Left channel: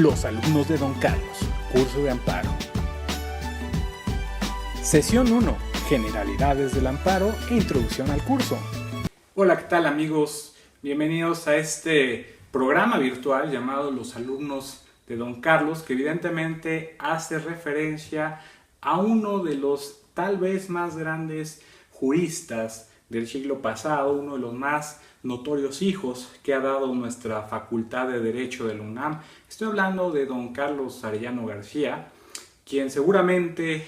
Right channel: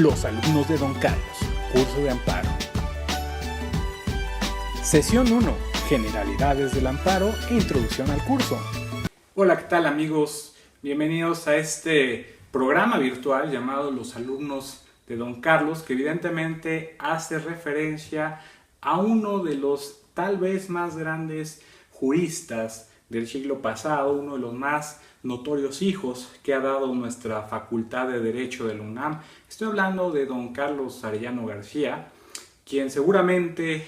Los alumnos de Don Carlos, curso de amparo. Sesión 1, generalidades del amparo e introducción al curso. Hola, ¿qué tal amigos? Bienvenidos a este programa virtual llamado Los alumnos de Don Carlos, que evidentemente hace referencia a uno de los tal vez más grandes juristas del siglo pasado, uno de los más notorios hijos que ha dado nuestra Facultad de Derecho de la UNAM. Estoy hablando de don Carlos Arellano García, quien seguramente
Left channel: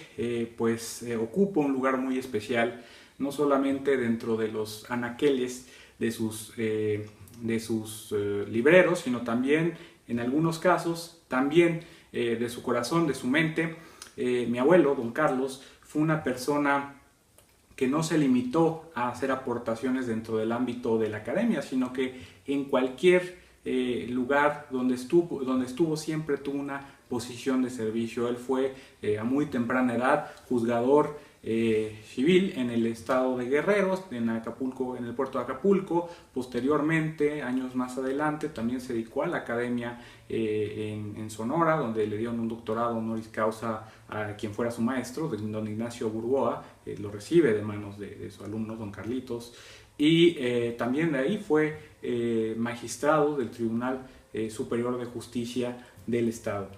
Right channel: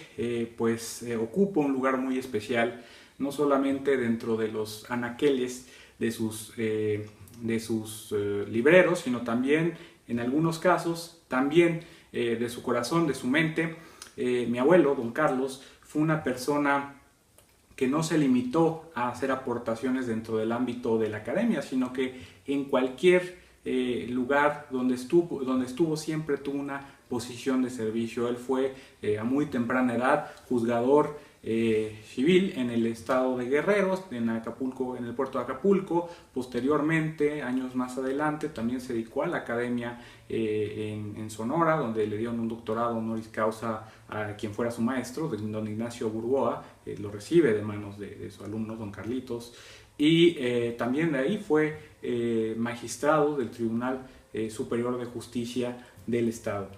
ocupa un lugar muy especial, no solamente dentro de los anaqueles de sus libreros, sino también, en algunos casos, también de su corazón, de su mente. Mi abuelo, don Carlos, fue una persona que no se limitó a hacer aportaciones dentro del ámbito de la academia, sino que en cualquier lugar donde estuvo siempre tuvo una posición de servicio. Él fue a muy temprana edad juzgador civil en el estado de Guerrero, en Acapulco, en el puerto de Acapulco. Posteriormente, años más adelante, también se dedicó a la academia en Sonora, donde le dieron un doctorado honoris causa a quien fuera su maestro, don Ignacio Burgoa. Lo recibe de manos de su alumno, don Carlitos, y también de ahí fue magistrado del Tribunal Superior de Justicia del Estado.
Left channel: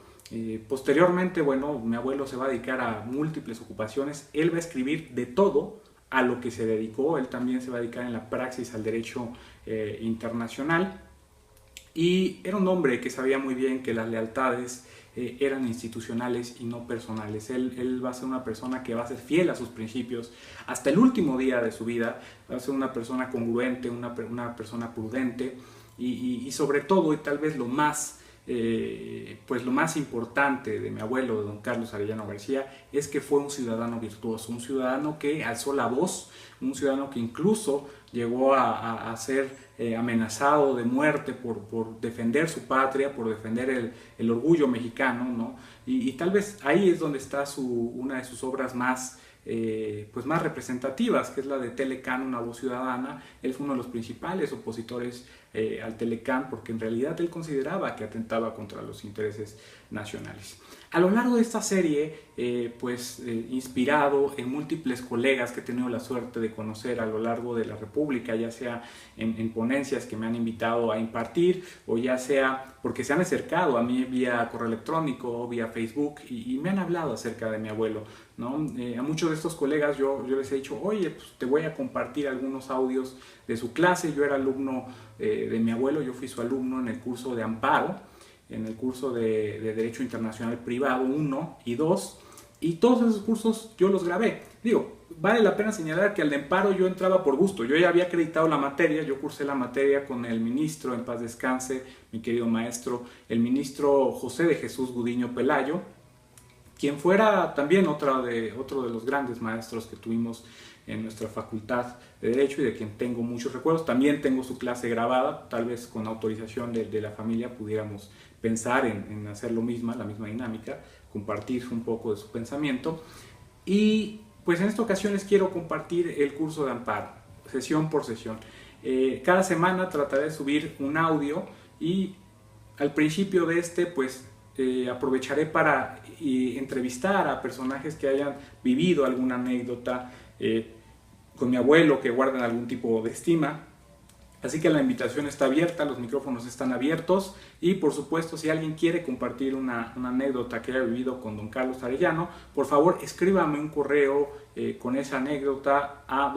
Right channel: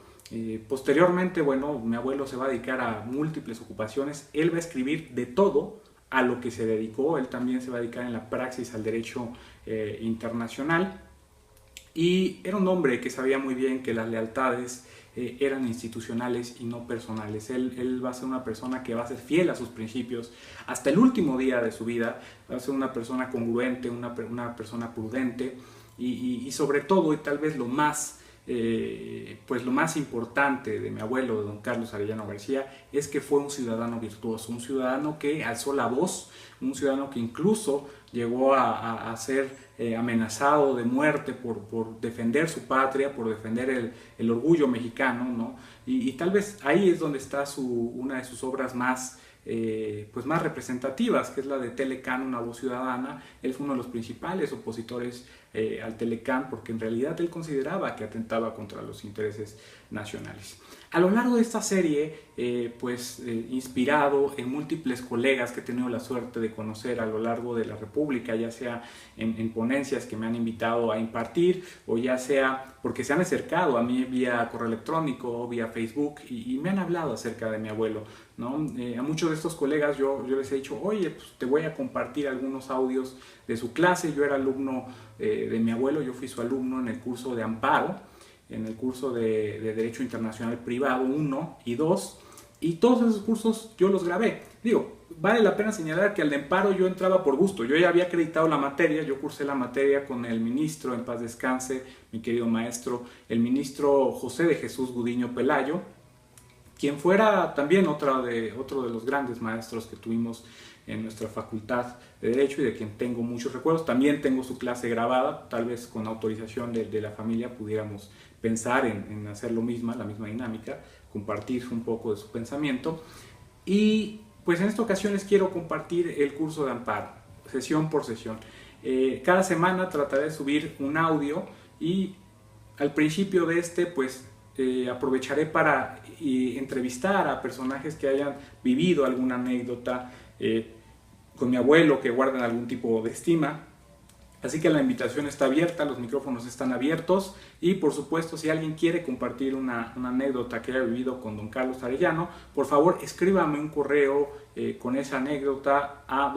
Posteriormente, bueno, mi abuelo se va a dedicar a múltiples ocupaciones. Él va a escribir de todo a lo que se dedicó. Él también se va a dedicar en la praxis al derecho internacional, y era un hombre que sabía muy bien que las lealtades eran institucionales y no personales. Él va a ser una persona que va a ser fiel a sus principios hasta el último día de su vida. Va a ser una persona congruente, una persona prudente, y sobre todo, y tal vez lo más importante de mi abuelo, de don Carlos Arellano García, es que fue un ciudadano virtuoso, un ciudadano que alzó la voz, un ciudadano que incluso llegó a ser amenazado de muerte por defender su patria, por defender el orgullo mexicano, ¿no? Y tal vez ahí es donde está una de sus obras más representativas, que es la de Telecán, una voz ciudadana. Él fue uno de los principales opositores al Telecán, porque en realidad él consideraba que atentaba contra los intereses nacionales. A lo largo de esta serie, inspirado en múltiples colegas que he tenido la suerte de conocer a lo largo de la República, ya sea en ponencias que me han invitado a impartir, o ya sea porque se han acercado a mí vía correo electrónico, vía Facebook, y me han hablado acerca de mi abuelo, ¿no? A muchos de estos colegas yo les he dicho: oye, pues te voy a compartir algunos audios de su clase. Yo era alumno de mi abuelo, yo fui su alumno en el curso de amparo, en el curso de Derecho Internacional Privado 1 y 2, y todos esos cursos yo los grabé. Digo, vale la pena señalar que al de amparo yo entraba por gusto. Yo ya había acreditado la materia, yo cursé la materia con el ministro, en paz descanse, mi querido maestro, el ministro José de Jesús Gudiño Pelayo, quien fuera también otro de los grandes maestros que tuvimos en nuestra Facultad de Derecho, y de quien tengo muchos recuerdos. También tengo su clase grabada. Tal vez con autorización de la familia pudiéramos pensar en hacer la misma dinámica, compartir un poco de su pensamiento. Y pues en esta ocasión les quiero compartir el curso de amparo, sesión por sesión. Cada semana trataré de subir un audio, y al principio de aprovecharé para entrevistar a personajes que hayan vivido alguna anécdota con mi abuelo, que guarden algún tipo de estima. Así que la invitación está abierta, los micrófonos están abiertos, y por supuesto, si alguien quiere compartir una anécdota que haya vivido con don Carlos Arellano, por favor escríbame un correo con esa anécdota a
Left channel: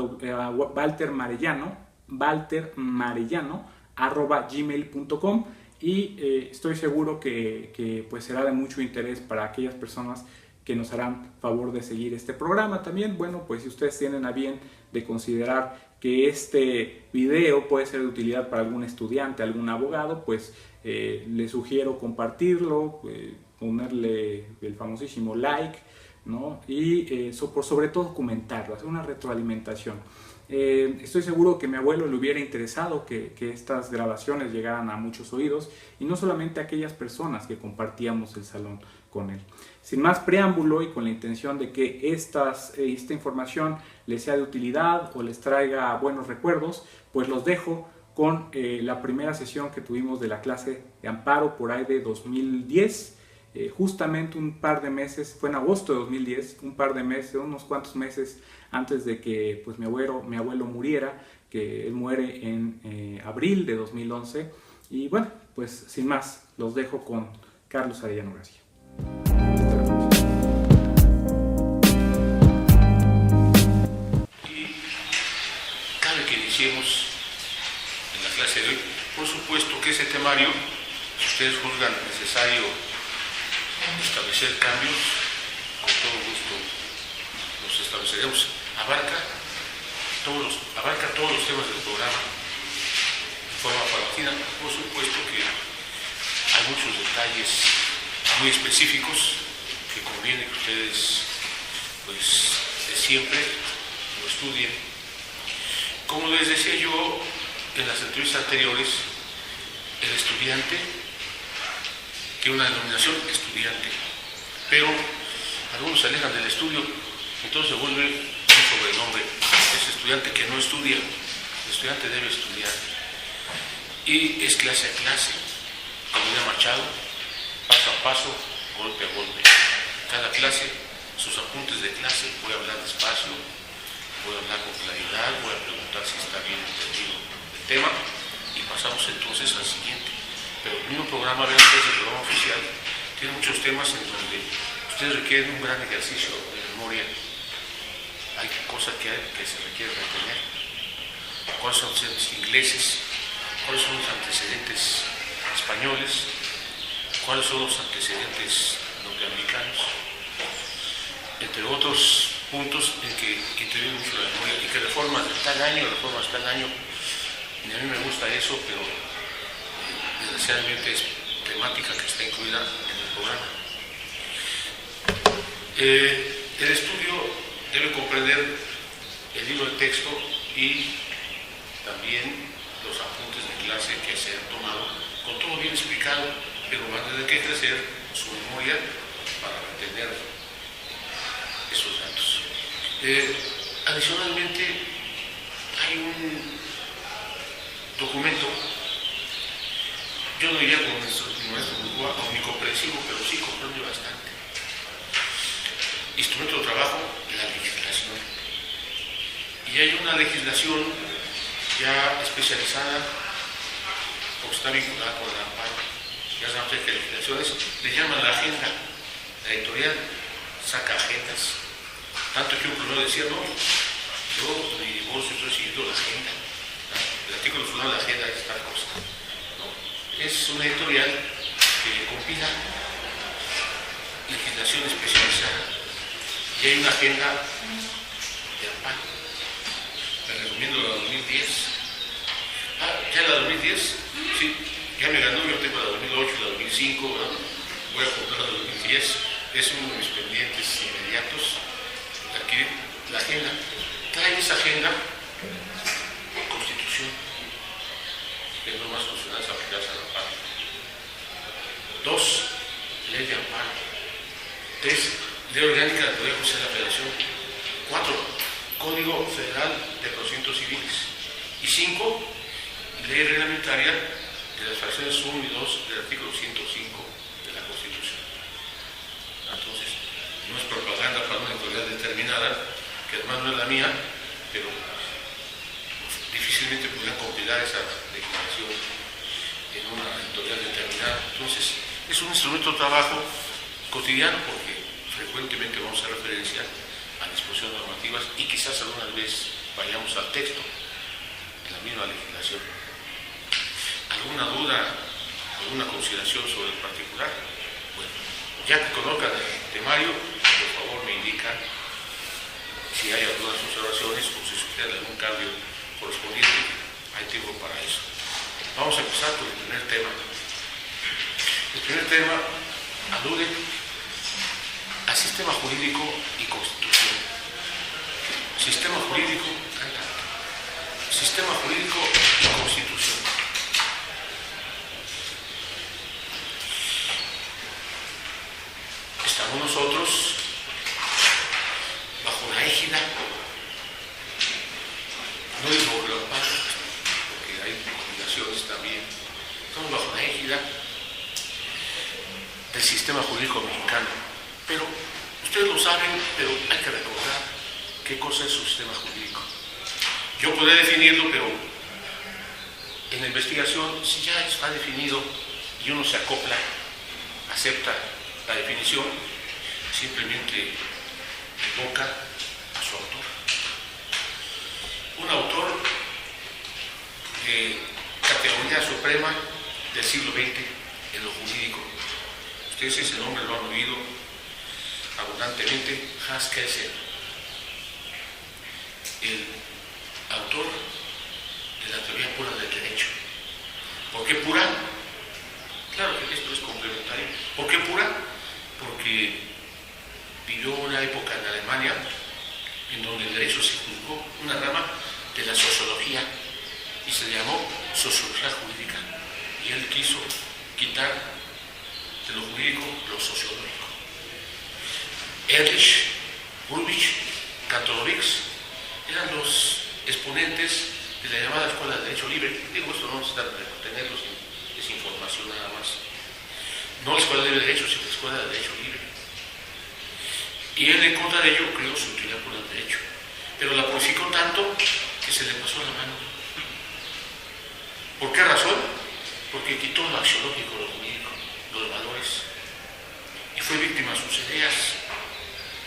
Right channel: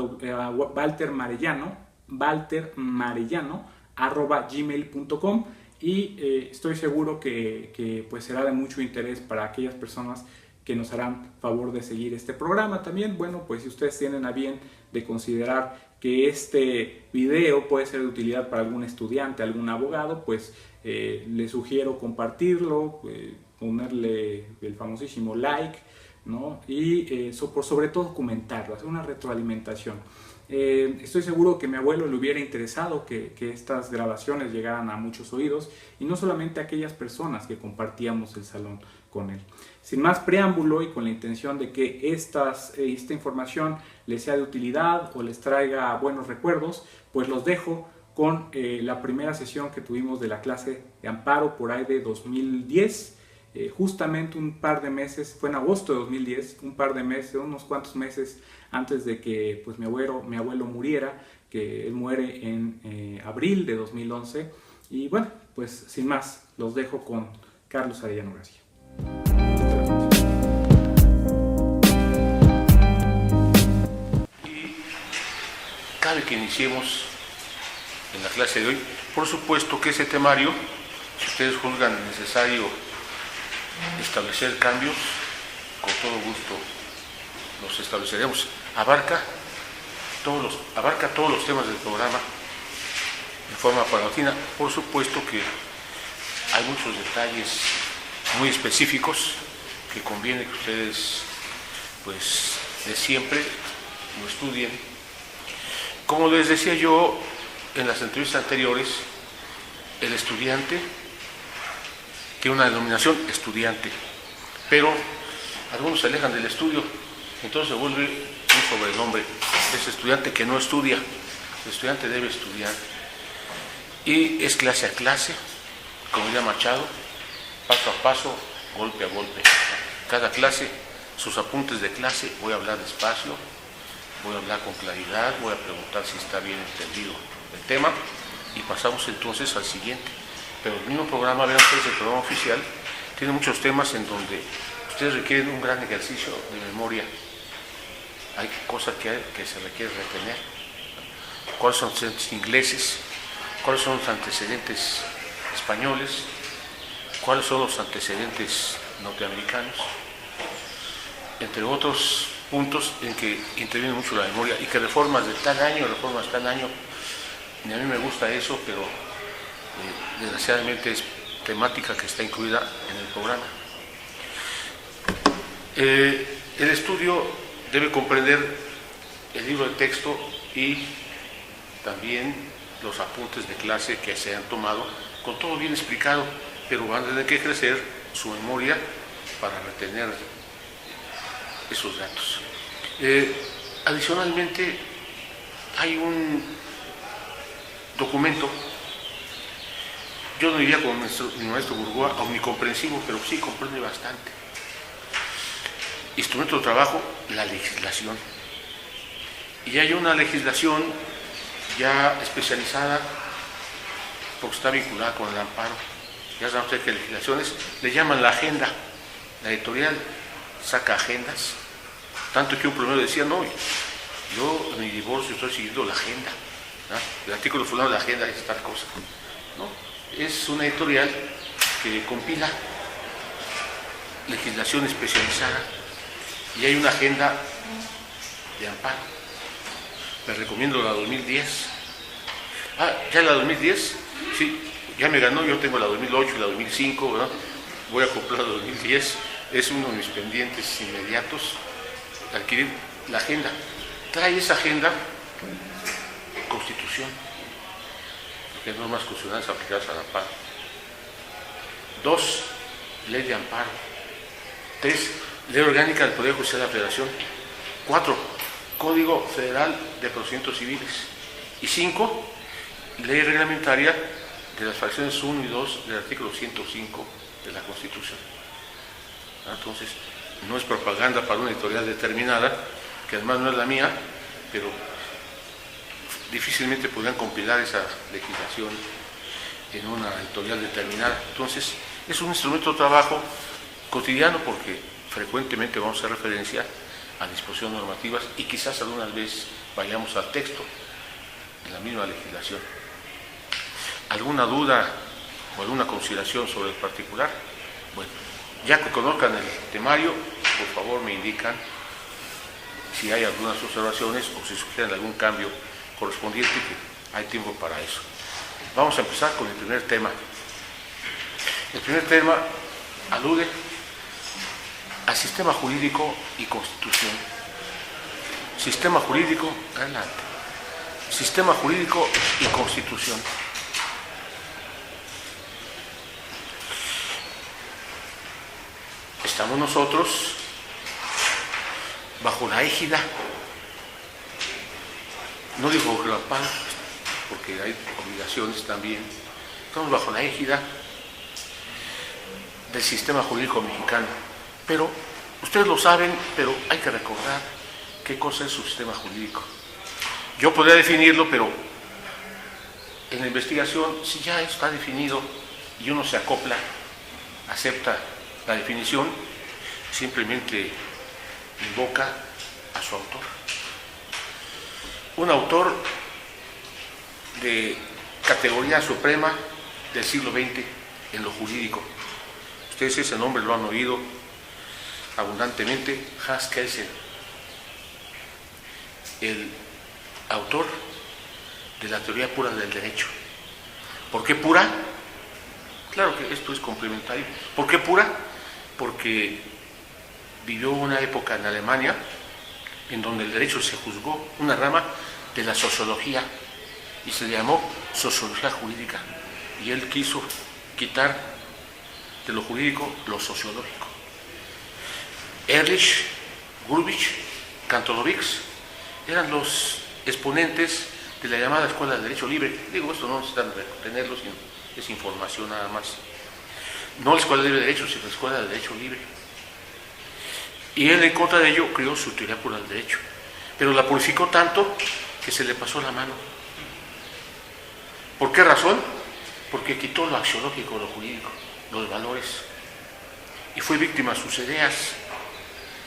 valtermarellano@gmail.com, y estoy seguro que será de mucho interés para aquellas personas que nos harán favor de seguir este programa. También, bueno, pues si ustedes tienen a bien de considerar que este video puede ser de utilidad para algún estudiante, algún abogado, pues les sugiero compartirlo, ponerle el famosísimo like, ¿no? Y sobre todo comentarlo, hacer una retroalimentación. Estoy seguro que a mi abuelo le hubiera interesado que estas grabaciones llegaran a muchos oídos, y no solamente a aquellas personas que compartíamos el salón con él. Sin más preámbulo, y con la intención de que esta información les sea de utilidad o les traiga buenos recuerdos, pues los dejo con la primera sesión que tuvimos de la clase de amparo por ahí de 2010. Justamente un par de meses, fue en agosto de 2010, un par de meses, unos cuantos meses antes de que pues, mi abuelo muriera, que él muere en abril de 2011. Y bueno, pues sin más, los dejo con Carlos Arellano García. Y cabe que iniciemos en la clase de hoy. Por supuesto que ese temario, si ustedes juzgan necesario establecer cambios, con todo gusto los estableceremos. Abarca todos los temas del programa en forma paulatina. Por supuesto que hay muchos detalles muy específicos que conviene que ustedes, pues, de siempre lo estudien. Como les decía yo en las entrevistas anteriores, el estudiante tiene una denominación estudiante, pero algunos se alejan del estudio, entonces se vuelve un sobrenombre. Es estudiante que no estudia. El estudiante debe estudiar y es clase a clase, como diría Machado, paso a paso, golpe a golpe. Cada clase, sus apuntes de clase, voy a hablar despacio, voy a hablar con claridad, voy a preguntar si está bien entendido el tema y pasamos entonces al siguiente. Pero el mismo programa, vean ustedes, el programa oficial, tiene muchos temas en donde ustedes requieren un gran ejercicio de memoria. Hay cosas que se requiere retener. ¿Cuáles son los antecedentes ingleses? ¿Cuáles son los antecedentes españoles? ¿Cuáles son los antecedentes norteamericanos? Entre otros puntos en que interviene mucho la memoria y que reformas de tal año, ni a mí me gusta eso, pero desgraciadamente es temática que está incluida en el programa. El estudio debe comprender el libro de texto y también los apuntes de clase que se han tomado, con todo bien explicado, pero van a tener que crecer su memoria para retener esos datos. Adicionalmente, hay un documento, yo no diría con mi maestro Burgoa omnicomprensivo, pero sí comprende bastante. Instrumento de trabajo, la legislación. Y hay una legislación ya especializada, porque está vinculada con el amparo. Ya saben ustedes que legislaciones le llaman la agenda. La editorial saca agendas, tanto que un primero decía, no, yo en mi divorcio estoy siguiendo la agenda, ¿no? El artículo fulano de la agenda es tal cosa. No, es una editorial que compila legislación especializada y hay una agenda de amparo. Les recomiendo la 2010. ¿Ya la 2010? Sí, ya me ganó, yo tengo la 2008 y la 2005, ¿verdad? Voy a comprar la 2010. Es uno de mis pendientes inmediatos, adquirir la agenda. Trae esa agenda, Constitución, de normas constitucionales aplicadas al amparo. 2, ley de amparo. 3, ley orgánica del Poder Judicial de la Federación. 4, Código Federal de Procedimientos Civiles. Y 5, ley reglamentaria de las fracciones 1 y 2 del artículo 105 de la Constitución. Entonces, no es propaganda para una editorial determinada, que además no es la mía, pero difícilmente podrían compilar esa legislación en una editorial determinada. Entonces, es un instrumento de trabajo cotidiano porque frecuentemente vamos a hacer referencia a disposiciones normativas y quizás algunas veces vayamos al texto en la misma legislación. ¿Alguna duda o alguna consideración sobre el particular? Bueno, ya que conozcan el temario, por favor me indican si hay algunas observaciones o si sugieren algún cambio correspondiente, que hay tiempo para eso. Vamos a empezar con el primer tema. El primer tema alude al sistema jurídico y constitución. Sistema jurídico, adelante. Sistema jurídico y constitución. Estamos nosotros bajo la égida, no digo bajo la paz, porque hay obligaciones también. Estamos bajo la égida del sistema jurídico mexicano, pero ustedes lo saben, pero hay que recordar qué cosa es su sistema jurídico. Yo podría definirlo, pero en la investigación, si ya está definido y uno se acopla, acepta la definición, simplemente invoca a su autor. Un autor de categoría suprema del siglo XX en lo jurídico. Ustedes ese nombre lo han oído abundantemente, Hans Kelsen, el autor de la teoría pura del derecho. ¿Por qué pura? Claro que esto es complementario. ¿Por qué pura? Porque vivió una época en Alemania en donde el derecho se juzgó, una rama de la sociología, y se le llamó sociología jurídica. Y él quiso quitar de lo jurídico lo sociológico. Ehrlich, Gurvich, Kantorowicz eran los exponentes de la llamada Escuela del Derecho Libre. Digo, esto no necesitan retenerlo, sino es información nada más. No la Escuela de Derecho, sino la Escuela del Derecho Libre. Y él, en contra de ello, creó su teoría pura del derecho. Pero la purificó tanto que se le pasó la mano. ¿Por qué razón? Porque quitó lo axiológico, lo jurídico, los valores. Y fue víctima de sus ideas,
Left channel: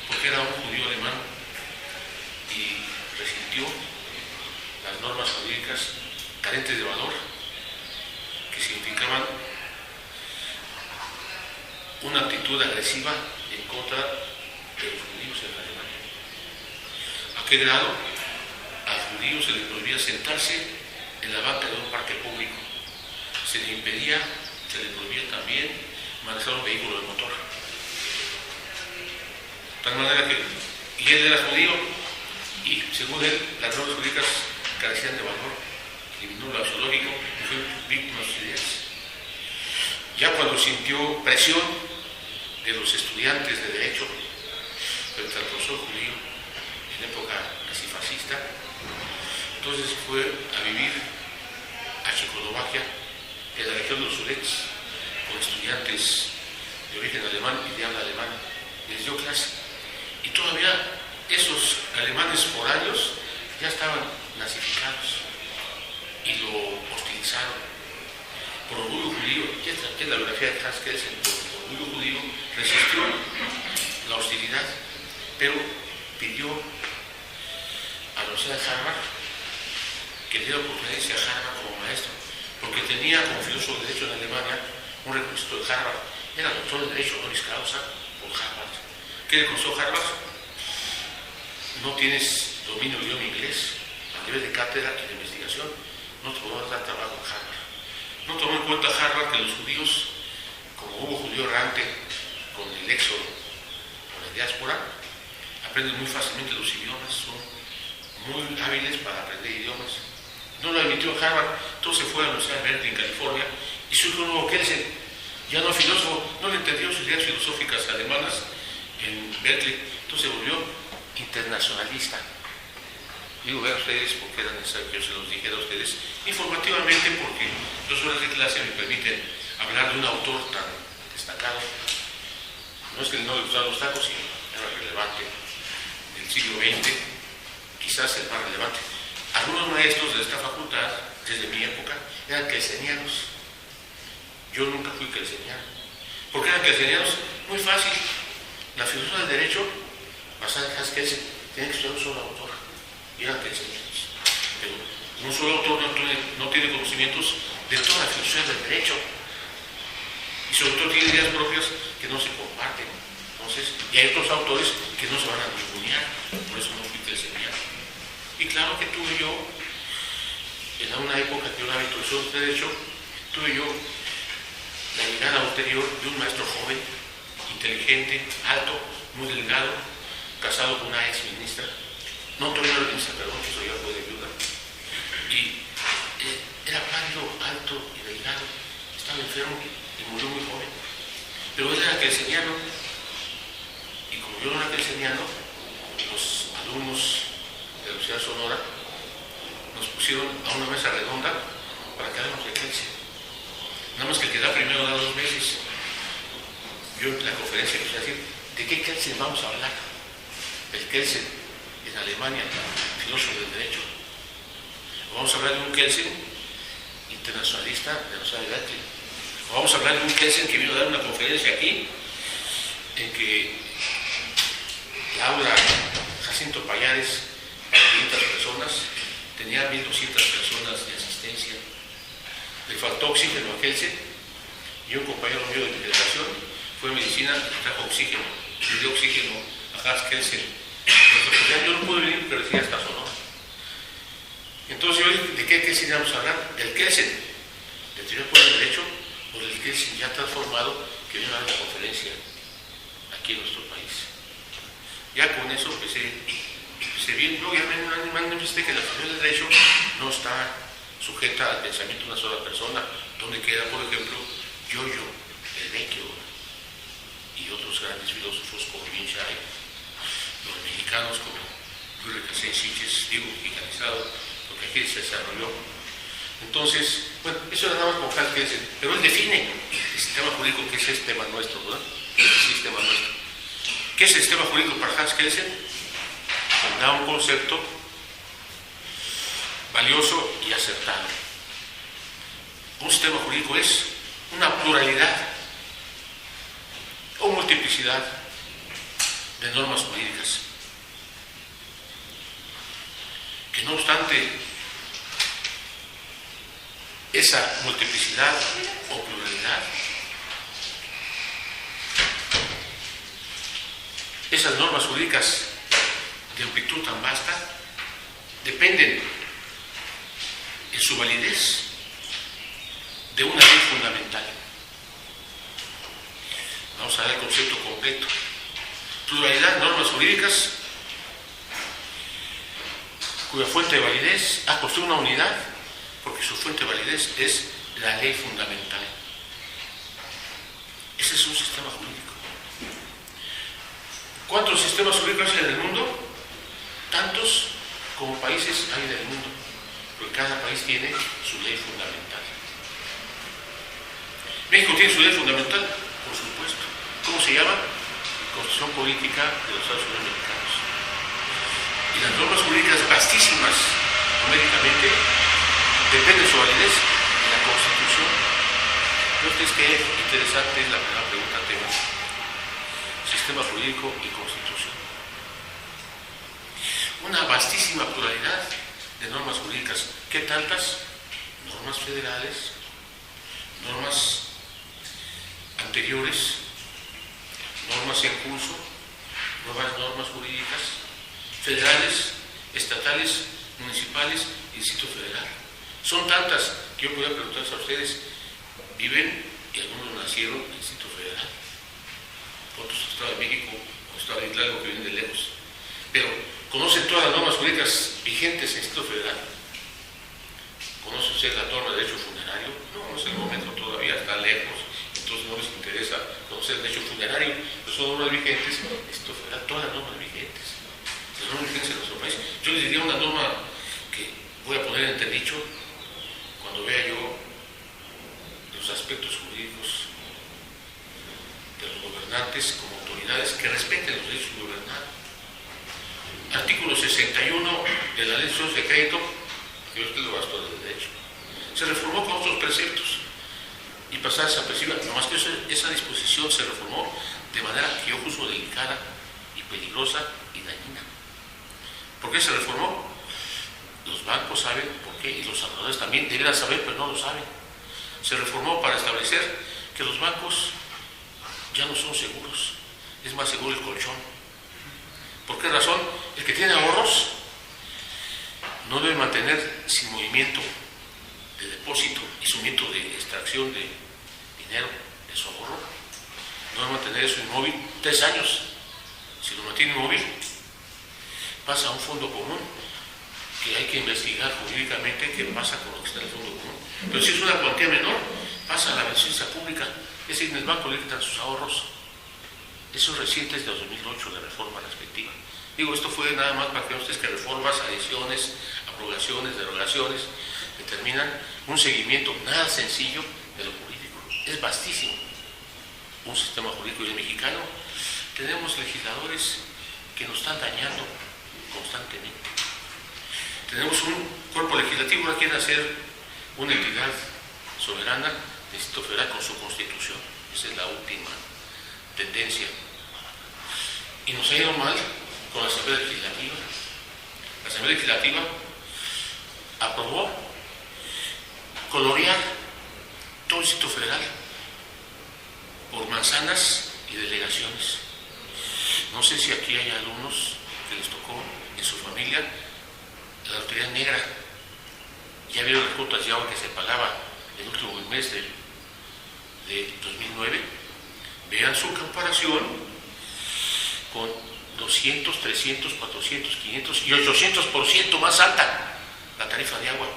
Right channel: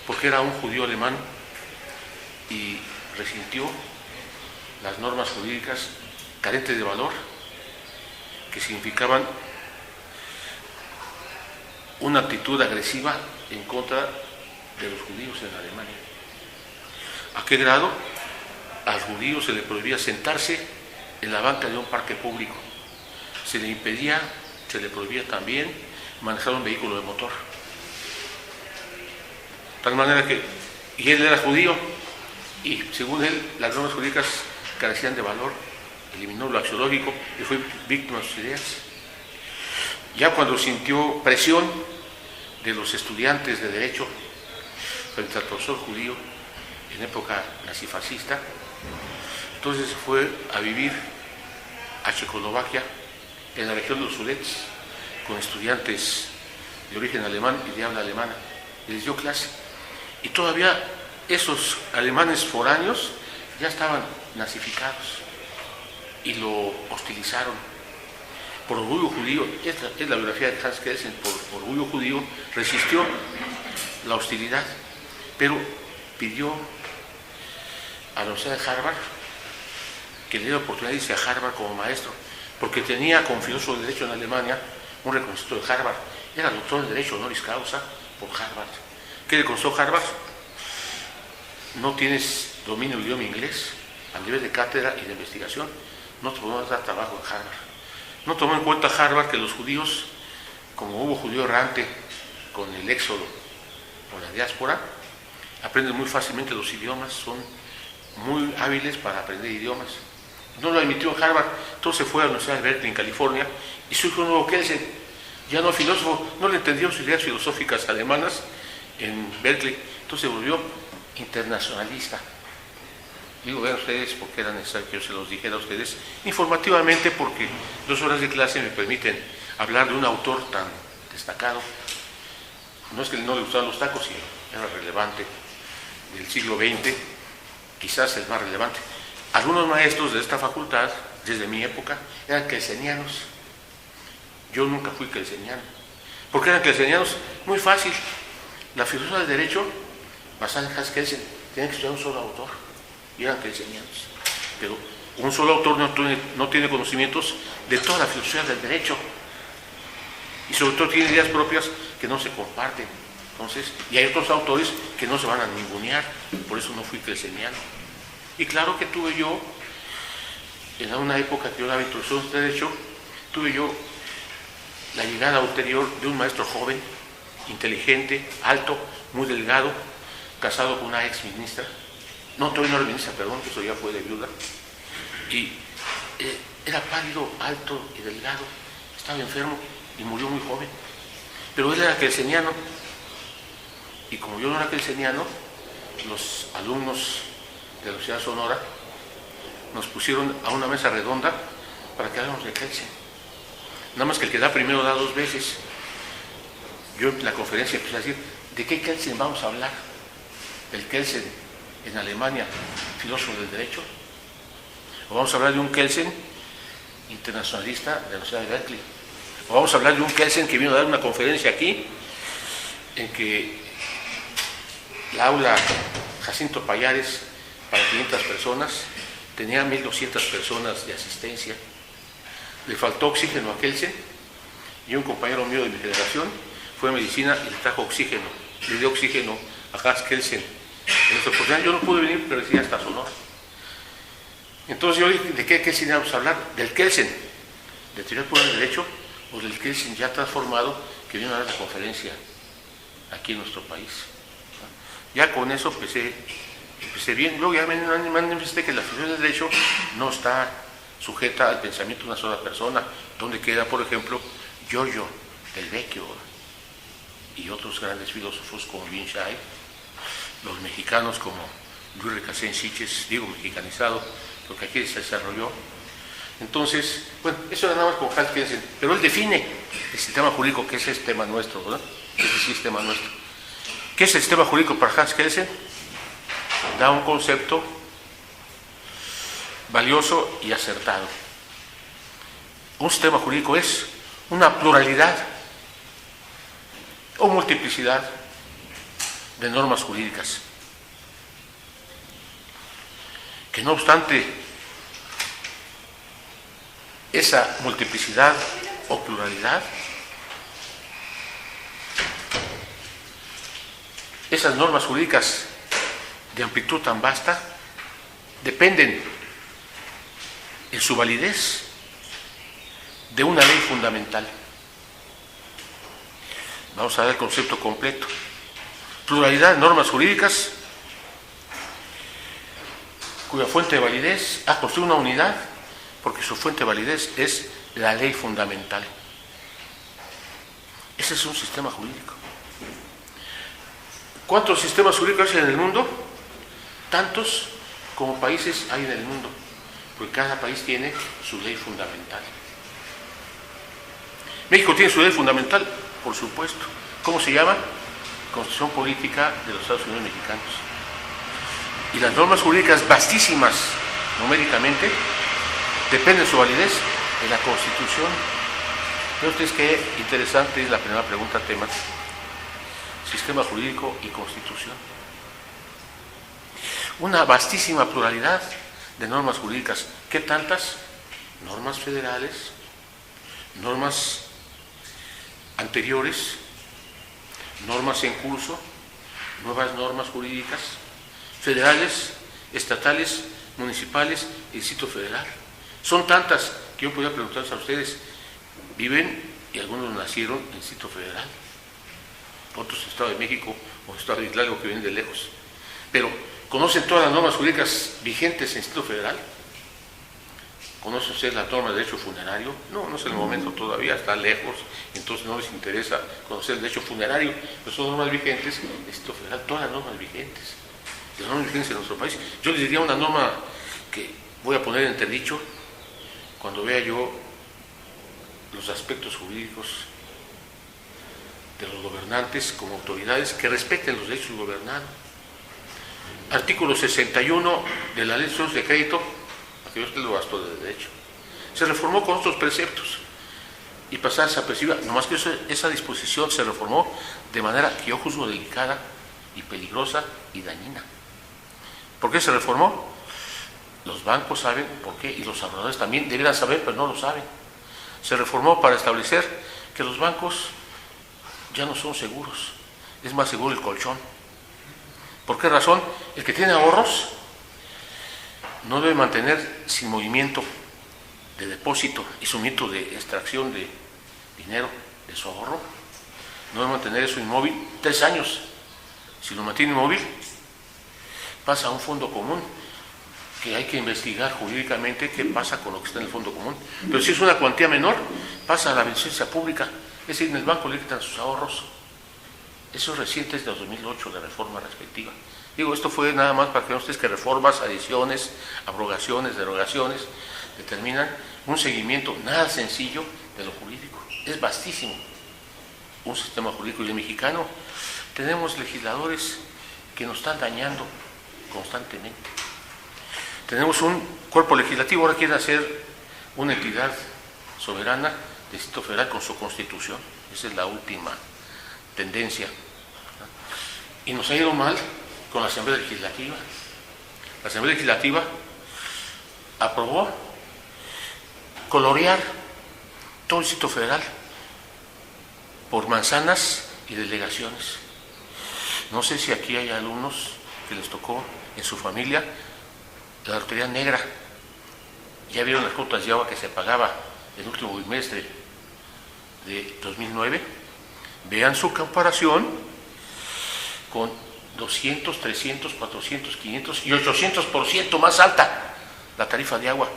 porque era un judío alemán y resintió las normas jurídicas carentes de valor, que significaban una actitud agresiva en contra de los judíos en Alemania. ¿A qué grado? Al judío se le prohibía sentarse en la banca de un parque público. Se le impedía, se le prohibía también manejar un vehículo de motor. De tal manera que, y él era judío, y según él, las normas jurídicas carecían de valor, eliminó lo axiológico y fue víctima de sus ideas. Ya cuando sintió presión de los estudiantes de derecho frente al profesor judío en época nazifascista, entonces fue a vivir a Checoslovaquia, en la región de los Sudets, con estudiantes de origen alemán y de habla alemana, y les dio clase. Y todavía esos alemanes foráneos ya estaban nazificados y lo hostilizaron. Por orgullo judío, esta es la biografía de Hans Kelsen, por orgullo judío resistió la hostilidad, pero pidió a la Universidad de Harvard que le diera la oportunidad de irse a Harvard como maestro, porque tenía como filósofo de derecho en Alemania un reconocimiento de Harvard. Era doctor de derecho honoris causa por Harvard. ¿Qué le costó Harvard? No tienes dominio del idioma inglés a nivel de cátedra y de investigación, no te podemos dar trabajo en Harvard. No tomó en cuenta Harvard que los judíos, como hubo judío errante con el éxodo o la diáspora, aprenden muy fácilmente los idiomas, son muy hábiles para aprender idiomas. No lo admitió en Harvard, entonces fue a la Universidad de Berkeley en California y su hijo nuevo Kelsen, ya no filósofo, no le entendió sus ideas filosóficas alemanas en Berkeley, entonces se volvió internacionalista. Digo, vean ustedes por qué era necesario que yo se los dijera a ustedes informativamente, porque 2 horas de clase me permiten hablar de un autor tan destacado. No es que no le gustaban los tacos, sino era relevante del siglo XX, quizás el más relevante. Algunos maestros de esta facultad, desde mi época, eran kelsenianos. Yo nunca fui kelseniano. ¿Por qué eran kelsenianos? Muy fácil. La filosofía del derecho, basada en Hans Kelsen, tiene que estudiar un solo autor. Y eran kelsenianos. Pero un solo autor no tiene conocimientos de toda la filosofía del derecho. Y sobre todo tiene ideas propias que no se comparten. Entonces, y hay otros autores que no se van a ningunear. Por eso no fui kelseniano. Y claro que tuve yo, en una época que yo daba introducción de derecho, tuve yo la llegada ulterior de un maestro joven, inteligente, alto, muy delgado, casado con una ex ministra, no, todavía no era ministra, perdón, que eso ya fue de viuda, y era pálido, alto y delgado, estaba enfermo y murió muy joven, pero él era kelseniano, y como yo no era kelseniano, los alumnos de la Universidad de Sonora nos pusieron a una mesa redonda para que hablemos de Kelsen. Nada más que el que da primero da dos veces. Yo en la conferencia empecé a decir, ¿de qué Kelsen vamos a hablar? ¿Del Kelsen en Alemania, filósofo del derecho? ¿O vamos a hablar de un Kelsen internacionalista de la Universidad de Berkeley? ¿O vamos a hablar de un Kelsen que vino a dar una conferencia aquí, en que la aula Jacinto Pallares para 500 personas tenía 1.200 personas de asistencia? Le faltó oxígeno a Kelsen y un compañero mío de mi generación fue a medicina y le trajo oxígeno, le dio oxígeno a Hans Kelsen. Yo no pude venir, pero decía hasta Sonora. Entonces yo dije, ¿de qué Kelsen vamos a hablar? ¿Del Kelsen de teoría pura del derecho o del Kelsen ya transformado que vino a dar la conferencia aquí en nuestro país? Ya con eso empecé bien. Luego ya me manifesté que la filosofía del derecho no está sujeta al pensamiento de una sola persona, donde queda, por ejemplo, Giorgio del Vecchio y otros grandes filósofos como Vinchai, los mexicanos como Luis Recasén Siches, digo mexicanizado, porque aquí se desarrolló. Entonces, bueno, eso era nada más como Hans Kelsen, pero él define el sistema jurídico, que ese es tema nuestro, ¿verdad? Ese es el sistema nuestro. ¿Qué es el sistema jurídico para Hans Kelsen? Da un concepto valioso y acertado. Un sistema jurídico es una pluralidad o multiplicidad de normas jurídicas, que no obstante esa multiplicidad o pluralidad, esas normas jurídicas de amplitud tan vasta dependen en su validez de una ley fundamental. Vamos a ver el concepto completo. Pluralidad de normas jurídicas cuya fuente de validez ha construido una unidad, porque su fuente de validez es la ley fundamental. Ese es un sistema jurídico. ¿Cuántos sistemas jurídicos hay en el mundo? Tantos como países hay en el mundo, porque cada país tiene su ley fundamental. ¿México tiene su ley fundamental? Por supuesto. ¿Cómo se llama? Constitución Política de los Estados Unidos Mexicanos. Y las normas jurídicas vastísimas, numéricamente, dependen de su validez en la Constitución. ¿Ve ustedes qué interesante es la primera pregunta, tema? Sistema jurídico y Constitución. Una vastísima pluralidad de normas jurídicas. ¿Qué tantas? Normas federales, normas anteriores, normas en curso, nuevas normas jurídicas, federales, estatales, municipales y Distrito Federal. Son tantas que yo podría preguntarles a ustedes, viven y algunos nacieron en el Distrito Federal, otros en el Estado de México o en el Estado de Hidalgo que vienen de lejos, pero ¿conocen todas las normas jurídicas vigentes en el Distrito Federal? ¿Conocen ustedes la norma de derecho funerario? No, no es el momento todavía, está lejos, entonces no les interesa conocer el derecho funerario, pero son normas vigentes en el Distrito Federal, todas las normas vigentes. Las normas vigentes en nuestro país. Yo les diría una norma que voy a poner en entredicho cuando vea yo los aspectos jurídicos de los gobernantes como autoridades que respeten los derechos del gobernado. Artículo 61 de la Ley de Socios de Crédito, que yo lo gasto de derecho, se reformó con otros preceptos y pasar desapercibida, nomás que esa disposición se reformó de manera que yo juzgo delicada y peligrosa y dañina. ¿Por qué se reformó? Los bancos saben por qué y los ahorradores también deberían saber, pero no lo saben. Se reformó para establecer que los bancos ya no son seguros, es más seguro el colchón. ¿Por qué razón? El que tiene ahorros no debe mantener sin movimiento de depósito y su movimiento de extracción de dinero de su ahorro, no debe mantener eso inmóvil 3 años. Si lo mantiene inmóvil, pasa a un fondo común, que hay que investigar jurídicamente qué pasa con lo que está en el fondo común. Pero si es una cuantía menor, pasa a la beneficencia pública, es decir, en el banco le quitan sus ahorros. Eso es reciente, es de 2008, la reforma respectiva. Digo, esto fue nada más para que vean ustedes que reformas, adiciones, abrogaciones, derogaciones, determinan un seguimiento nada sencillo de lo jurídico. Es vastísimo un sistema jurídico, y el mexicano tenemos legisladores que nos están dañando constantemente. Tenemos un cuerpo legislativo, ahora quieren hacer una entidad soberana del Distrito Federal con su constitución. Esa es la última tendencia. Y nos ha ido mal con la Asamblea Legislativa. La Asamblea Legislativa aprobó colorear todo el Distrito Federal por manzanas y delegaciones. No sé si aquí hay alumnos que les tocó en su familia la lotería negra. Ya vieron las cuotas de agua que se pagaba el último bimestre de 2009. Vean su comparación con 200, 300, 400, 500 y 800% más alta la tarifa de agua.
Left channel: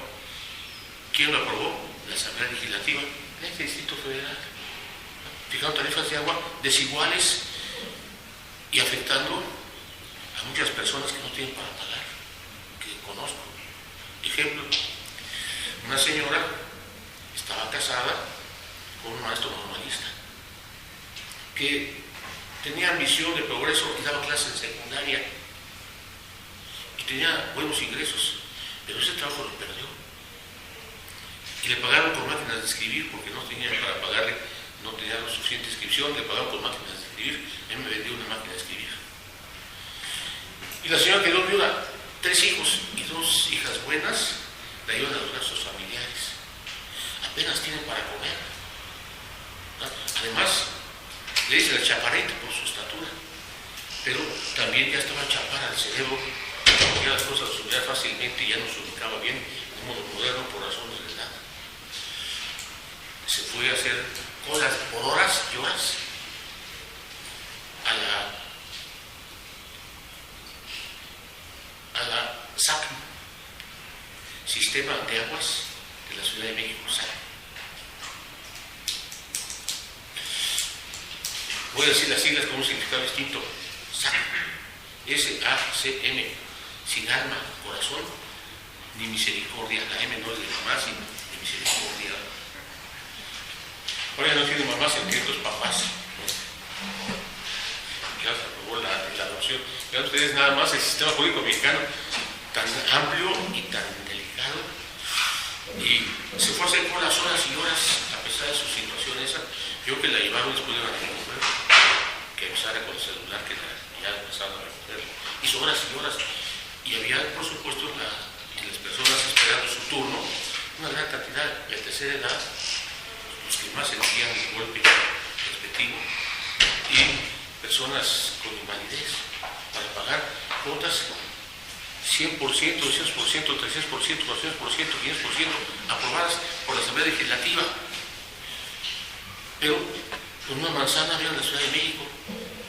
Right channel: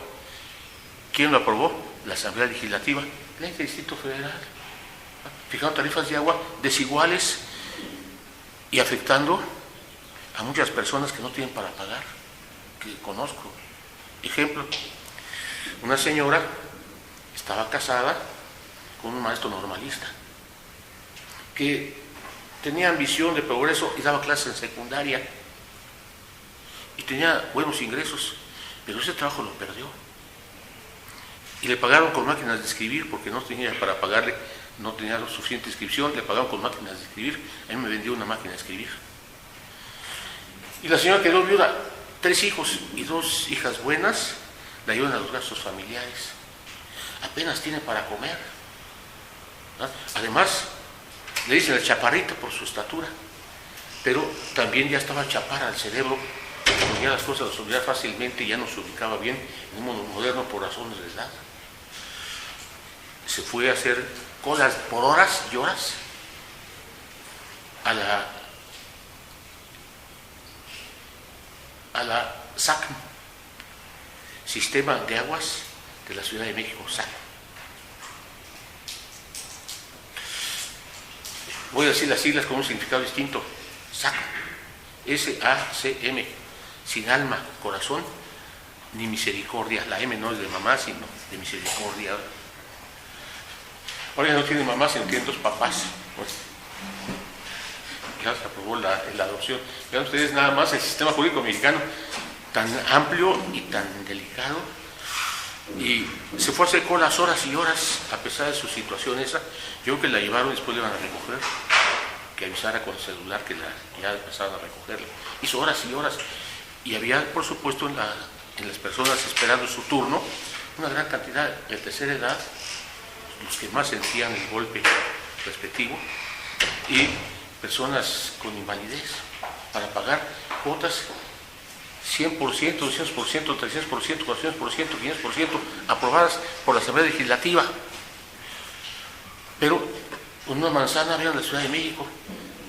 ¿Quién lo aprobó? La Asamblea Legislativa, ley del Distrito Federal. Fijaron tarifas de agua desiguales y afectando a muchas personas que no tienen para pagar, que conozco. Ejemplo, una señora estaba casada con un maestro normalista que tenía ambición de progreso y daba clases en secundaria y tenía buenos ingresos, pero ese trabajo lo perdió y le pagaron con máquinas de escribir porque no tenía para pagarle, no tenía lo suficiente inscripción, le pagaron con máquinas de escribir. A mí me vendió una máquina de escribir y la señora quedó viuda, 3 hijos y 2 hijas buenas, la ayudan a los gastos familiares, apenas tiene para comer, ¿no? Además le dicen el chaparrito por su estatura, pero también ya estaba chaparra el cerebro, porque ya las cosas las olvidaba fácilmente y ya no se ubicaba bien en un mundo moderno por razones de edad. Se fue a hacer colas por horas y horas a la SACM, Sistema de Aguas de la Ciudad de México, SACM. Voy a decir las siglas con un significado distinto. SACM, S-A-C-M, sin alma, corazón, ni misericordia. La M no es de mamá, sino de misericordia. Ahora ya no tiene mamá, sino tiene 2 papás. Ya se aprobó la adopción. Vean ustedes nada más el sistema jurídico mexicano, tan amplio y tan delicado. Y se fue a hacer colas horas y horas, a pesar de su situación esa. Yo creo que la llevaron y después le iban a recoger, que avisara con el celular que ya pasaban a recogerla. Hizo horas y horas. Y había, por supuesto, en las personas esperando su turno, una gran cantidad de tercera edad, los que más sentían el golpe respectivo, y personas con invalidez, para pagar cuotas 100%, 200%, 300%, 400%, 500%, aprobadas por la Asamblea Legislativa. Pero en una manzana había en la Ciudad de México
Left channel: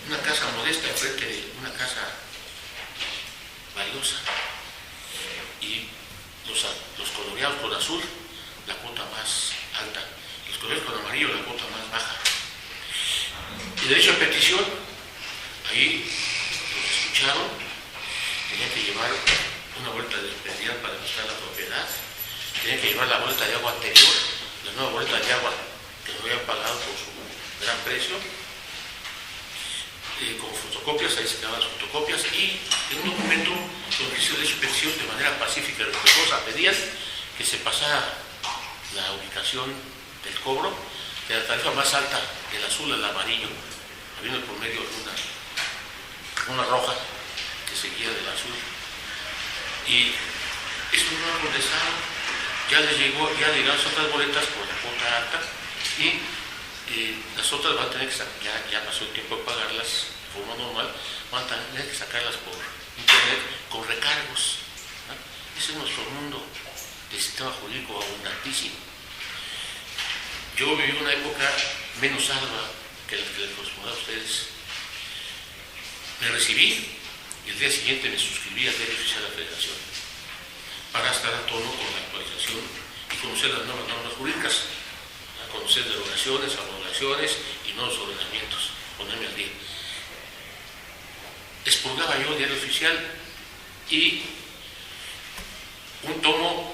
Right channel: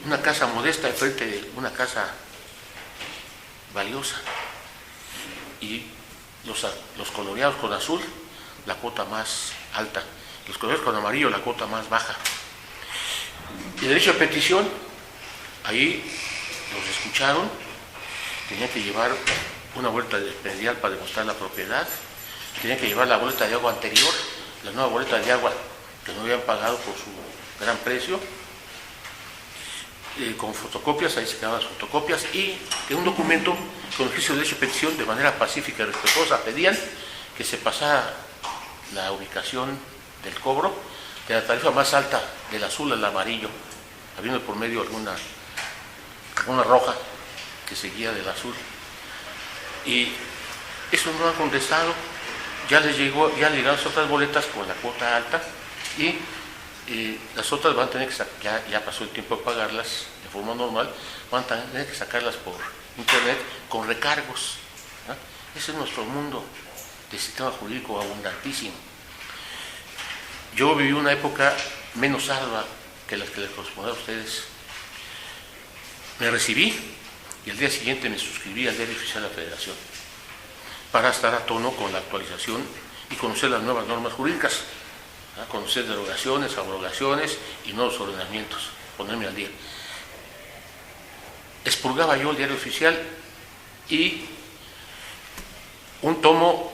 una casa modesta enfrente de una casa valiosa, y los coloreados con azul, la cuota más alta, los coloreados con amarillo, la cuota más baja. Y derecho de petición, ahí los escucharon, tenían que llevar una vuelta de predial para demostrar la propiedad, tenían que llevar la boleta de agua anterior, la nueva boleta de agua que no habían pagado por su gran precio, con fotocopias, ahí se quedaban las fotocopias, y en un documento con oficio de derecho de petición, de manera pacífica y respetuosa, pedían que se pasara la ubicación del cobro de la tarifa más alta, del azul al amarillo, habiendo por medio alguna roja que seguía del azul, y eso no ha contestado. Ya les llegaron las otras boletas con la cuota alta, y las otras van a tener que ya pasó el tiempo de pagarlas de forma normal, van a tener que sacarlas por internet con recargos, ¿no? Ese es nuestro mundo de sistema jurídico abundantísimo. Yo viví una época menos ardua que las que les corresponde a ustedes. Me recibí y al día siguiente me suscribí al Diario Oficial de la Federación para estar a tono con la actualización y conocer las nuevas normas jurídicas, ¿no? Conocer derogaciones, abrogaciones y nuevos ordenamientos, ponerme al día. expurgaba yo el Diario Oficial y un tomo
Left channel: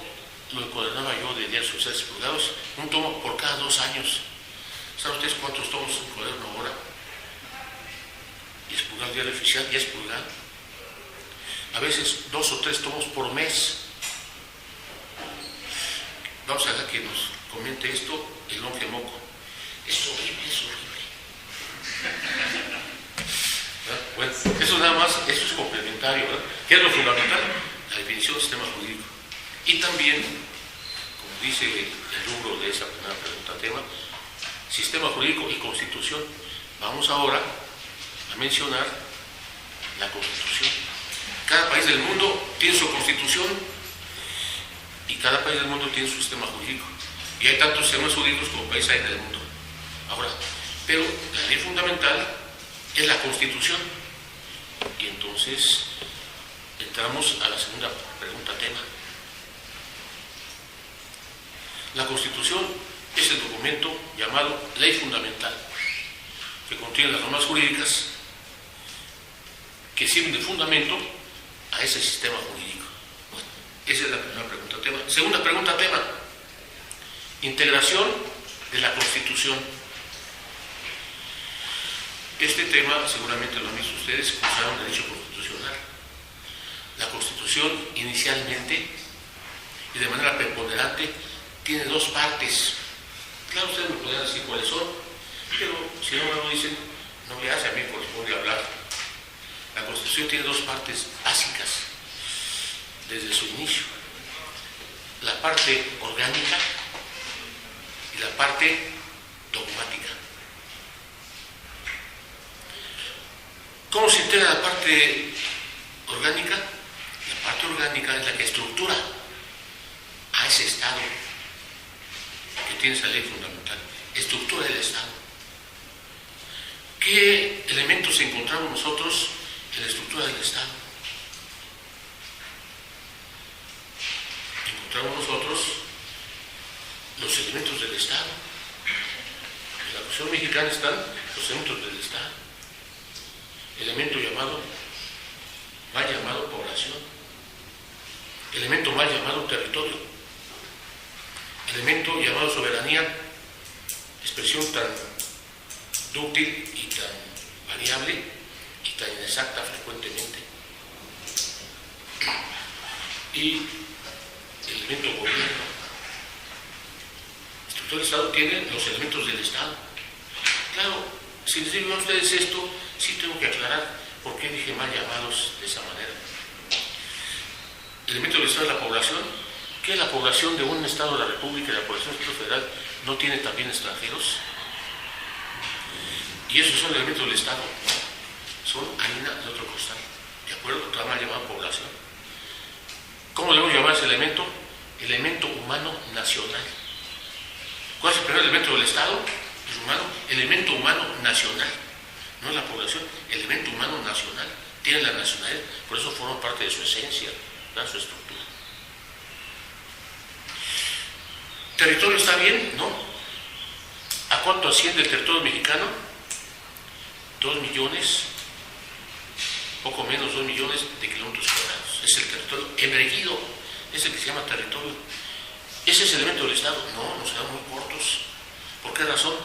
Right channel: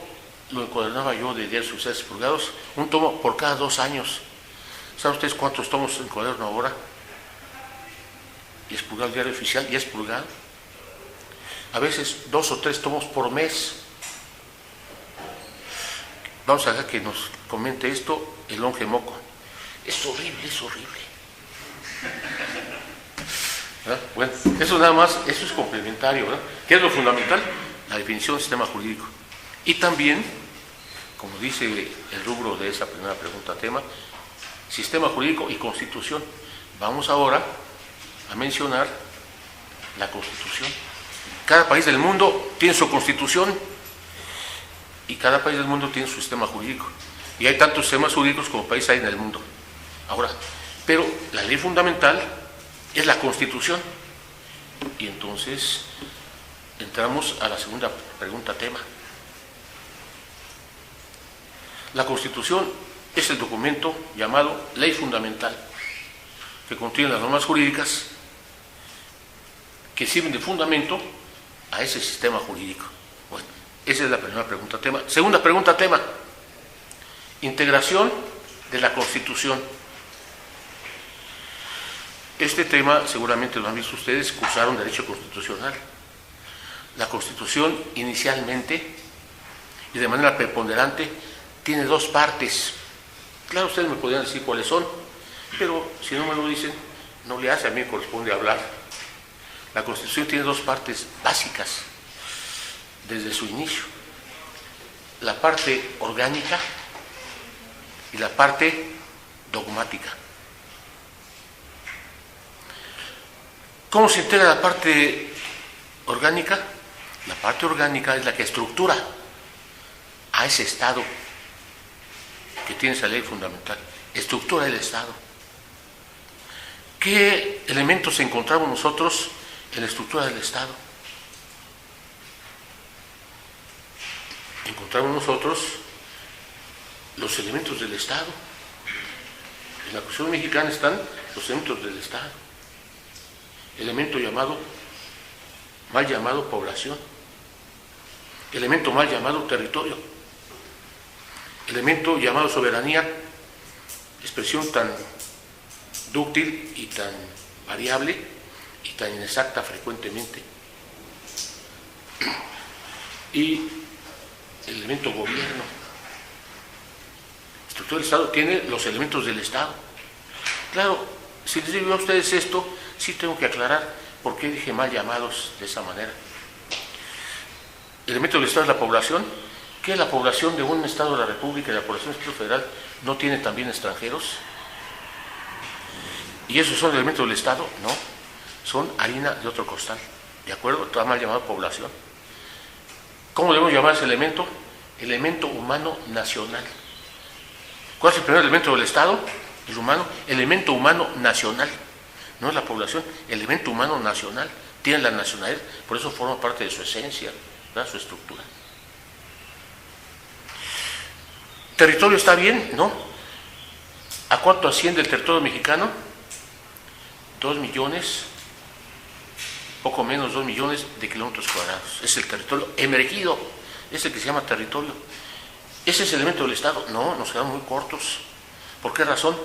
lo encuadernaba yo de diarios oficiales expurgados, un tomo por cada 2 años. ¿Saben ustedes cuántos tomos encuaderno ahora? Y expurgado el Diario Oficial, ya expurgado. A veces 2 o 3 tomos por mes. Vamos a dejar que nos comente esto el Longe Moco. Es horrible, es horrible. ¿Verdad? Bueno, eso nada más, eso es complementario, ¿verdad? ¿Qué es lo fundamental? La definición del sistema jurídico. Y también, como dice el rubro de esa primera pregunta tema, sistema jurídico y constitución. Vamos ahora a mencionar la constitución. Cada país del mundo tiene su constitución y cada país del mundo tiene su sistema jurídico. Y hay tantos sistemas jurídicos como países hay en el mundo. Ahora, pero la ley fundamental es la Constitución. Y entonces entramos a la segunda pregunta tema. La Constitución es el documento llamado Ley Fundamental, que contiene las normas jurídicas que sirven de fundamento a ese sistema jurídico. Bueno, esa es la primera pregunta tema. Segunda pregunta tema. Integración de la Constitución. Este tema seguramente lo han visto ustedes, cursaron Derecho Constitucional. La Constitución inicialmente y de manera preponderante tiene 2 partes. Claro, ustedes me podrían decir cuáles son, pero si no me lo dicen, no le hace, a mí me corresponde hablar. La Constitución tiene 2 partes básicas desde su inicio. La parte orgánica y la parte dogmática. ¿Cómo se integra la parte orgánica? La parte orgánica es la que estructura a ese Estado que tiene esa ley fundamental. Estructura el Estado. ¿Qué elementos encontramos nosotros en la estructura del Estado? Encontramos nosotros los elementos del Estado. En la Constitución mexicana están los elementos del Estado. Elemento mal llamado población, elemento mal llamado territorio, elemento llamado soberanía, expresión tan dúctil y tan variable y tan inexacta frecuentemente, y el elemento gobierno. La estructura del Estado tiene los elementos del Estado. Claro, si les digo a ustedes esto, sí tengo que aclarar por qué dije mal llamados de esa manera. El elemento del Estado es la población. ¿Qué es la población de un Estado de la República y la población del Estado Federal no tiene también extranjeros? ¿Y esos son elementos del Estado? No, son harina de otro costal. ¿De acuerdo? Está mal llamado población. ¿Cómo debemos llamar ese elemento? Elemento humano nacional. ¿Cuál es el primer elemento del Estado? El humano. Elemento humano nacional. No es la población, elemento humano nacional. Tiene la nacionalidad, por eso forma parte de su esencia, ¿verdad? Su estructura. ¿Territorio está bien? No. ¿A cuánto asciende el territorio mexicano? 2 millones, poco menos 2 millones de kilómetros cuadrados. Es el territorio emergido, es el que se llama territorio. ¿Ese es el elemento del Estado? No, nos quedamos muy cortos. ¿Por qué razón?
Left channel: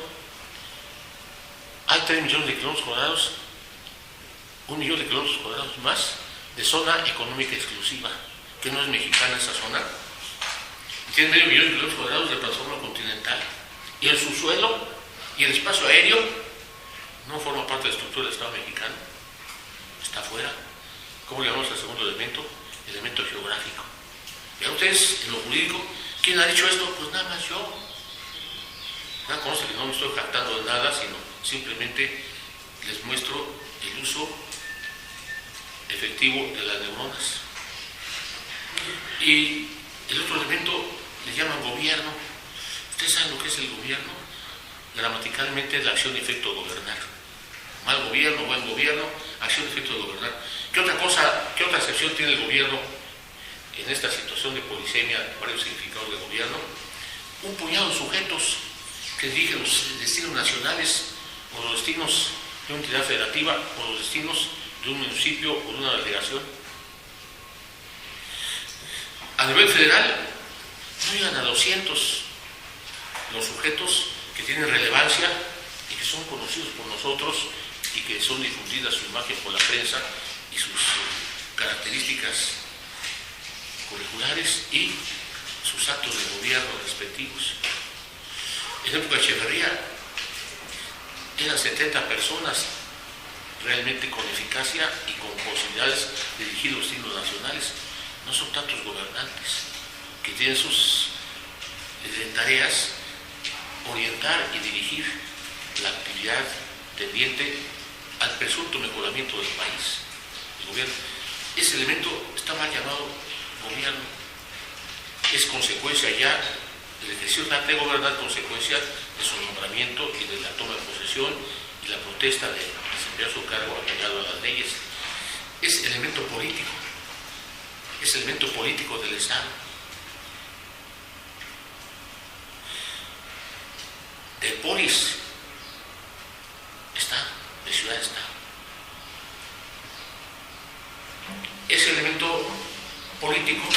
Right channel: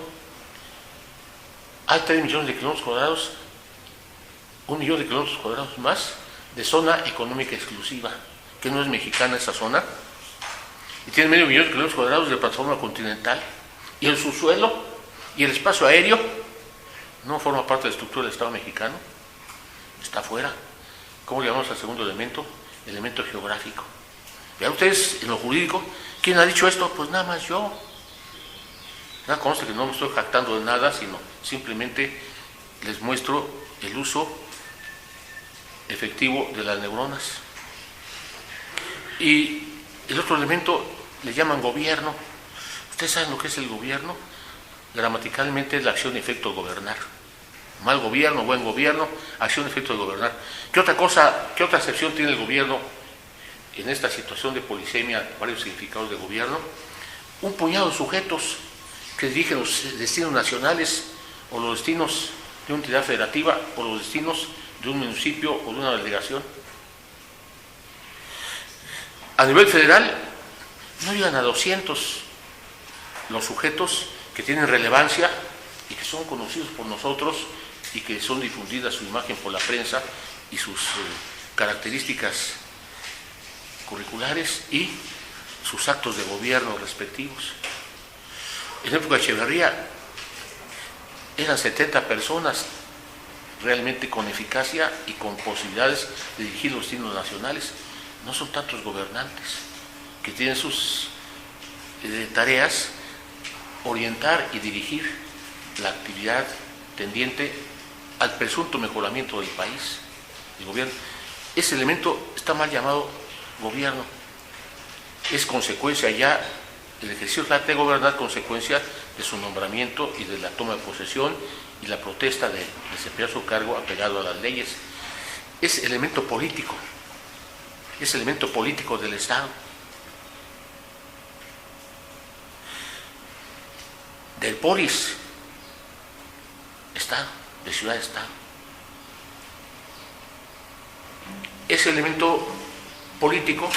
Hay 3 millones de kilómetros cuadrados, 1 millón de kilómetros cuadrados más de zona económica exclusiva, que no es mexicana esa zona, y tiene medio millón de kilómetros cuadrados de plataforma continental, y el subsuelo y el espacio aéreo no forma parte de la estructura del Estado mexicano, está fuera. ¿Cómo le llamamos al segundo elemento? Elemento geográfico. Vean ustedes, en lo jurídico, ¿quién ha dicho esto? Pues nada más yo. Nada, conste que no me estoy jactando de nada, sino simplemente les muestro el uso efectivo de las neuronas. Y el otro elemento le llaman gobierno. ¿Ustedes saben lo que es el gobierno? Gramaticalmente es la acción y efecto de gobernar. Mal gobierno, buen gobierno, acción y efecto de gobernar. ¿Qué otra cosa, qué otra excepción tiene el gobierno en esta situación de polisemia, varios significados de gobierno? Un puñado de sujetos que dirigen los destinos nacionales o los destinos de una entidad federativa o los destinos de un municipio o de una delegación. A nivel federal no llegan a 200 los sujetos que tienen relevancia y que son conocidos por nosotros y que son difundidas su imagen por la prensa y sus características curriculares y sus actos de gobierno respectivos. En época de Echeverría eran 70 personas realmente con eficacia y con posibilidades de dirigir los destinos nacionales. No son tantos gobernantes que tienen sus tareas, orientar y dirigir la actividad tendiente al presunto mejoramiento del país, el gobierno. Ese elemento está mal llamado gobierno. Es consecuencia ya, el ejercicio de gobernar, consecuencia de su nombramiento y de la toma de posesión y la protesta de desempeñar su cargo apegado a las leyes. Es elemento político, es elemento político del Estado. Del polis, Estado, de ciudad-estado. Ese elemento político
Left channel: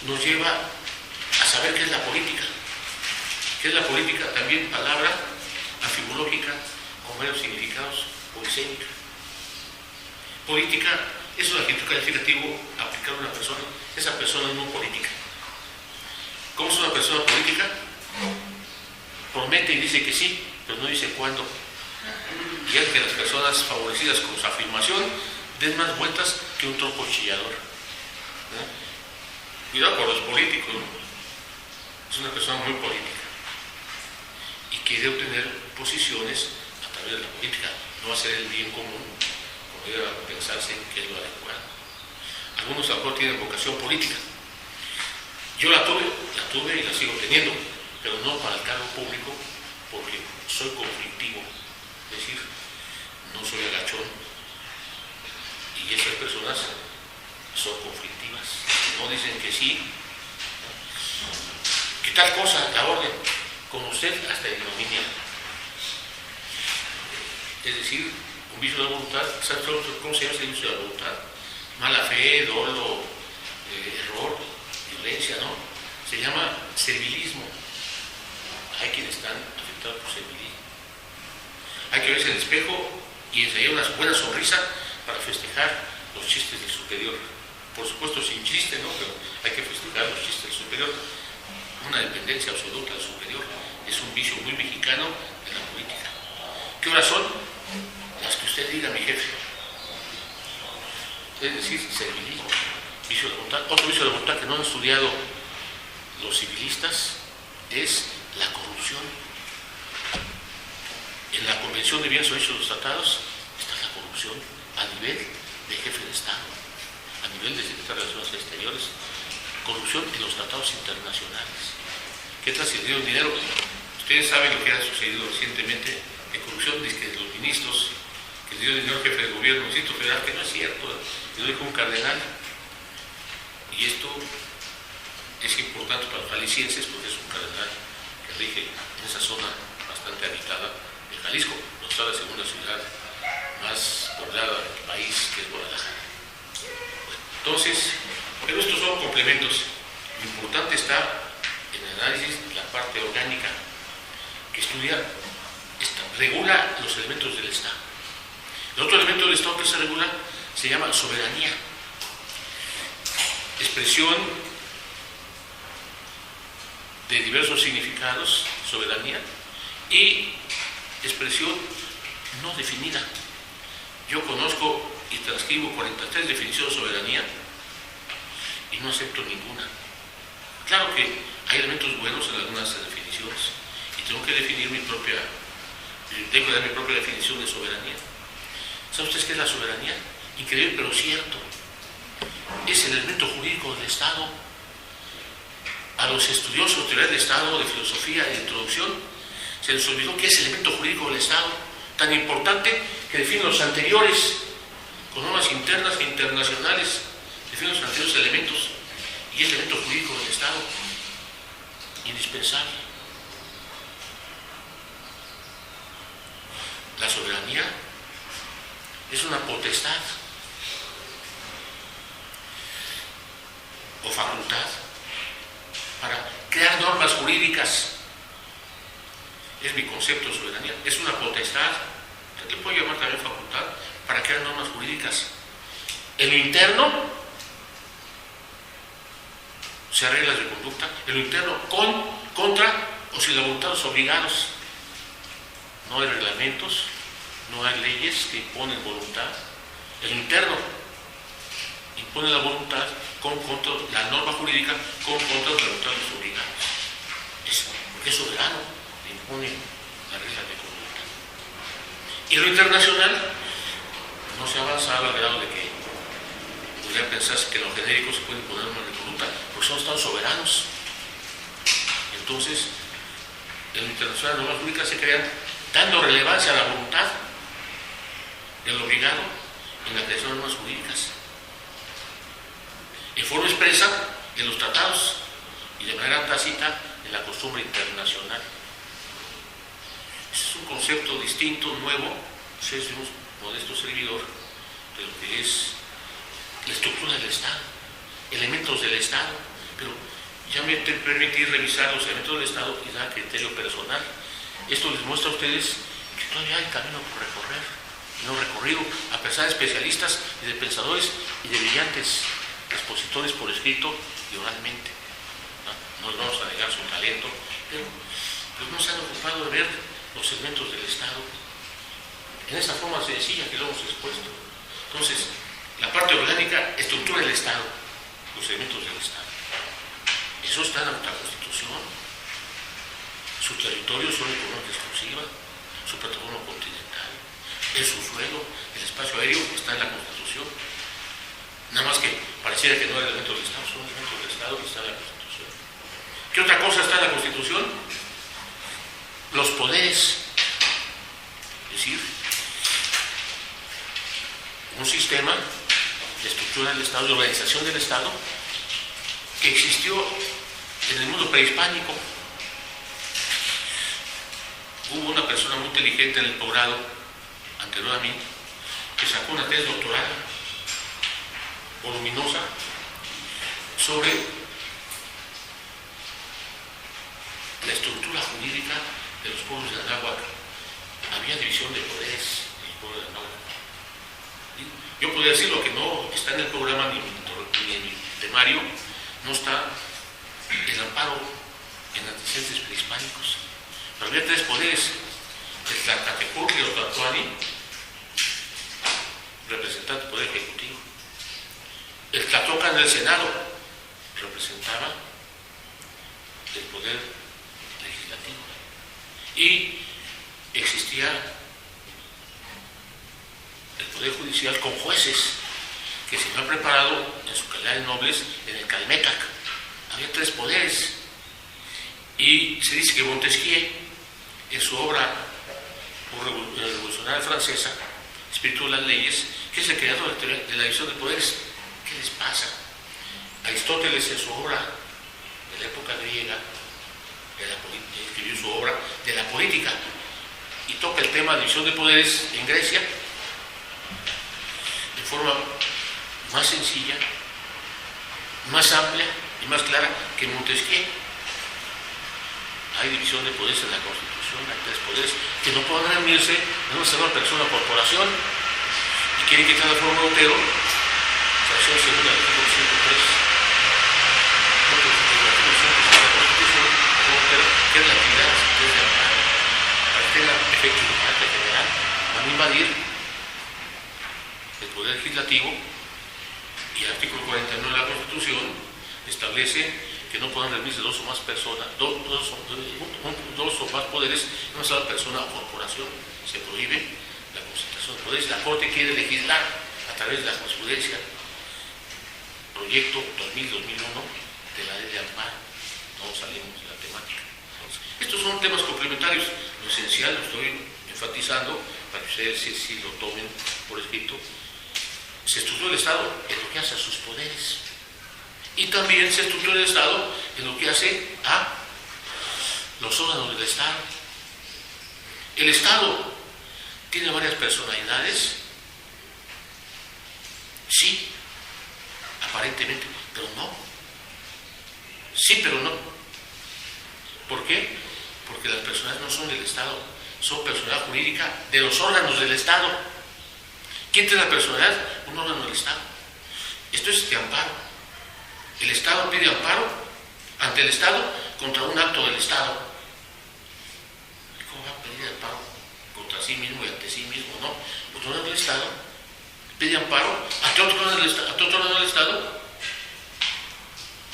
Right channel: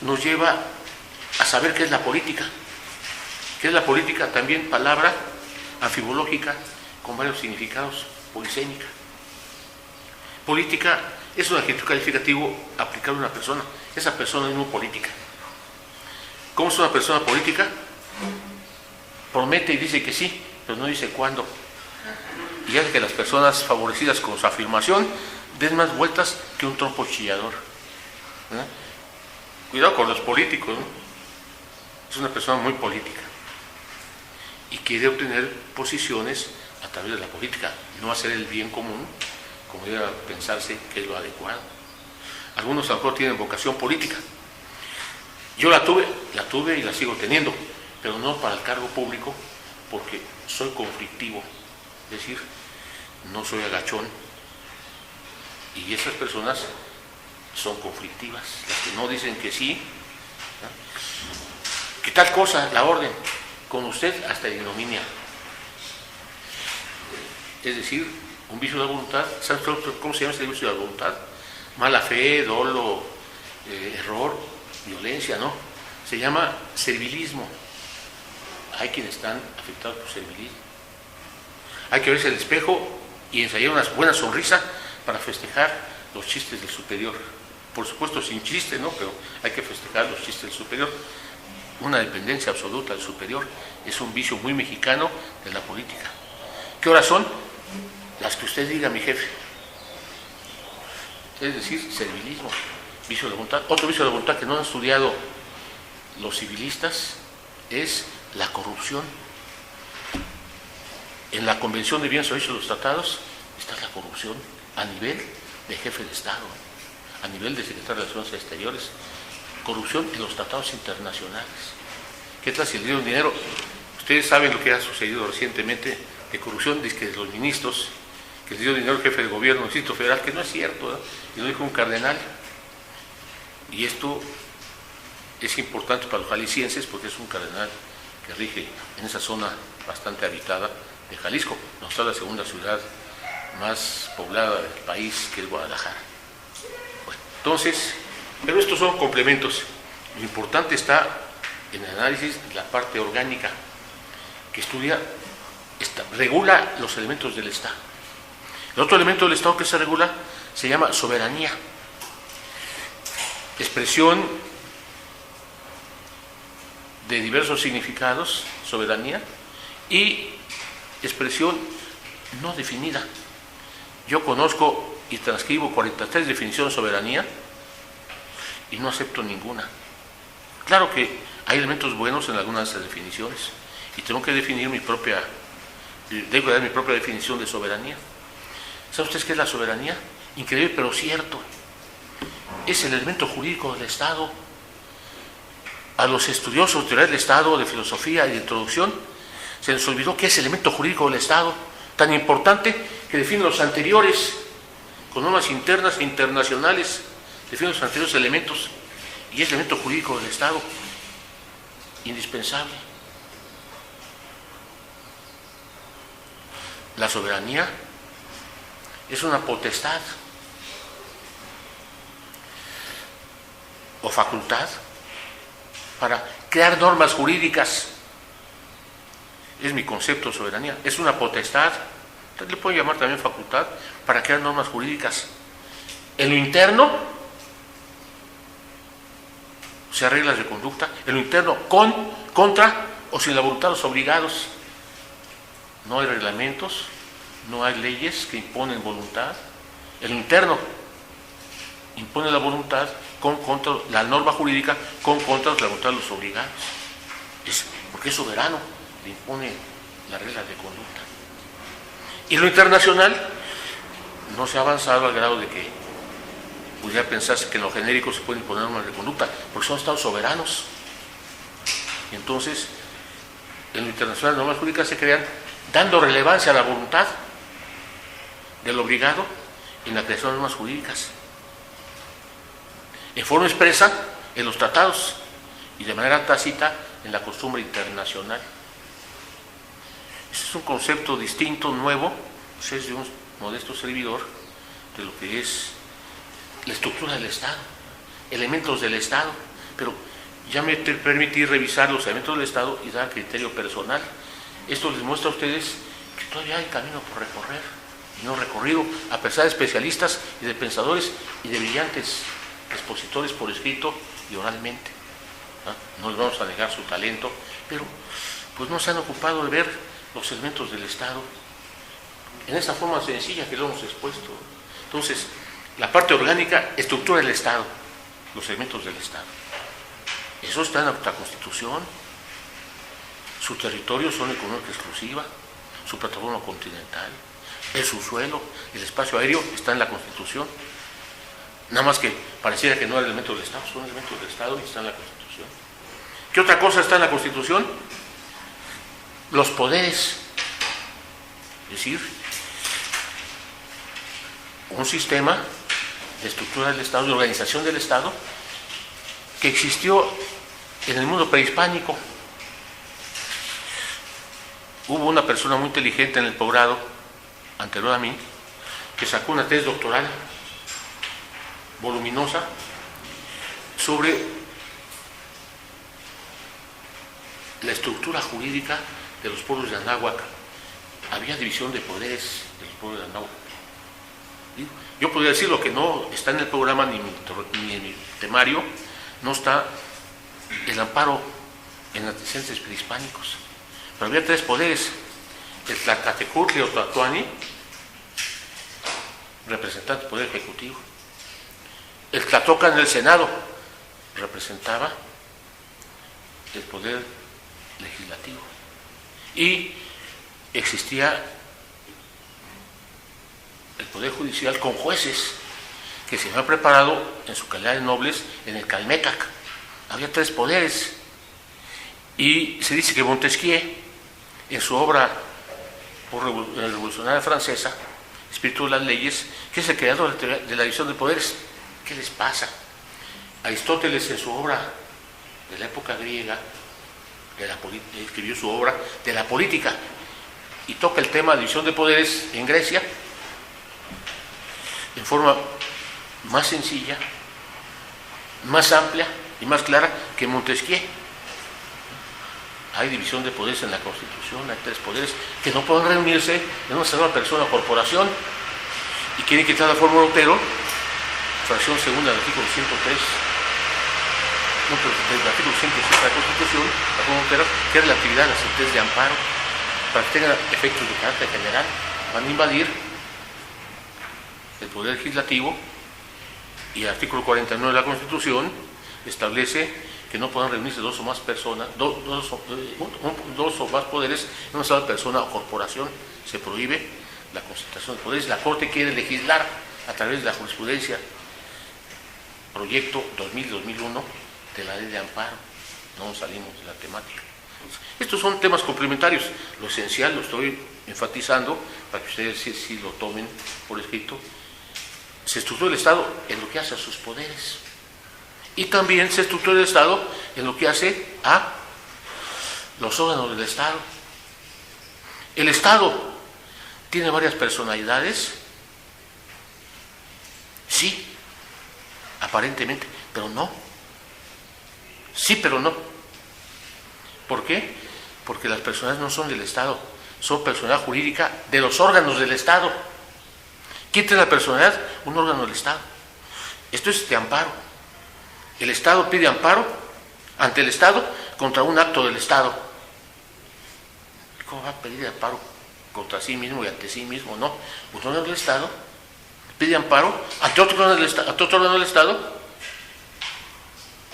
nos lleva a saber qué es la política. ¿Qué es la política? También palabra anfibológica con varios significados, polisémica. Política es un adjetivo calificativo aplicado a una persona. Esa persona es muy política. ¿Cómo es una persona política? Promete y dice que sí, pero no dice cuándo. Y hace que las personas favorecidas con su afirmación den más vueltas que un trompo chillador. Cuidado con los políticos, ¿no? Es una persona muy política y quiere obtener posiciones a través de la política, no hacer el bien común, como debe pensarse que es lo adecuado. Algunos a lo mejor tienen vocación política. Yo la tuve y la sigo teniendo, pero no para el cargo público, porque soy conflictivo, es decir, no soy agachón, y esas personas son conflictivas, las que no dicen que sí, ¿no? ¿Qué tal cosa? La orden, con usted hasta ignominia. Es decir, un vicio de la voluntad. ¿Sabes cómo se llama ese vicio de la voluntad? Mala fe, dolo, error, violencia, ¿no? Se llama servilismo. Hay quienes están afectados por servilismo. Hay que verse en el espejo y ensayar una buena sonrisa para festejar los chistes del superior. Por supuesto sin chiste, ¿no? Pero hay que festejar los chistes del superior. Una dependencia absoluta del superior es un vicio muy mexicano de la política. ¿Qué horas son? Las que usted diga, mi jefe. Es decir, servilismo, vicio de la voluntad. Otro vicio de la voluntad que no han estudiado los civilistas es la corrupción. En la Convención de Bienes Hechos de los Tratados está la corrupción a nivel de jefe de Estado, a nivel de secretario de Relaciones Exteriores, corrupción en los tratados internacionales. ¿Qué tal si le dieron dinero? Ustedes saben lo que ha sucedido recientemente de corrupción, dice que los ministros, que le dio dinero al jefe de gobierno del Distrito Federal, que no es cierto, ¿eh? Y lo dijo un cardenal. Y esto es importante para los jaliscienses porque es un cardenal que rige en esa zona bastante habitada de Jalisco, donde está la segunda ciudad más poblada del país, que es Guadalajara. Bueno, entonces, pero estos son complementos. Lo importante está en el análisis de la parte orgánica, que estudia, regula los elementos del Estado. El otro elemento del Estado que se regula se llama soberanía. Expresión de diversos significados, soberanía, y expresión no definida. Yo conozco y transcribo 43 definiciones de soberanía y no acepto ninguna. Claro que hay elementos buenos en algunas de esas definiciones y tengo que definir debo dar mi propia definición de soberanía. ¿Saben ustedes qué es la soberanía? Increíble pero cierto. Es el elemento jurídico del Estado. A los estudiosos de teoría del Estado, de filosofía y de introducción, se les olvidó que es el elemento jurídico del Estado, tan importante que define los anteriores, con normas internas e internacionales, define los anteriores elementos, y es el elemento jurídico del Estado, indispensable. La soberanía es una potestad o facultad para crear normas jurídicas. Es mi concepto de soberanía, es una potestad, usted le puede llamar también facultad, para crear normas jurídicas. En lo interno, o sea, reglas de conducta, en lo interno, contra o sin la voluntad de los obligados. No hay reglamentos, no hay leyes que imponen voluntad. En lo interno, impone la voluntad contra la norma jurídica, contra la voluntad de los obligados. Porque es soberano, le impone las reglas de conducta. Y lo internacional, no se ha avanzado al grado de que pudiera pensarse que en lo genérico se pueden imponer normas de conducta, porque son estados soberanos. Y entonces, en lo internacional, las normas jurídicas se crean dando relevancia a la voluntad del obligado en la creación de normas jurídicas, en forma expresa en los tratados y de manera tácita en la costumbre internacional. Ese es un concepto distinto, nuevo, es de un modesto servidor de lo que es la estructura del Estado, elementos del Estado, pero ya me permití revisar los elementos del Estado y dar criterio personal. Esto les muestra a ustedes que todavía hay camino por recorrer, y no recorrido, a pesar de especialistas y de pensadores y de brillantes expositores por escrito y oralmente. No les vamos a negar su talento, pero pues no se han ocupado de ver los elementos del Estado en esta forma sencilla que lo hemos expuesto. Entonces, la parte orgánica, estructura del Estado, los elementos del Estado. Eso está en nuestra Constitución. Su territorio es zona económica exclusiva, su plataforma continental, el subsuelo, el espacio aéreo está en la Constitución. Nada más que pareciera que no era elemento del Estado, son elementos del Estado y está en la Constitución. ¿Qué otra cosa está en la Constitución? Los poderes. Es decir, un sistema de estructura del Estado, de organización del Estado, que existió en el mundo prehispánico. Hubo una persona muy inteligente en el posgrado, anterior a mí, que sacó una tesis doctoral voluminosa sobre la estructura jurídica de los pueblos de Anáhuac. Había división de poderes de los pueblos de Anáhuac. ¿Sí? Yo podría decir lo que no está en el programa ni en mi temario, no está el amparo en antecedentes prehispánicos. Pero había tres poderes: el Tlacatecutli o Tlatoani, representante del Poder Ejecutivo; el Tlatoca en el Senado, representaba el Poder Legislativo; y existía el Poder Judicial con jueces que se habían preparado en su calidad de nobles en el Calmecac. Había tres poderes. Y se dice que Montesquieu, en su obra revolucionaria francesa, Espíritu de las Leyes, que es el creador de la división de poderes. ¿Qué les pasa? Aristóteles, en su obra de la época griega, escribió su obra de la política y toca el tema de división de poderes en Grecia en forma más sencilla, más amplia y más clara que Montesquieu. Hay división de poderes en la Constitución, hay tres poderes que no pueden reunirse en una sola persona o corporación, y quieren quitar la fórmula Otero, fracción segunda del artículo 103, del artículo 106 de la Constitución, la fórmula Otero, que es la actividad de las sentencias de amparo, para que tenga efectos de carácter general. Van a invadir el poder legislativo, y el artículo 49 de la Constitución establece que no puedan reunirse dos o más personas, dos o más poderes en una sola persona o corporación. Se prohíbe la concentración de poderes. La Corte quiere legislar a través de la jurisprudencia, proyecto 2000-2001 de la ley de amparo. No salimos de la temática. Estos son temas complementarios. Lo esencial lo estoy enfatizando para que ustedes sí lo tomen por escrito. Se estructura el Estado en lo que hace a sus poderes, y también se estructura el Estado en lo que hace a los órganos del Estado. El Estado tiene varias personalidades Sí, aparentemente, pero no. Sí, pero no. ¿Por qué? Porque las personas no son del Estado, son personalidad jurídica de los órganos del Estado. ¿Quién tiene la personalidad? Un órgano del Estado. Esto es de amparo. El Estado pide amparo ante el Estado contra un acto del Estado. ¿Cómo va a pedir amparo contra sí mismo y ante sí mismo? No. Un órgano del Estado pide amparo ante otro órgano del Estado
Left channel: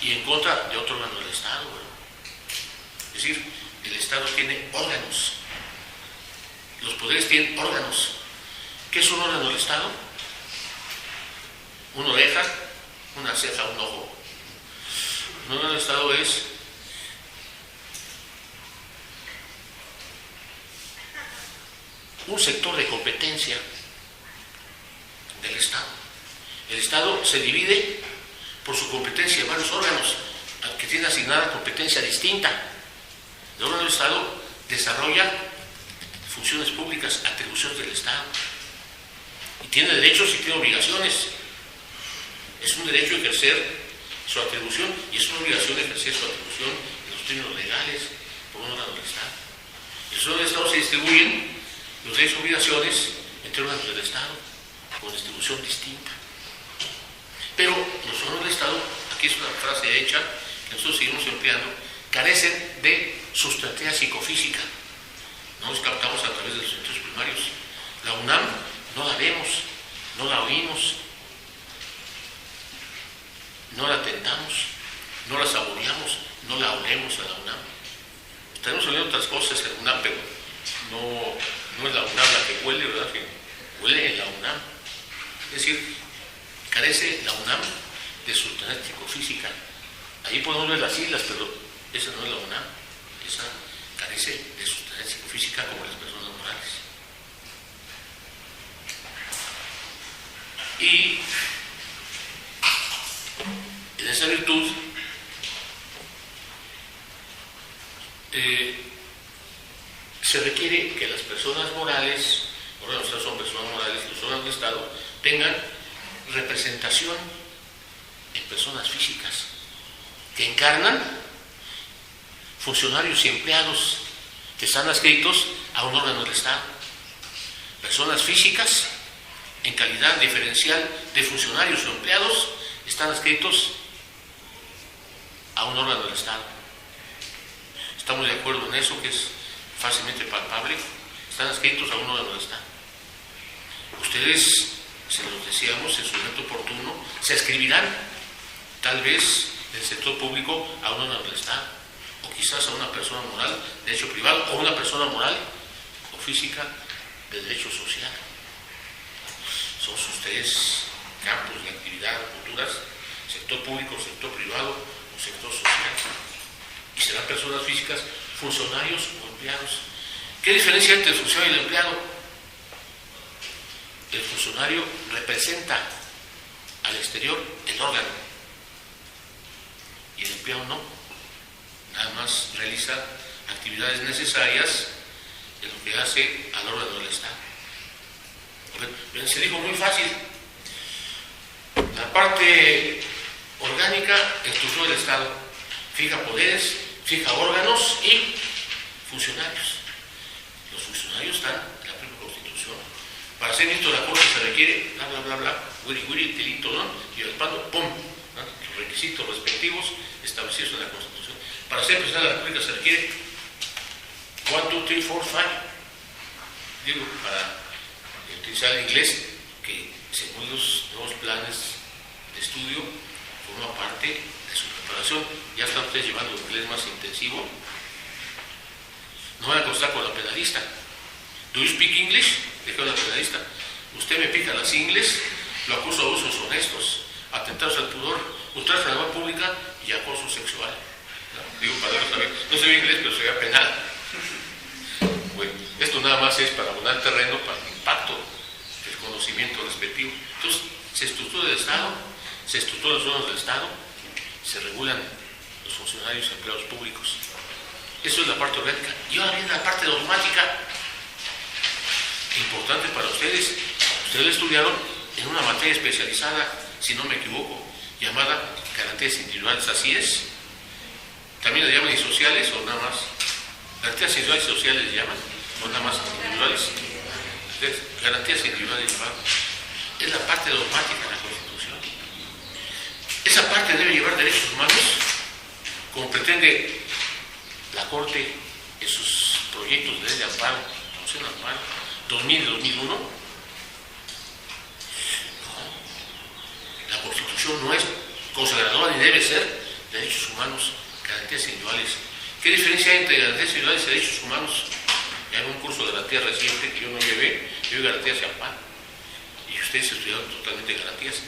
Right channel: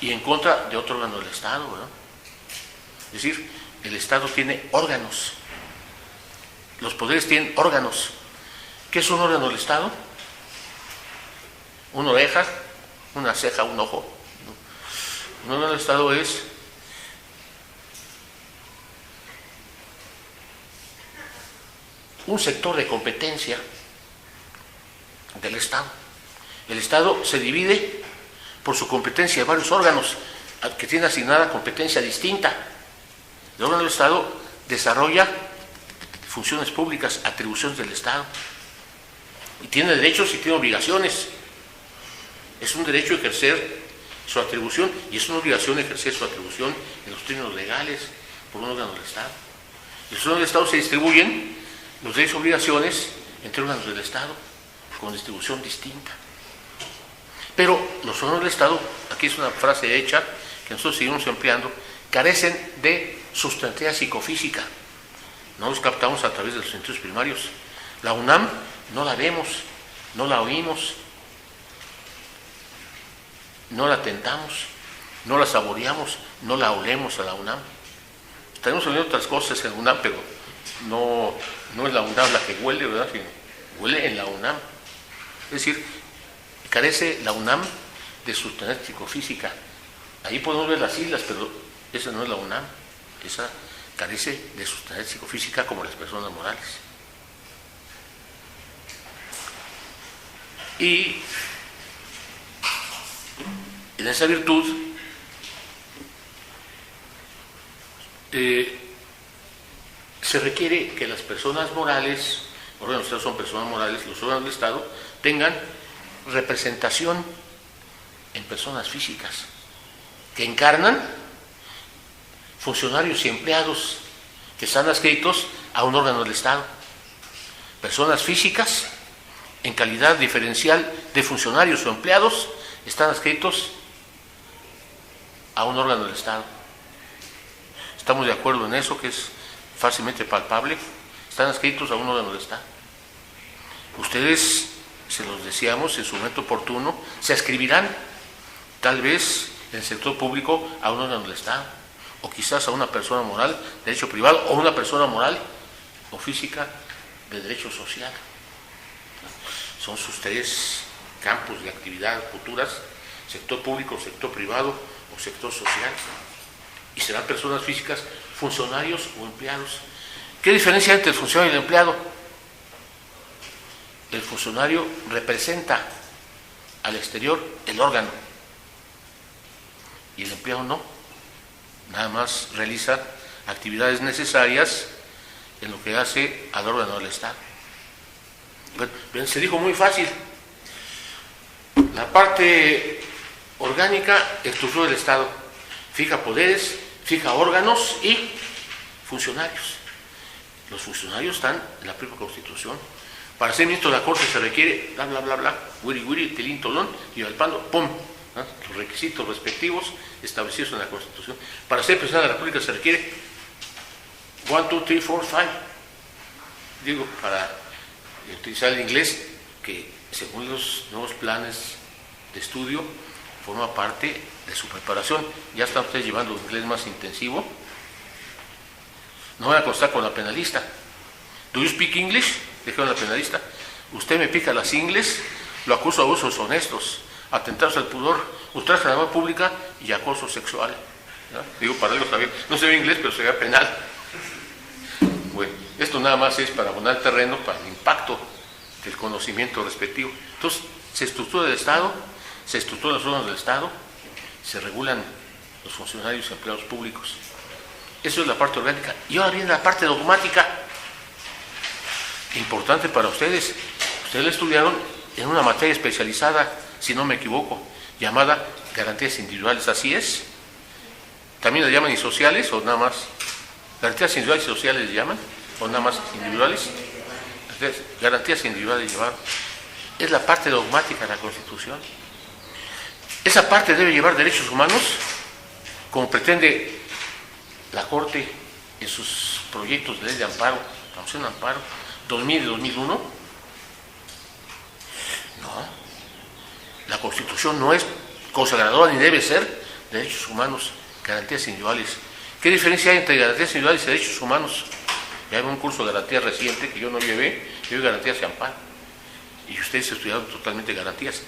y en contra de otro órgano del Estado, ¿verdad? Es decir, el Estado tiene órganos. Los poderes tienen órganos. ¿Qué es un órgano del Estado? Una oreja, una ceja, un ojo. Un órgano del Estado es un sector de competencia del Estado. El Estado se divide por su competencia en varios órganos que tienen asignada competencia distinta. El órgano del Estado desarrolla funciones públicas, atribuciones del Estado. Y tiene derechos y tiene obligaciones. Es un derecho ejercer su atribución y es una obligación ejercer su atribución en los términos legales por un órgano del Estado. En los órganos del Estado se distribuyen los derechos y obligaciones entre órganos del Estado con distribución distinta. Pero los órganos del Estado, aquí es una frase hecha que nosotros seguimos empleando, carecen de sustantividad psicofísica. No los captamos a través de los sentidos primarios. La UNAM no la vemos, no la oímos, no la tentamos, no la saboreamos, no la olemos a la UNAM. Estaremos oliendo otras cosas en la UNAM, pero no es la UNAM la que huele, ¿verdad? Sino huele en la UNAM. Es decir, carece la UNAM de sustancias psicofísica. Ahí podemos ver las islas, pero esa no es la UNAM. Esa carece de sustancias psicofísica como las personas morales. Y en esa virtud se requiere que las personas morales, órganos del Estado son personas morales, los órganos del Estado tengan representación en personas físicas que encarnan funcionarios y empleados que están adscritos a un órgano del Estado. Personas físicas en calidad diferencial de funcionarios o empleados están adscritos a un órgano del Estado. Estamos de acuerdo en eso, que es fácilmente palpable. Están adscritos a un órgano del Estado. Ustedes, se los decíamos en su momento oportuno, se adscribirán tal vez en el sector público a un órgano del Estado, o quizás a una persona moral de derecho privado, o una persona moral o física de derecho social. Son sus tres campos de actividad futuras: sector público, sector privado o sector social. Y serán personas físicas, funcionarios o empleados. ¿Qué diferencia entre el funcionario y el empleado? El funcionario representa al exterior el órgano y el empleado no. Nada más realiza actividades necesarias en lo que hace al órgano del Estado. Bueno, se dijo muy fácil. La parte orgánica, estructura del Estado, fija poderes, fija órganos y funcionarios. Los funcionarios están en la propia Constitución. Para ser ministro de la Corte se requiere bla, bla, bla, bla, wiri, wiri, tilín, tolón, y al pando, pum, ¿no? Los requisitos respectivos establecidos en la Constitución. Para ser presidente de la República se requiere 1, 2, 3, 4, 5. Digo, para utilizar el inglés, que según los nuevos planes de estudio forma parte de su preparación. Ya están ustedes llevando un inglés más intensivo. No van a constar con la penalista. ¿Do you speak English? Dijeron la penalista. Usted me pica las ingles, lo acuso de abusos honestos, atentados al pudor, ultraje a la moral pública y acoso sexual. ¿No? Digo, para algo saber. No se ve inglés, pero se ve penal. Bueno, esto nada más es para abonar el terreno para el impacto del conocimiento respectivo. Entonces, se estructura el Estado, se estructuran los órganos del Estado, se regulan los funcionarios y empleados públicos. Eso es la parte orgánica. Y ahora viene la parte dogmática, importante para ustedes. Ustedes la estudiaron en una materia especializada, si no me equivoco, llamada garantías individuales. ¿Así es? ¿También le llaman sociales o nada más? ¿Garantías individuales y sociales le llaman? ¿O nada más individuales? Entonces, garantías individuales llevar. Es la parte dogmática de la Constitución. Esa parte debe llevar derechos humanos, como pretende la Corte en sus proyectos de ley de amparo, la moción de amparo 2000 y 2001. No, la Constitución no es consagradora ni debe ser derechos humanos, garantías individuales. ¿Qué diferencia hay entre garantías individuales y derechos humanos? Ya hay un curso de garantías reciente que yo no llevé garantías y amparo. Y ustedes estudiaron totalmente garantías.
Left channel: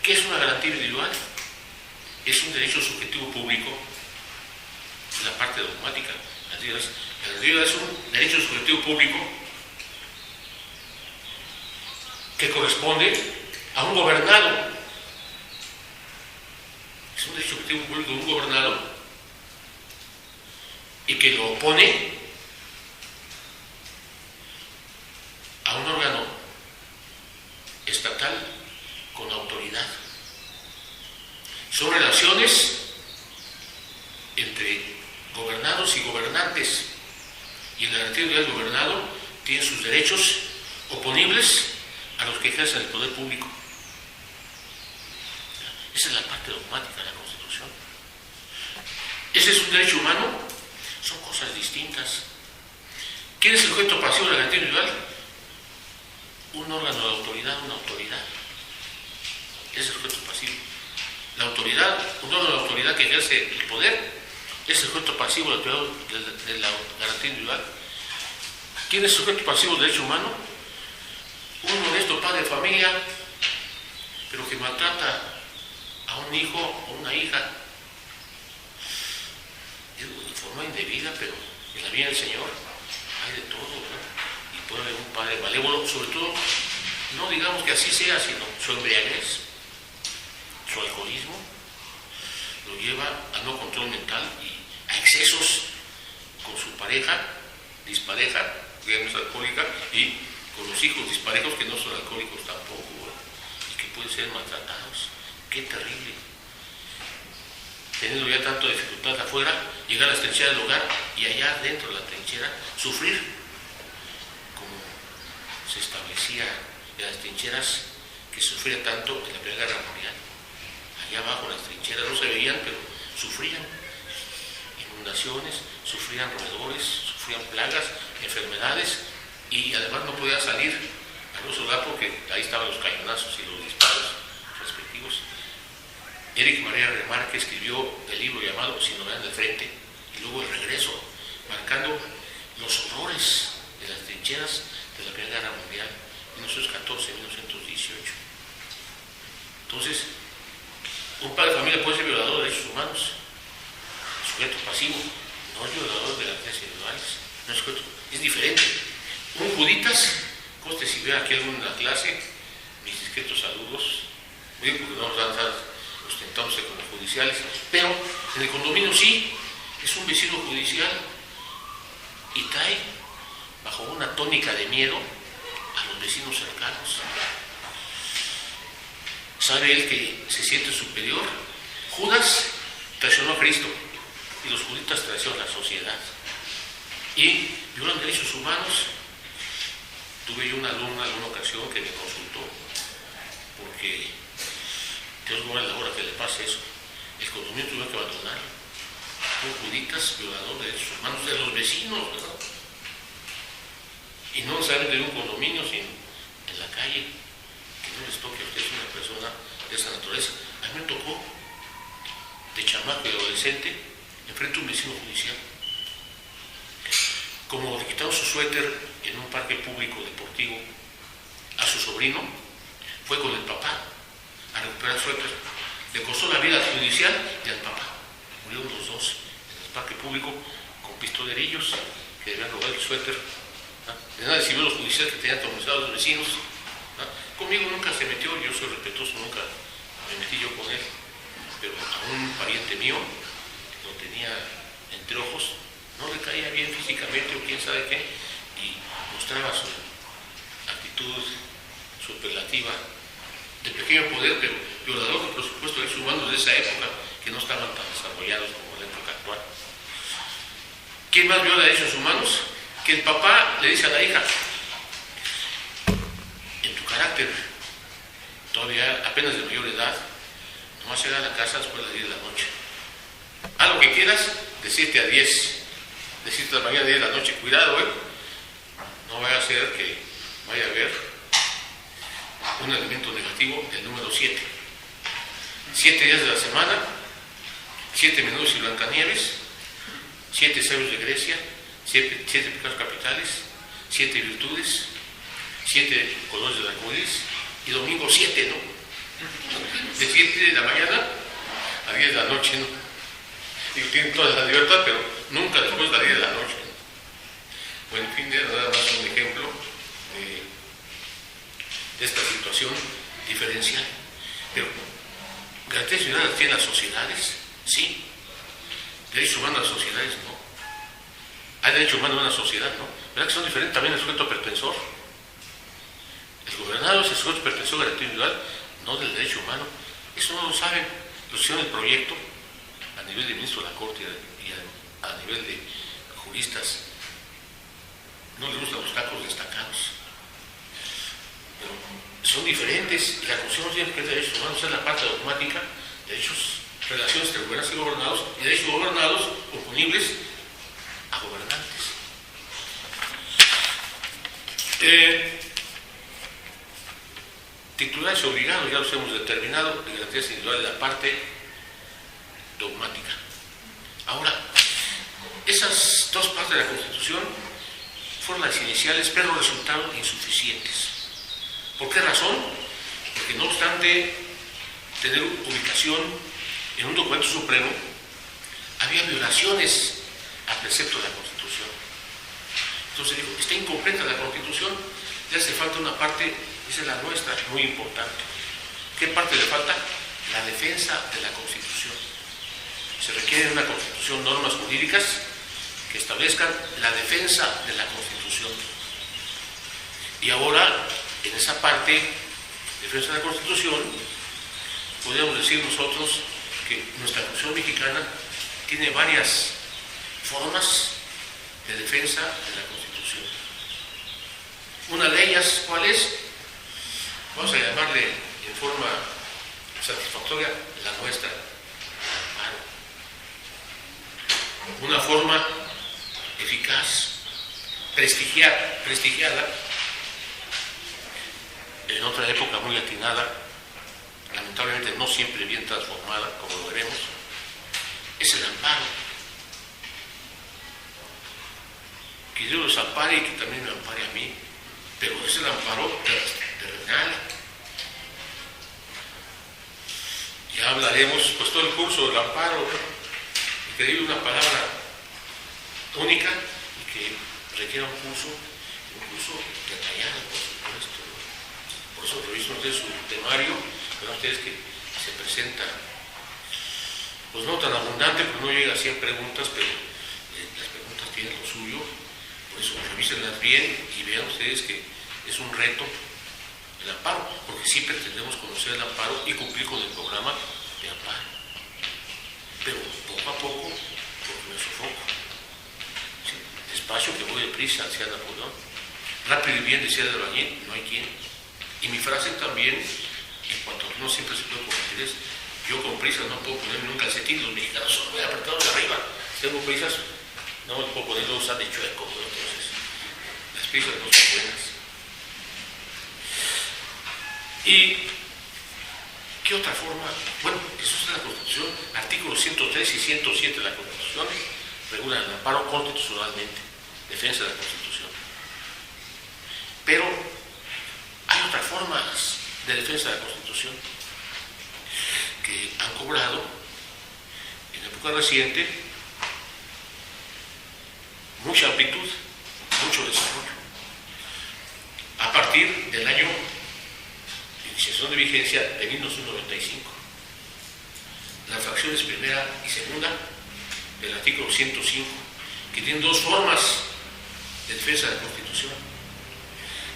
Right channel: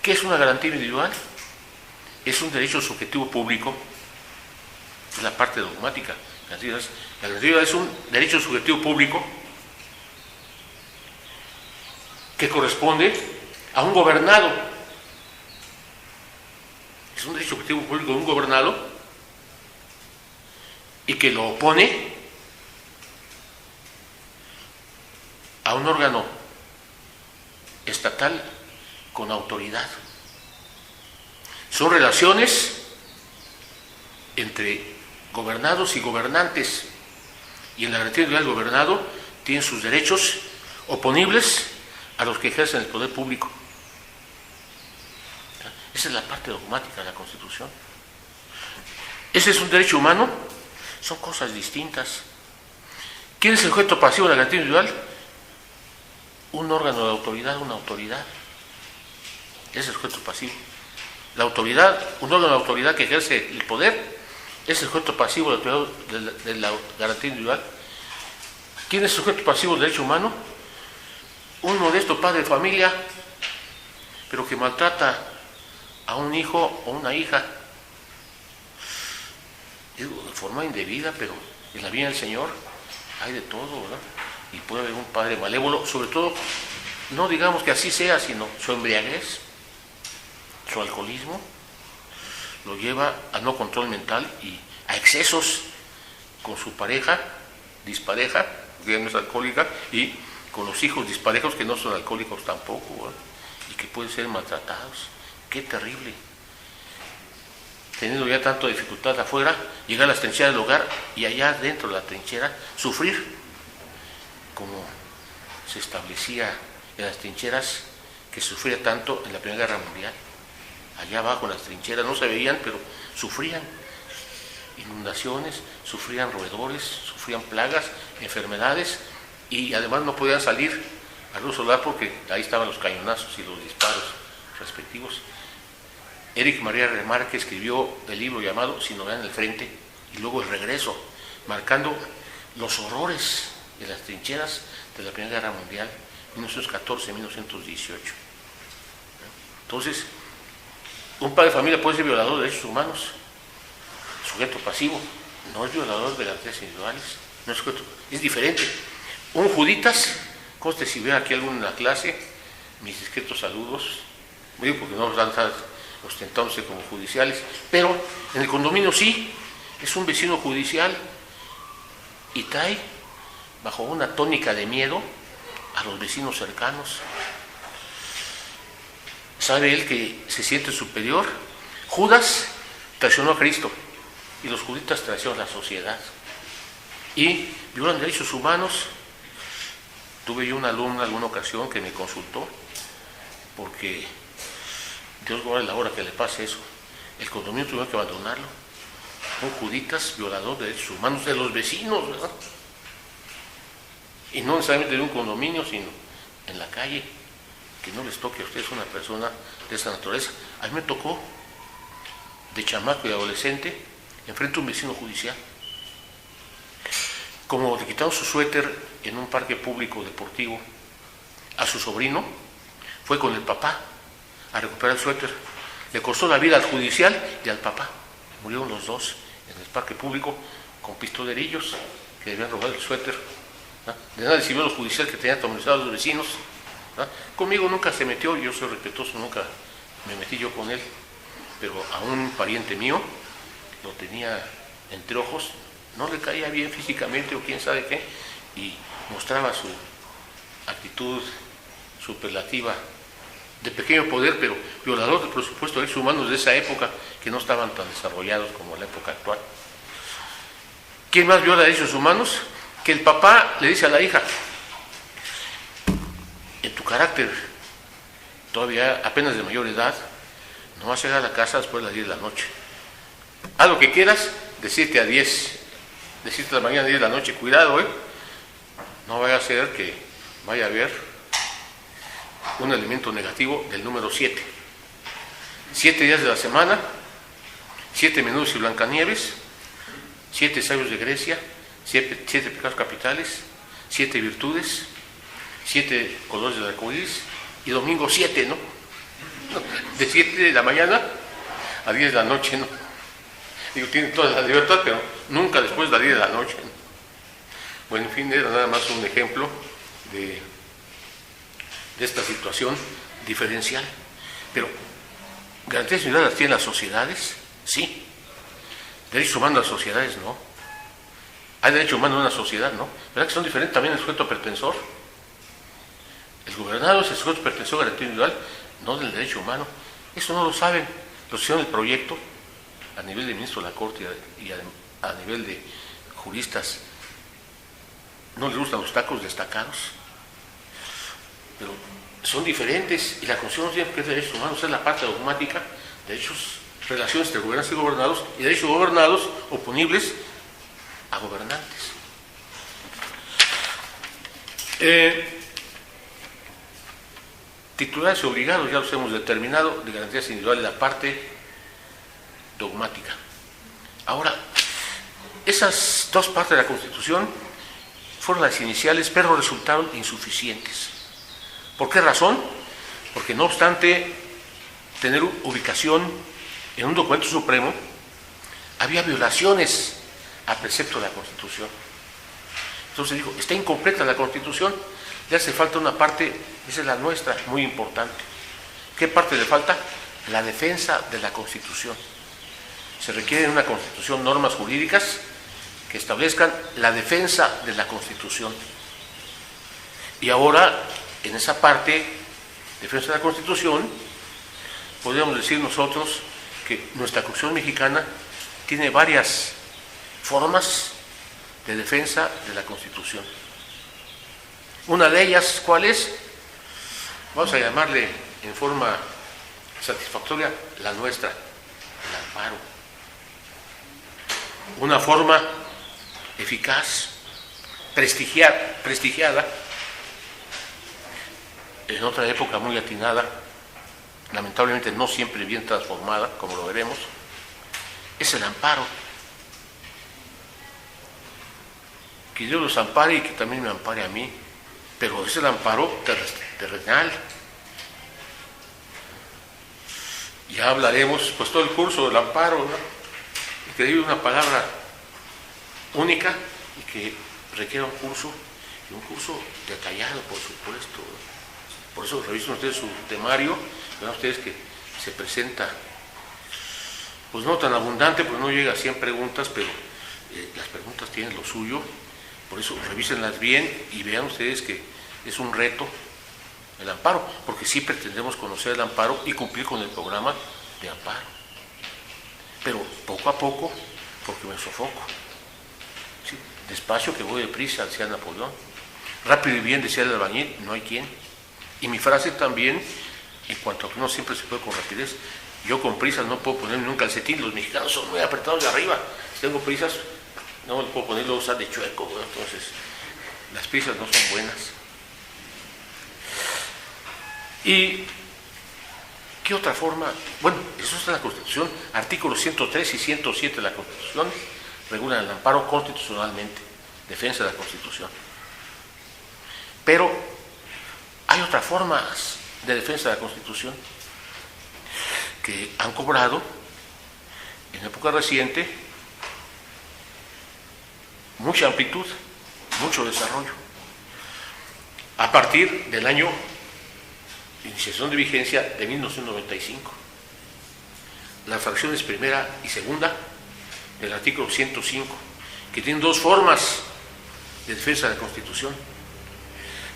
¿Qué es una garantía individual? Es un derecho subjetivo público, es la parte dogmática. La garantía es un derecho subjetivo público que corresponde a un gobernado. Es un derecho subjetivo público de un gobernado y que lo opone a un órgano estatal con autoridad. Son relaciones entre gobernados y gobernantes, y en la garantía individual del gobernado tienen sus derechos oponibles a los que ejercen el poder público. Esa es la parte dogmática de la Constitución. ¿Ese es un derecho humano? Son cosas distintas. ¿Quién es el sujeto pasivo de la garantía individual? Un órgano de autoridad, una autoridad. Ese es el sujeto pasivo. La autoridad, un órgano de autoridad que ejerce el poder, es el sujeto pasivo de la garantía individual. ¿Quién es el sujeto pasivo del derecho humano? Un modesto padre de familia, pero que maltrata a un hijo o una hija. Digo, de forma indebida, pero en la vida del Señor hay de todo, ¿verdad? Y puede haber un padre malévolo, sobre todo, no digamos que así sea, sino su embriaguez, su alcoholismo, lo lleva a no control mental y a excesos con su pareja, dispareja, que no es alcohólica, y con los hijos disparejos que no son alcohólicos tampoco, ¿verdad? Y que pueden ser maltratados. ¡Qué terrible! Teniendo ya tanta dificultad afuera, llegar a las trincheras del hogar y allá dentro de la trinchera sufrir, como se establecía en las trincheras que sufría tanto en la Primera Guerra Mundial. Allá abajo en las trincheras no se veían, pero sufrían inundaciones, sufrían roedores, sufrían plagas, enfermedades, y además no podían salir a luz solar porque ahí estaban los cañonazos y los disparos respectivos. Eric María Remarque escribió el libro llamado Sin novedad en el frente, y luego El regreso, marcando los horrores de las trincheras de la Primera Guerra Mundial, 1914-1918. Entonces, un padre de familia puede ser violador de derechos humanos, sujeto pasivo, no es violador de garantías individuales, no es sujeto, es diferente. Un juditas, conste si ve aquí alguno en la clase, mis discretos saludos, digo porque no nos dan ostentándose como judiciales, pero en el condominio sí, es un vecino judicial y trae bajo una tónica de miedo a los vecinos cercanos. Sabe él que se siente superior. Judas traicionó a Cristo y los juditas traicionan a la sociedad y violan derechos humanos. Tuve yo una alumna en alguna ocasión que me consultó porque Dios guarde la hora que le pase eso. El condominio tuvo que abandonarlo. Un juditas violador de derechos humanos de los vecinos, ¿verdad? Y no necesariamente de un condominio, sino en la calle, que no les toque a ustedes una persona de esa naturaleza. A mí me tocó, de chamaco y adolescente, enfrente a un vecino judicial. Como le quitaron su suéter en un parque público deportivo a su sobrino, fue con el papá a recuperar el suéter. Le costó la vida al judicial y al papá. Murieron los dos en el parque público con pistolerillos que debían robar el suéter. ¿Ah? De nada sirvió los judiciales que tenían atemorizados a los vecinos. ¿Ah? Conmigo nunca se metió, yo soy respetuoso, nunca me metí yo con él, pero a un pariente mío lo tenía entre ojos, no le caía bien físicamente o quién sabe qué, y mostraba su actitud, superlativa de pequeño poder, pero violador de, por supuesto, derechos humanos de esa época, que no estaban tan desarrollados como en la época actual. ¿Quién más viola derechos humanos? Que el papá le dice a la hija: en tu carácter todavía apenas de mayor edad, no vas a llegar a la casa después de las 10 de la noche. Haz lo que quieras de 7 a 10, de 7 de la mañana a 10 de la noche. Cuidado, no vaya a ser que vaya a haber un elemento negativo del número 7. 7 días de la semana, 7 menudos y Blancanieves, 7 sabios de Grecia, 7 pecados capitales, 7 virtudes, 7 colores del arcoíris, y domingo 7, ¿no? De 7 de la mañana a 10 de la noche, ¿no? Digo, tienen toda la libertad, pero nunca después de las 10 de la noche, ¿no? Bueno, en fin, era nada más un ejemplo de esta situación diferencial. Pero, ¿garantías individuales las tienen las sociedades? Sí. ¿Derechos humanos en las sociedades? No. ¿Hay derecho humano en una sociedad? No. ¿Verdad que son diferentes también el sujeto pretensor? El gobernado es el sujeto pretensor de garantía individual, no del derecho humano. Eso no lo saben. Lo hicieron el proyecto a nivel de ministro de la Corte y a nivel de juristas. No les gustan los tacos destacados, pero son diferentes, y la Constitución no tiene que ser derechos humanos, es la parte dogmática, derechos, relaciones entre gobernantes y gobernados, y derechos gobernados oponibles a gobernantes. Titulares obligados, ya los hemos determinado, de garantías individuales, la parte dogmática. Ahora, esas dos partes de la Constitución fueron las iniciales, pero resultaron insuficientes. ¿Por qué razón? Porque no obstante tener ubicación en un documento supremo, había violaciones al precepto de la Constitución. Entonces digo, está incompleta la Constitución, le hace falta una parte, esa es la nuestra, muy importante. ¿Qué parte le falta? La defensa de la Constitución. Se requieren en una Constitución normas jurídicas que establezcan la defensa de la Constitución. Y ahora, en esa parte, defensa de la Constitución, podríamos decir nosotros que nuestra Constitución mexicana tiene varias formas de defensa de la Constitución. Una de ellas, ¿cuál es? Vamos a llamarle en forma satisfactoria la nuestra, el amparo. Una forma eficaz, prestigiada, en otra época muy atinada, lamentablemente no siempre bien transformada, como lo veremos, es el amparo. Que Dios los ampare y que también me ampare a mí, pero es el amparo terrenal. Ya hablaremos, pues todo el curso del amparo, ¿no? Y que diga una palabra única y que requiera un curso detallado, por supuesto. Por eso revisen ustedes su temario, verán ustedes que se presenta, pues no tan abundante, pues no llega a 100 preguntas, pero las preguntas tienen lo suyo, por eso revísenlas bien y vean ustedes que es un reto el amparo, porque sí pretendemos conocer el amparo y cumplir con el programa de amparo. Pero poco a poco, porque me sofoco. ¿Sí? Despacio que voy deprisa, decía Napoleón. Rápido y bien, decía el albañil, no hay quien. Y mi frase también, en cuanto a que no siempre se puede con rapidez, yo con prisas no puedo ponerme un calcetín, los mexicanos son muy apretados de arriba. Si tengo prisas, no me puedo ponerlo, usar de chueco, ¿no? Entonces las prisas no son buenas. ¿Y qué otra forma? Bueno, eso está en la Constitución. Artículos 103 y 107 de la Constitución regulan el amparo constitucionalmente, defensa de la Constitución. Pero hay otras formas de defensa de la Constitución que han cobrado en época reciente mucha amplitud, mucho desarrollo. A partir del año iniciación de vigencia de 1995. Las fracciones primera y segunda del artículo 105, que tienen dos formas de defensa de la Constitución.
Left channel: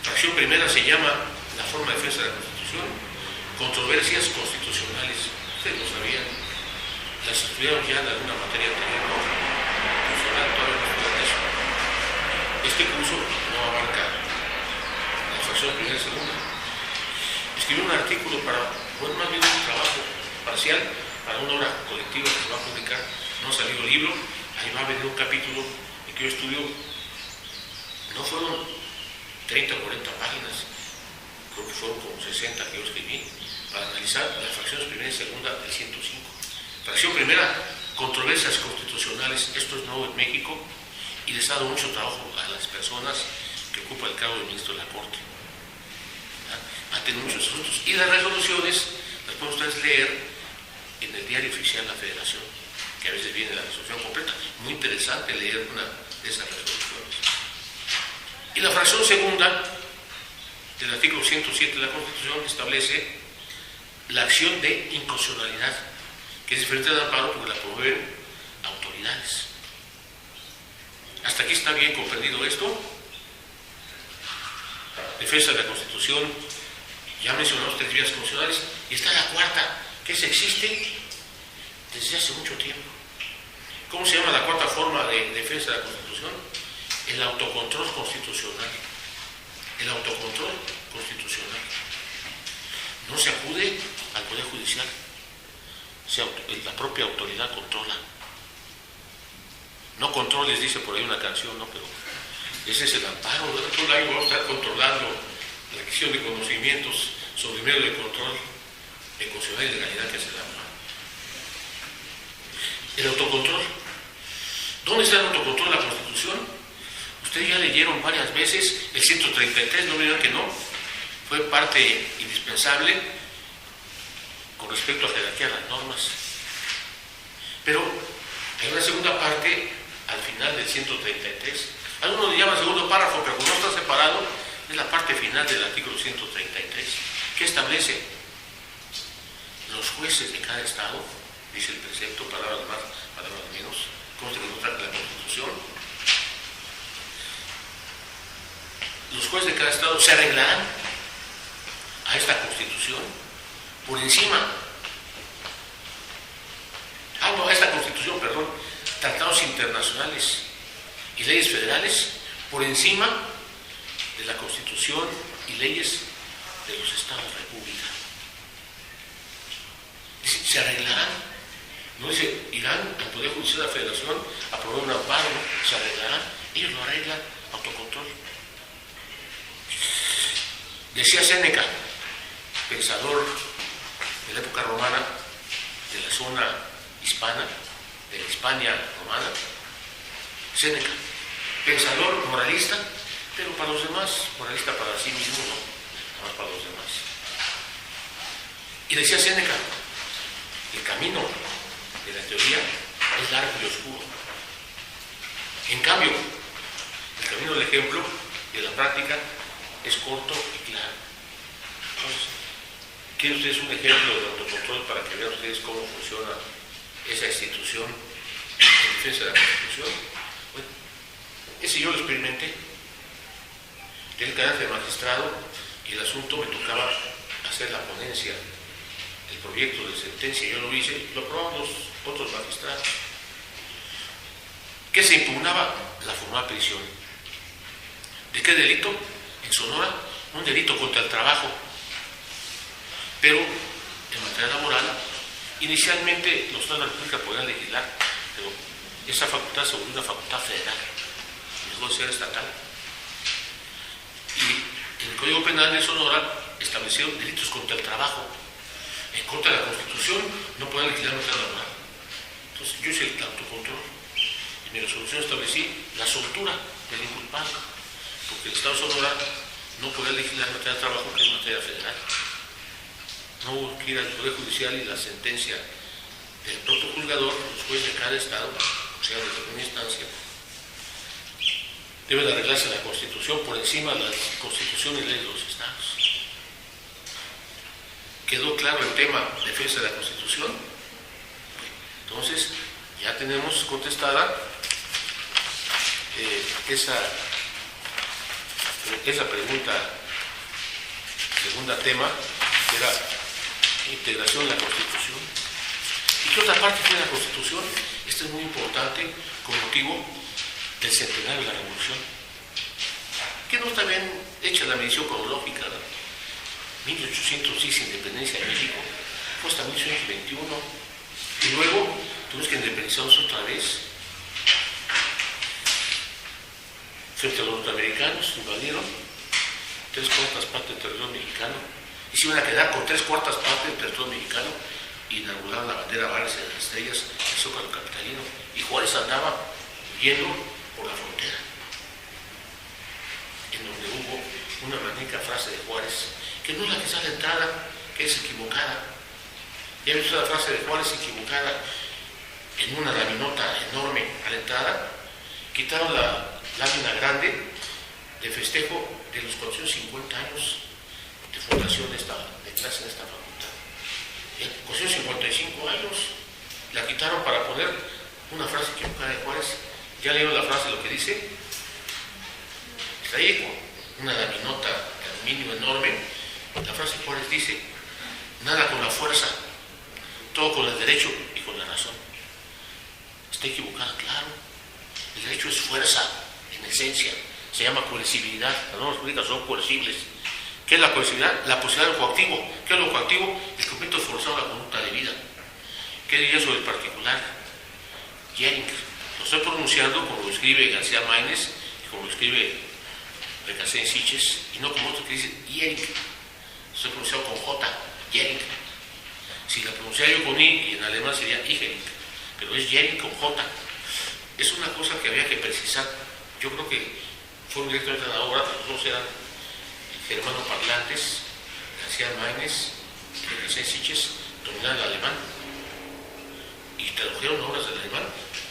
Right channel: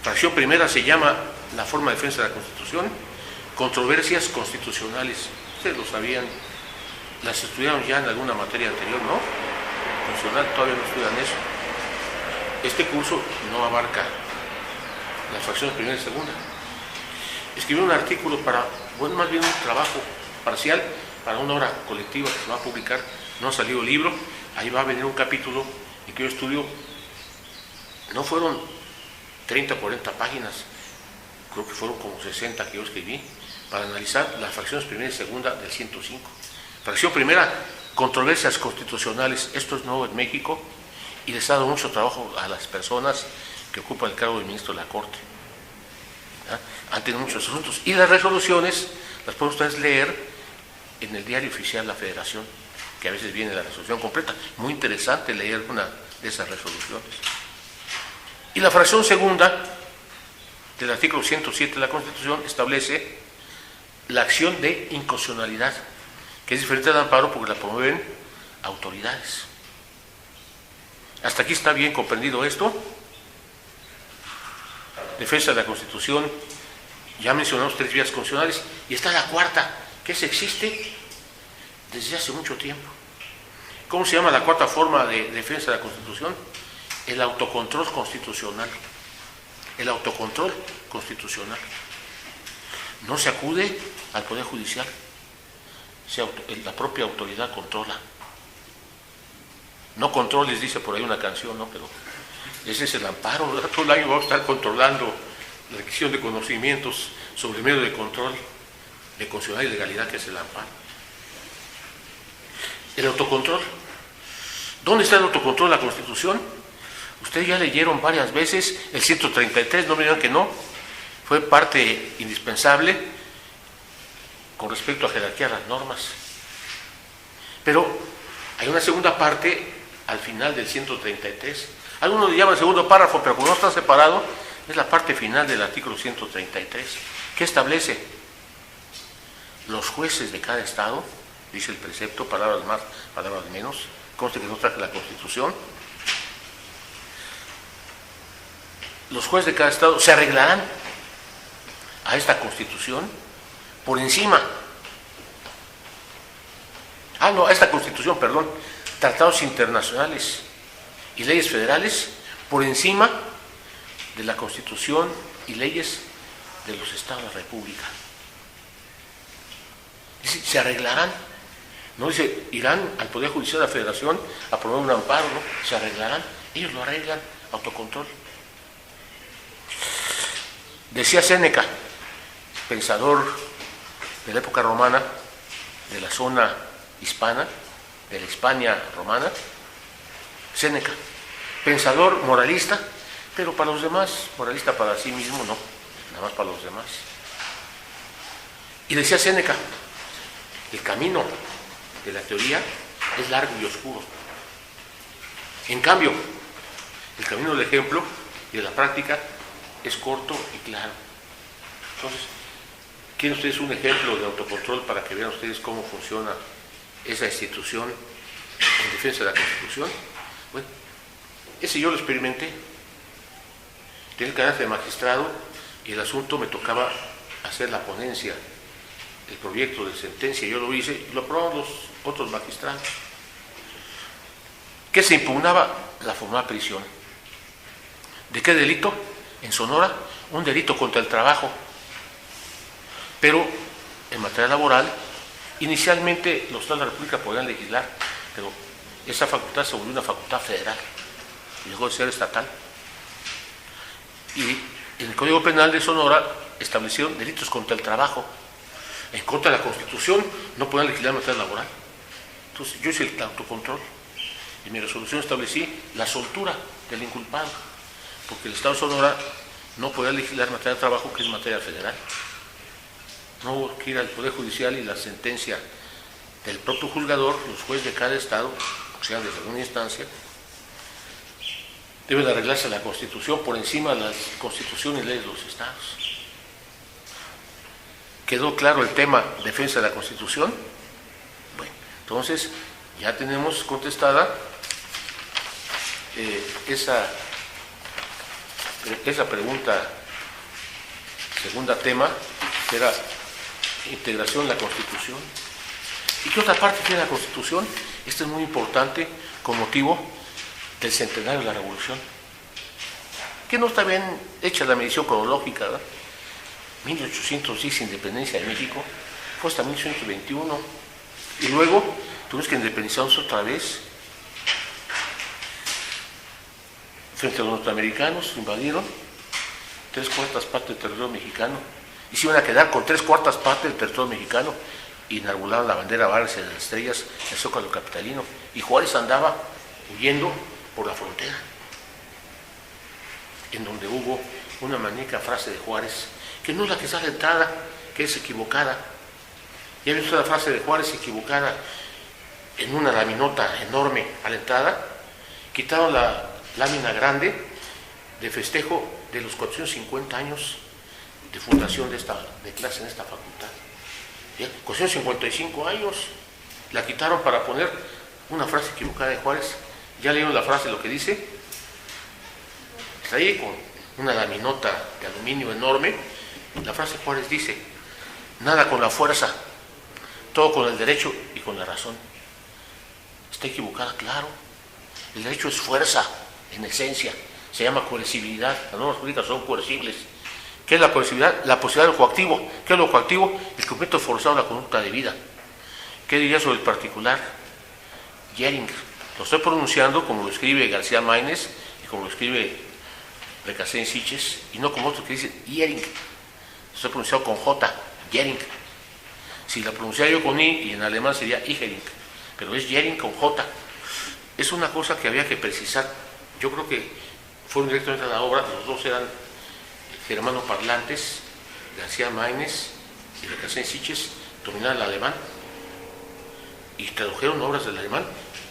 Fracción primera se llama la forma de defensa de la Constitución, controversias constitucionales. Ustedes lo sabían, las estudiaron ya en alguna materia anterior, ¿no? Constitucional, todavía no estudian eso. Este curso no abarca las fracciones primera y segunda. Escribí un artículo para, bueno, más bien un trabajo parcial para una obra colectiva que se va a publicar, no ha salido libro, ahí va a venir un capítulo en que yo estudio, no fueron 30 o 40 páginas, creo que fueron como 60 que yo escribí, para analizar las fracciones primera y segunda del 105. Fracción primera, controversias constitucionales, esto es nuevo en México y les ha dado mucho trabajo a las personas que ocupan el cargo de ministro de la Corte. Han tenido muchos asuntos. Y las resoluciones las pueden ustedes leer en el diario oficial de la Federación, que a veces viene la resolución completa. Muy interesante leer una de esas resoluciones. Y la fracción segunda del artículo 107 de la Constitución establece la acción de inconstitucionalidad, que es diferente del amparo porque la promueven autoridades. ¿Hasta aquí está bien comprendido esto? Defensa de la Constitución, ya mencionamos 3 vías constitucionales, y está la cuarta, que existe desde hace mucho tiempo. ¿Cómo se llama la cuarta forma de defensa de la Constitución? El autocontrol constitucional. El autocontrol constitucional. No se acude al Poder Judicial, la propia autoridad controla. No controles, dice por ahí una canción, ¿no? Pero ese es el amparo, ¿verdad? Todo el año vamos a estar controlando la adquisición de conocimientos sobre el medio de control de constitucionalidad y legalidad que es el amparo. El autocontrol. ¿Dónde está el autocontrol de la Constitución? Ustedes ya leyeron varias veces el 133, no me digan que no, fue parte indispensable con respecto a jerarquía de las normas. Pero hay una segunda parte al final del 133. Algunos le llaman segundo párrafo, pero como no está separado, es la parte final del artículo 133, que establece los jueces de cada estado, dice el precepto, palabras más, palabras menos, conste que no traje la Constitución. Los jueces de cada estado se arreglarán a esta Constitución por encima, a esta Constitución, perdón, tratados internacionales y leyes federales por encima de la Constitución y leyes de los estados de la República. Dice, se arreglarán. No dice, irán al Poder Judicial de la Federación a promover un amparo, no, se arreglarán. Ellos lo arreglan, autocontrol. Decía Séneca, pensador de la época romana, de la zona hispana, de la Hispania romana, Séneca, pensador moralista, pero para los demás, moralista para sí mismo, no, nada más para los demás. Y decía Séneca, el camino de la teoría es largo y oscuro. En cambio, el camino del ejemplo y de la práctica es corto y claro. Entonces, ¿quieren ustedes un ejemplo de autocontrol para que vean ustedes cómo funciona esa institución en defensa de la Constitución? Bueno, ese yo lo experimenté. Tenía el carácter de magistrado y el asunto me tocaba hacer la ponencia, el proyecto de sentencia, yo lo hice y lo aprobaron los otros magistrados. ¿Qué se impugnaba? La formal prisión. ¿De qué delito? En Sonora, un delito contra el trabajo. Pero en materia laboral, inicialmente los estados de la República podían legislar, pero esa facultad se volvió una facultad federal y dejó de ser estatal. Y en el Código Penal de Sonora establecieron delitos contra el trabajo. En contra de la Constitución no podían legislar en materia laboral. Entonces yo hice el autocontrol. En mi resolución establecí la soltura del inculpado, porque el Estado de Sonora no podía legislar en materia de trabajo, que es materia federal. No hubo que ir al Poder Judicial y la sentencia del propio juzgador, los jueces de cada estado, o sea, de segunda instancia, debe de arreglarse la Constitución por encima de la Constitución y leyes de los estados. ¿Quedó claro el tema defensa de la Constitución? Bueno, entonces ya tenemos contestada esa pregunta segundo tema, que era integración en la Constitución. ¿Y qué otra parte tiene la Constitución? Esto es muy importante con motivo del centenario de la Revolución, que no está bien hecha la medición cronológica, ¿verdad? 1810, independencia de México, fue hasta 1821, y luego tuvimos que independizarnos otra vez frente a los norteamericanos. Invadieron 3/4 partes del territorio mexicano y se iban a quedar con 3/4 partes del territorio mexicano. Inauguraron la bandera Barras de las Estrellas en el Zócalo capitalino, y Juárez andaba huyendo por la frontera, en donde hubo una magnífica frase de Juárez, que no es la que está a la entrada, que es equivocada. Ya he visto la frase de Juárez equivocada en una laminota enorme a la entrada. Quitaron la lámina grande de festejo de los 450 años de fundación de clase en esta facultad. ¿Ya? 455 años, la quitaron para poner una frase equivocada de Juárez. ¿Ya leyeron la frase, lo que dice? Está ahí con una laminota de aluminio enorme. La frase de Juárez dice: nada con la fuerza, todo con el derecho y con la razón. Está equivocada, claro. El derecho es fuerza, en esencia. Se llama coercibilidad. Las normas jurídicas son coercibles. ¿Qué es la coercibilidad? La posibilidad de lo coactivo. ¿Qué es lo coactivo? El cumplimiento forzado de la conducta debida. ¿Qué diría sobre el particular? Jering. Lo estoy pronunciando como lo escribe García Maínez y como lo escribe Recasens Siches, y no como otro que dice Jering. Estoy pronunciado con J, Jering. Si la pronunciara yo con I, y en alemán sería Igering, pero es Jering con J. Es una cosa que había que precisar. Yo creo que fueron directamente a la obra, los dos eran germanoparlantes, García Maínez y Recasens Siches dominaban el alemán y tradujeron obras del alemán,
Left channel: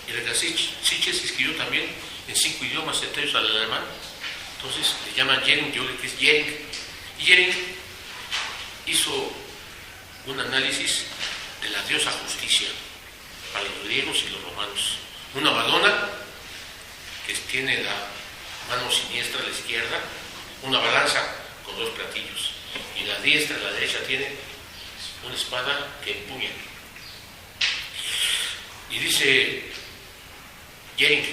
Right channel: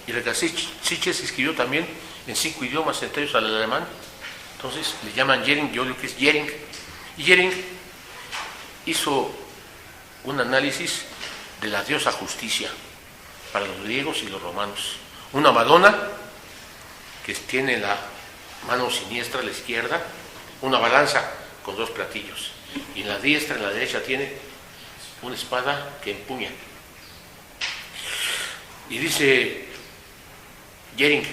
y Recasens Siches escribió también en 5 idiomas, entre ellos al alemán. Entonces le llaman Jering, yo lo que es Jering. Y Jering hizo un análisis de la diosa justicia para los griegos y los romanos. Una Madonna que tiene la mano siniestra a la izquierda, una balanza con 2 platillos, y en la diestra, en la derecha, tiene una espada que empuña. Y dice Jering:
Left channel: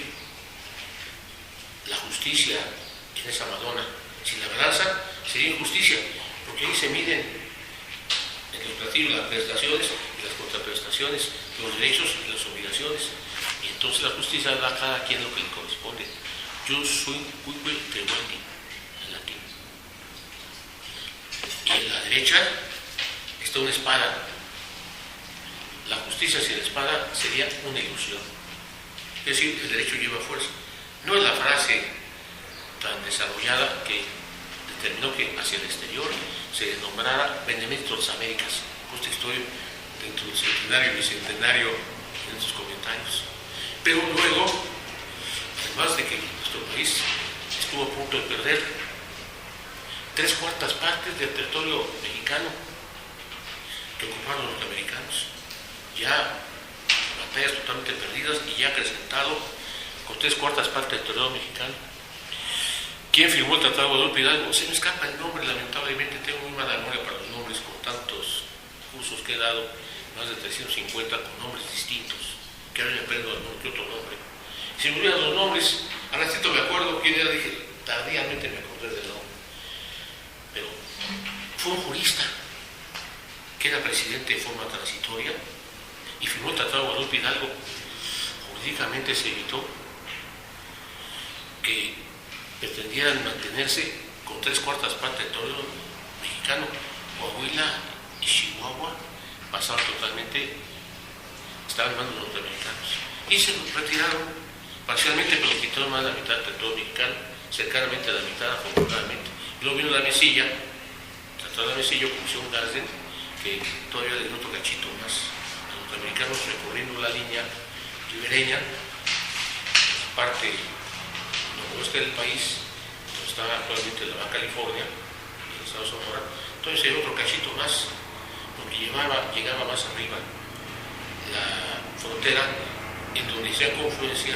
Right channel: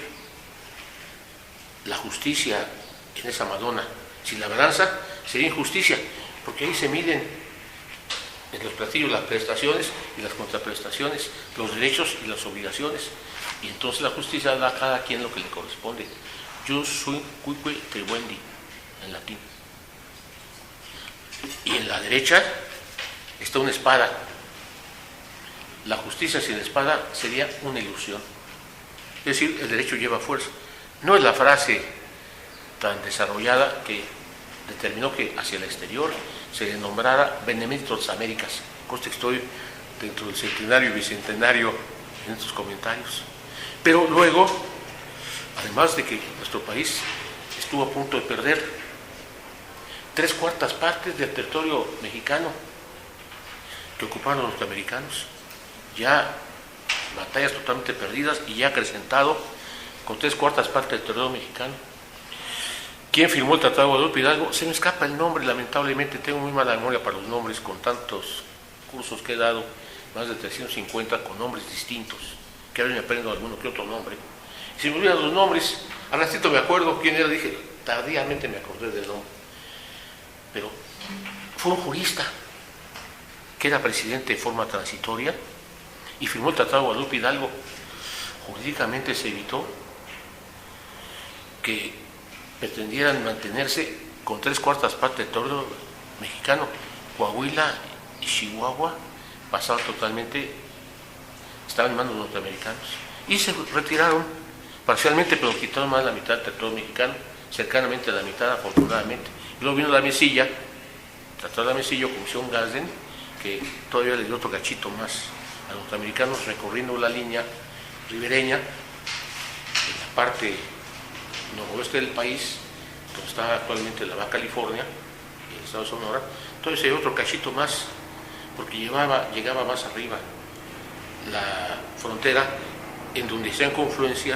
la justicia en esa Madonna, sin la balanza sería injusticia, porque ahí se miden en los platillos las prestaciones y las contraprestaciones, los derechos y las obligaciones, y entonces la justicia da a cada quien lo que le corresponde. Jus sunt cuique tribuendi, en latín. Y en la derecha está una espada. La justicia sin espada sería una ilusión. Es decir, el derecho lleva fuerza. No es la frase tan desarrollada que determinó que hacia el exterior se le nombrara Beneméritos Américas. Conste que estoy dentro del centenario y bicentenario en estos comentarios. Pero luego, además de que nuestro país estuvo a punto de perder 3/4 partes del territorio mexicano que ocuparon los norteamericanos, ya batallas totalmente perdidas y ya acrecentado con 3/4 partes del territorio mexicano. ¿Quién firmó el Tratado de Guadalupe Hidalgo? Se me escapa el nombre, lamentablemente, tengo muy mala memoria para los nombres, con tantos cursos que he dado, más de 350 con nombres distintos, que ahora me aprendo alguno que otro nombre. Si me olvidan los nombres, al ratito me acuerdo quién era, dije, tardíamente me acordé del nombre. Pero fue un jurista que era presidente de forma transitoria y firmó el Tratado de Guadalupe Hidalgo. Jurídicamente se evitó que pretendieran mantenerse con 3/4 partes del territorio mexicano. Coahuila y Chihuahua pasaban totalmente, estaban en manos norteamericanos, y se retiraron parcialmente, pero quitaron más de la mitad del territorio mexicano, cercanamente a la mitad, afortunadamente. Y luego vino la Mesilla, Tratado de la Mesilla, Comisión Gadsden, que todavía le dio otro cachito más a los norteamericanos, recorriendo la línea ribereña en la parte noroeste del país, donde está actualmente la Baja California y el estado de Sonora. Entonces se dio otro cachito más, porque llegaba más arriba la frontera, en donde hacían confluencia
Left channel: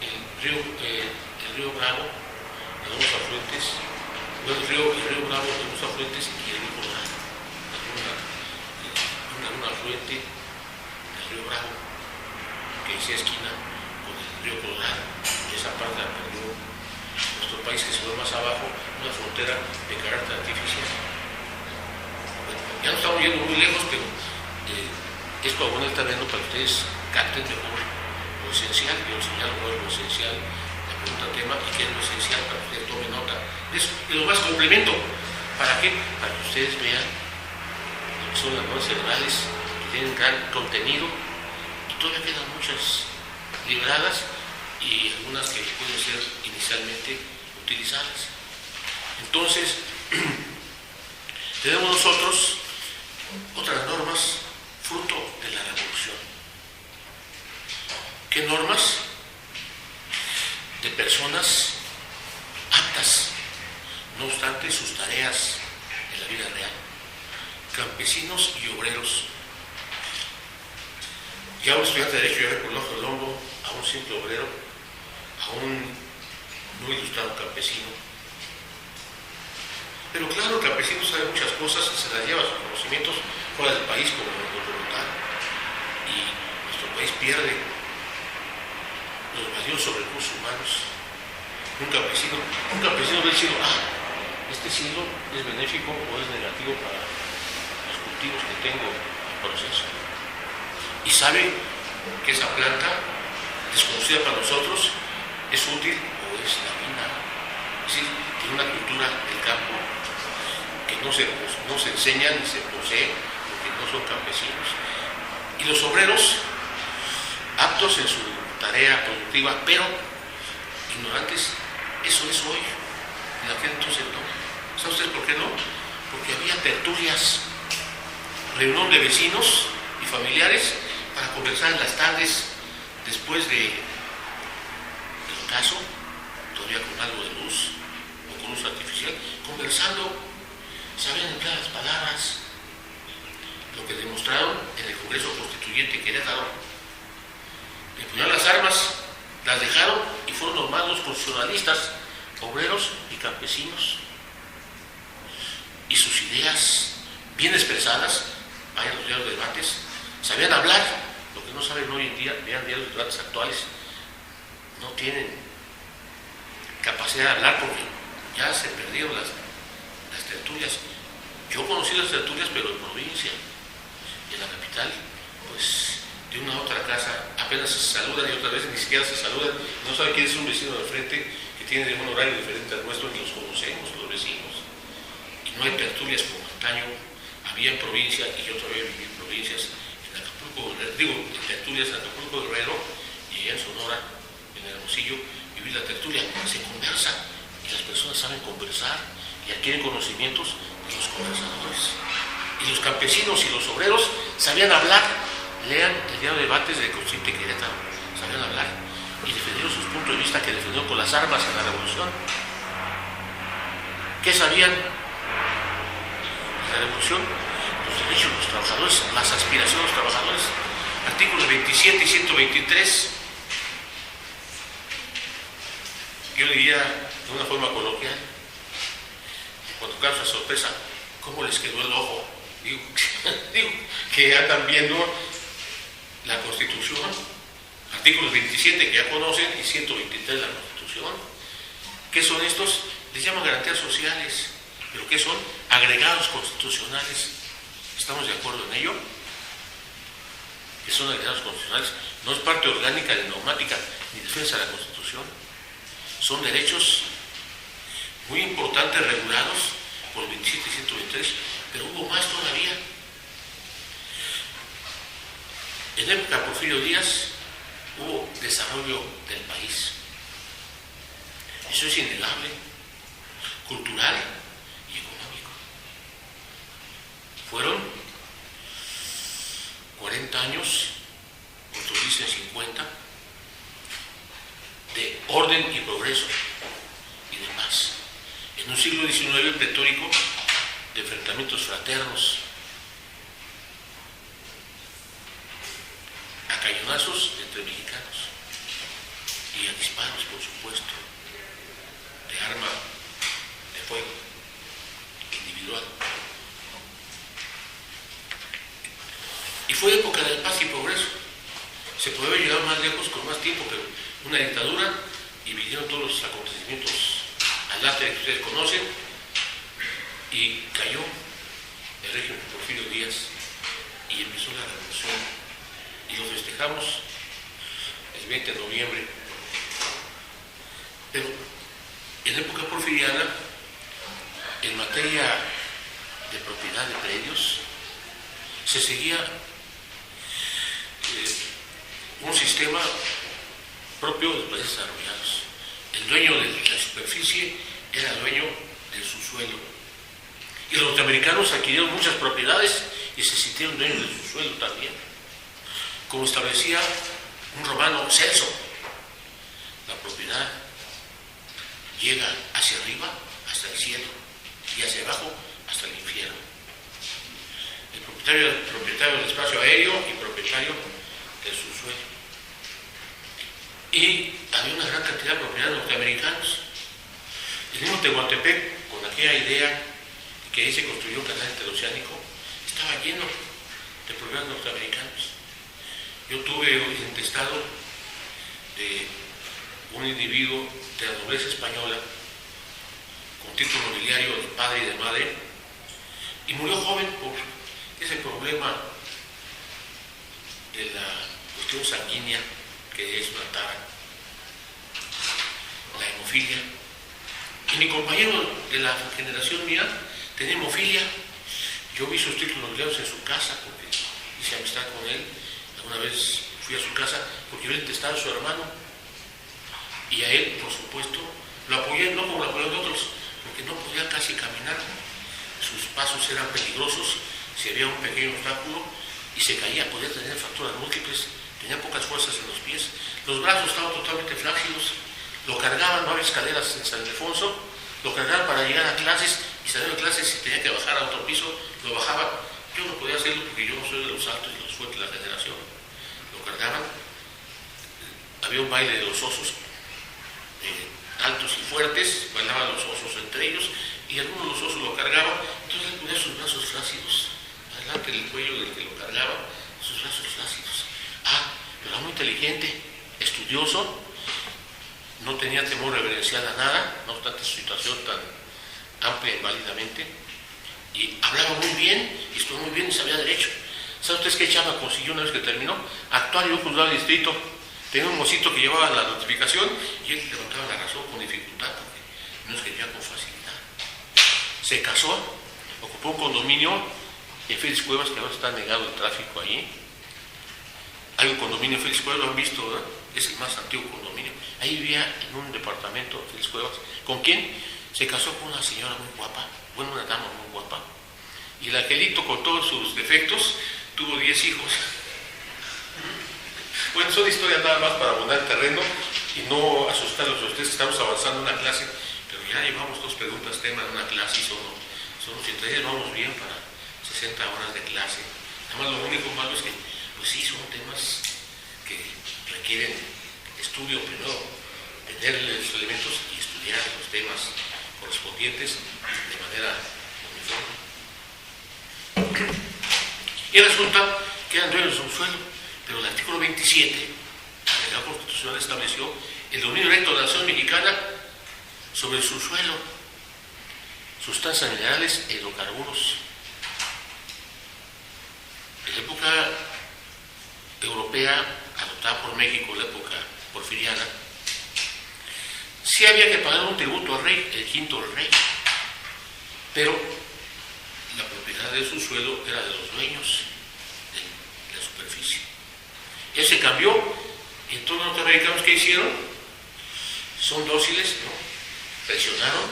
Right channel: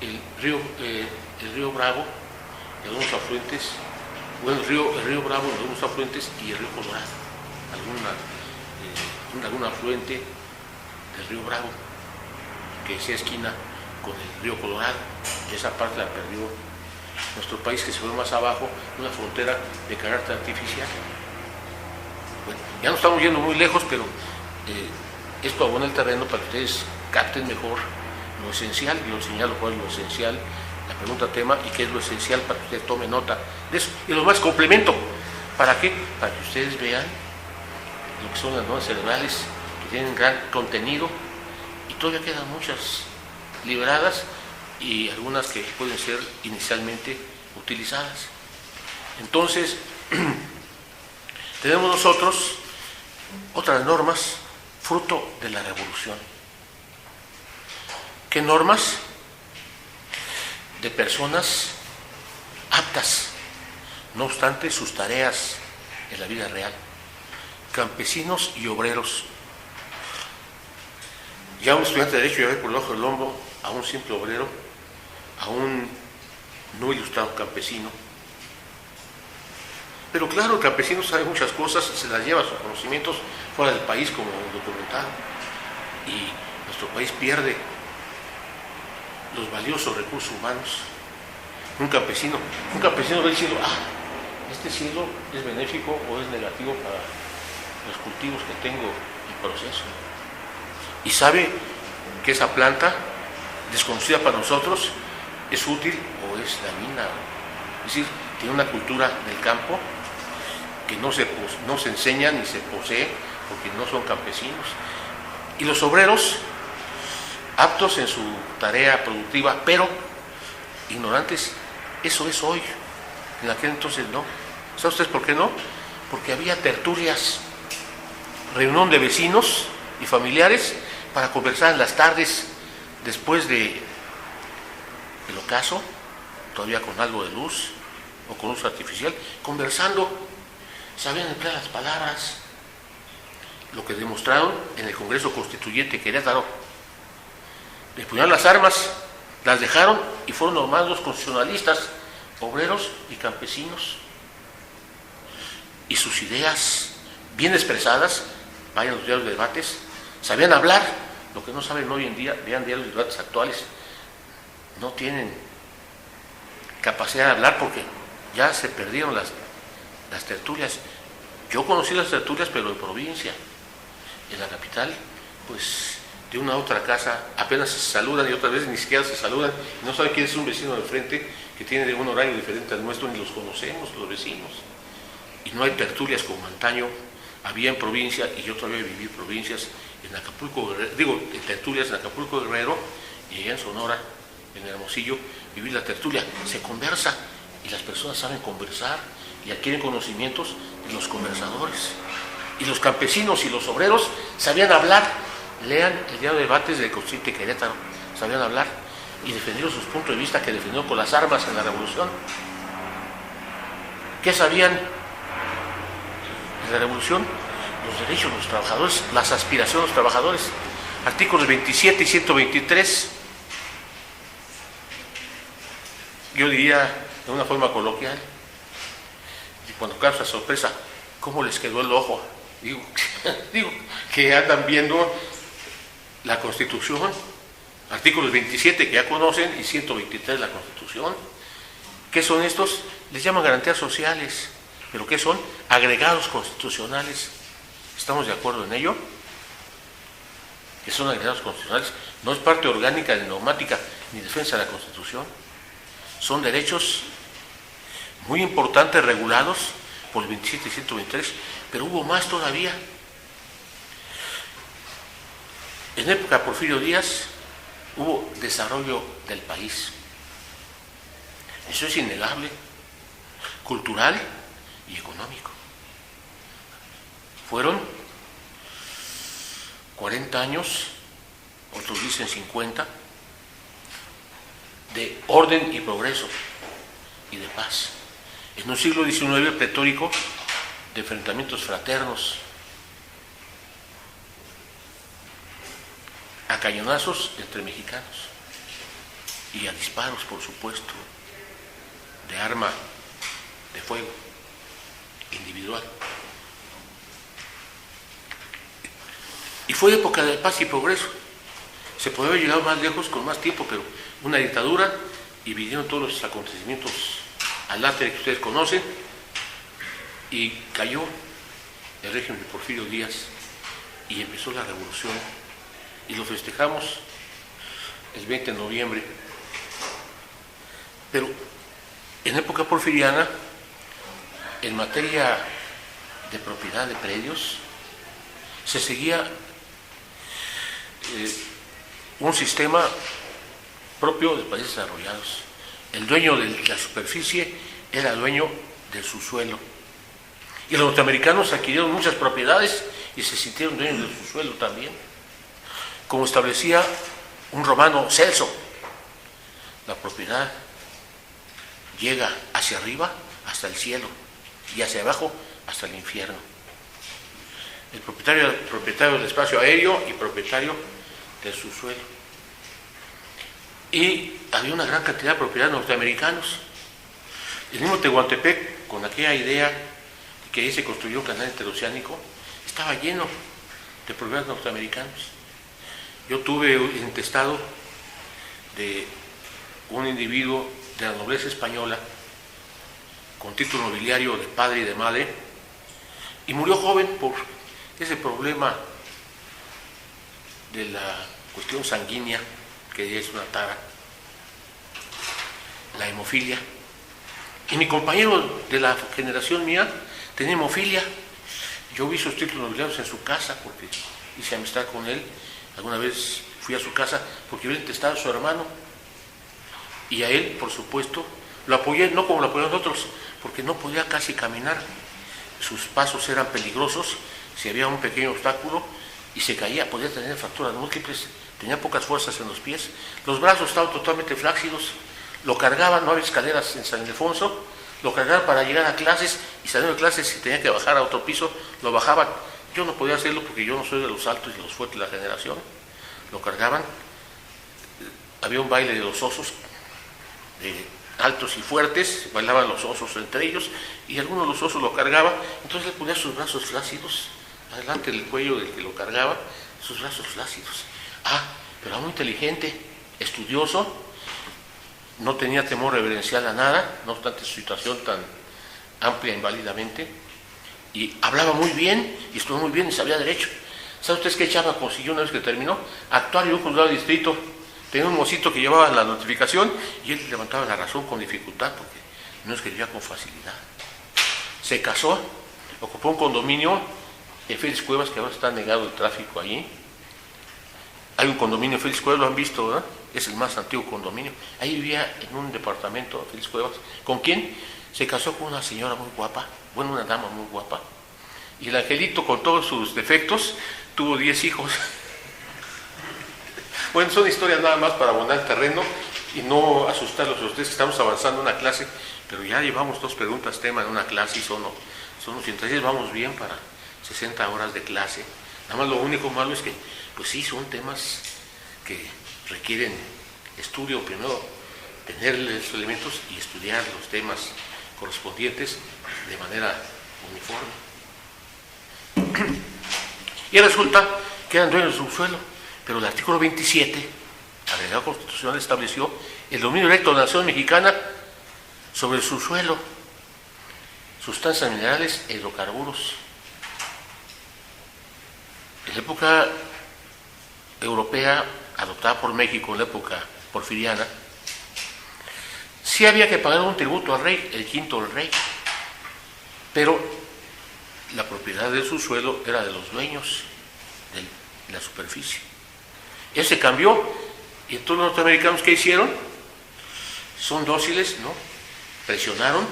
el río Bravo, de unos afluentes Bueno, el río Bravo, algunos afluentes, y el río Colorado, alguna afluente del río Bravo, que sea esquina con el río Colorado, y esa parte la perdió nuestro país, que se fue más abajo, una frontera de carácter artificial. Bueno, ya no estamos yendo muy lejos, pero esto abona el terreno para que ustedes capten mejor lo esencial. Yo señalo cuál es lo esencial, la pregunta tema, y qué es lo esencial para que ustedes tomen nota de eso. Y lo más complemento, ¿para qué? Para que ustedes vean lo que son las neuronas cerebrales, que tienen gran contenido, y todavía quedan muchas liberadas y algunas que pueden ser inicialmente utilizadas. Entonces, tenemos nosotros otras normas fruto de la revolución. ¿Qué normas? De personas aptas, no obstante sus tareas en la vida real, campesinos y obreros. Ya un estudiante de Derecho ya ve por debajo del hombro a un simple obrero, a un no ilustrado campesino. Pero claro, el campesino sabe muchas cosas, se las lleva sus conocimientos fuera del país, como en el documental, y nuestro país pierde los valiosos recursos humanos. Un campesino ve el cielo, este cielo es benéfico o es negativo para los cultivos que tengo en proceso. Y sabe que esa planta, desconocida para nosotros, es útil o es dañina. Es decir, tiene una cultura del campo que no se enseña ni se posee porque no son campesinos. Y los obreros, aptos en su tarea productiva, pero ignorantes, eso es hoy. En aquel entonces no. ¿Saben ustedes por qué no? Porque había tertulias, reunión de vecinos y familiares para conversar en las tardes después del ocaso, todavía con algo de luz o con luz artificial, conversando. Sabían emplear las palabras, lo que demostraron en el Congreso Constituyente Querétaro. Les ponían las armas, las dejaron y fueron nombrados constitucionalistas, obreros y campesinos. Y sus ideas bien expresadas, vayan a los diarios de debates, sabían hablar, lo que no saben hoy en día, vean diarios de debates actuales, no tienen capacidad de hablar porque ya se perdieron las tertulias. Yo conocí las tertulias, pero en provincia. En la capital, pues de una a otra casa apenas se saludan y otras veces ni siquiera se saludan. No sabe quién es un vecino de frente que tiene un horario diferente al nuestro, ni los conocemos, los vecinos. Y no hay tertulias como antaño había en provincia, y yo todavía viví provincias en Acapulco, tertulias en Acapulco Guerrero y allá en Sonora, en Hermosillo, viví la tertulia. Se conversa y las personas saben conversar y adquieren conocimientos de los conversadores. Y los campesinos y los obreros sabían hablar. Lean el diario de debates del Constituyente Querétaro, sabían hablar y defendieron sus puntos de vista que defendió con las armas en la revolución. ¿Qué sabían en la revolución? Los derechos de los trabajadores, las aspiraciones de los trabajadores. Artículos 27 y 123. Yo diría de una forma coloquial, y cuando causa sorpresa, ¿cómo les quedó el ojo? Digo que andan viendo la Constitución, artículos 27 que ya conocen y 123 la Constitución. ¿Qué son estos? Les llaman garantías sociales, pero ¿qué son? Agregados constitucionales. ¿Estamos de acuerdo en ello? Que son agregados constitucionales. No es parte orgánica de normática ni defensa de la Constitución. Son derechos muy importantes regulados por el 27 y 123, pero hubo más todavía. En época de Porfirio Díaz hubo desarrollo del país. Eso es innegable, cultural y económico. Fueron 40 años, otros dicen 50, de orden y progreso y de paz. En un siglo XIX pletórico de enfrentamientos fraternos, a cañonazos entre mexicanos y a disparos, por supuesto, de arma de fuego individual. Y fue época de paz y progreso. Se podía haber llegado más lejos con más tiempo, pero una dictadura, y vinieron todos los acontecimientos al arte que ustedes conocen, y cayó el régimen de Porfirio Díaz y empezó la revolución, y lo festejamos el 20 de noviembre. Pero en época porfiriana, en materia de propiedad de predios, se seguía un sistema propio de países desarrollados. El dueño de la superficie era dueño del subsuelo. Y los norteamericanos adquirieron muchas propiedades y se sintieron dueños del subsuelo también. Como establecía un romano Celso, la propiedad llega hacia arriba hasta el cielo y hacia abajo hasta el infierno. El propietario del espacio aéreo y propietario del subsuelo. Y había una gran cantidad de propiedades norteamericanos. El mismo Tehuantepec, con aquella idea de que ahí se construyó un canal interoceánico, estaba lleno de propiedades norteamericanos. Yo tuve un intestado de un individuo de la nobleza española con título nobiliario de padre y de madre, y murió joven por ese problema de la cuestión sanguínea, que es una tara, la hemofilia. Y mi compañero de la generación mía tenía hemofilia. Yo vi sus títulos nobiliarios en su casa porque hice amistad con él. Alguna vez fui a su casa porque vi el intestado de su hermano. Y a él, por supuesto, lo apoyé, no como lo apoyaron otros, porque no podía casi caminar. Sus pasos eran peligrosos, si había un pequeño obstáculo y se caía, podía tener fracturas múltiples, tenía pocas fuerzas en los pies, los brazos estaban totalmente flácidos, lo cargaban, no había escaleras en San Ildefonso, lo cargaban para llegar a clases y saliendo de clases si tenía que bajar a otro piso, lo bajaban. Yo no podía hacerlo porque yo no soy de los altos y los fuertes de la generación. Lo cargaban, había un baile de los osos, altos y fuertes, bailaban los osos entre ellos, y algunos de los osos lo cargaban, entonces le ponía sus brazos flácidos, adelante del cuello del que lo cargaba, sus brazos flácidos. Pero era muy inteligente, estudioso, no tenía temor reverencial a nada, no obstante su situación tan amplia inválidamente, y hablaba muy bien, y estuvo muy bien, y sabía derecho. ¿Saben ustedes qué chava consiguió una vez que terminó? Actuar en un juzgado de distrito. Tenía un mocito que llevaba la notificación y él levantaba la razón con dificultad porque no escribía con facilidad. Se casó, ocupó un condominio en Félix Cuevas, que ahora está negado el tráfico allí. Hay un condominio en Félix Cuevas, lo han visto, ¿verdad? Es el más antiguo condominio. Ahí vivía en un departamento de Félix Cuevas. ¿Con quién? Se casó con una señora muy guapa, bueno, una dama muy guapa. Y el angelito, con todos sus defectos, tuvo 10 hijos. Bueno, son historias nada más para abonar el terreno y no asustarlos a ustedes que estamos avanzando en una clase, pero ya llevamos 2 preguntas tema en una clase y son 86, vamos bien para 60 horas de clase. Nada más lo único malo es que, pues sí, son temas que requieren estudio, primero tener los elementos y estudiar los temas correspondientes de manera uniforme. Y resulta que eran dueños de un suelo. Pero el artículo 27, agregado constitucional, estableció el dominio directo de la nación mexicana sobre el subsuelo, sustancias minerales e hidrocarburos. En la época europea, adoptada por México, en la época porfiriana, sí había que pagar un tributo al rey, el quinto del rey, pero la propiedad del subsuelo era de los dueños de la superficie. Eso se cambió, y todos los norteamericanos que hicieron son dóciles, ¿no? Presionaron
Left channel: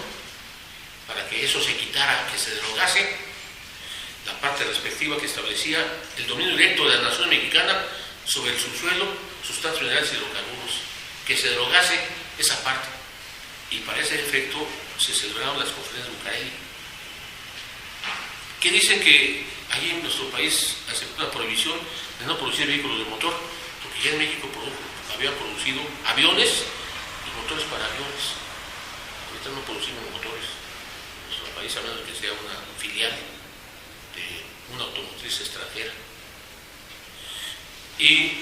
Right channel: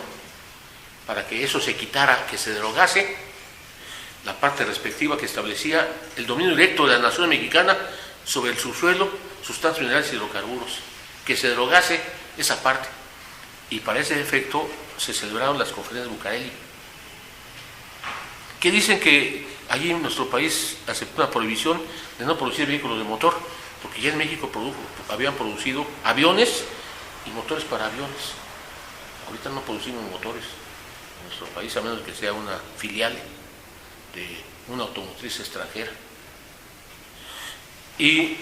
para que eso se quitara, que se derogase la parte respectiva que establecía el dominio directo de la nación mexicana sobre el subsuelo, sustancias minerales y hidrocarburos, que se derogase esa parte. Y para ese efecto se celebraron las conferencias de Bucareli, que dicen que allí en nuestro país aceptó una prohibición de no producir vehículos de motor, porque ya en México habían producido aviones y motores para aviones. Ahorita no producimos motores, nuestro país, a menos que sea una filial de una automotriz extranjera. Y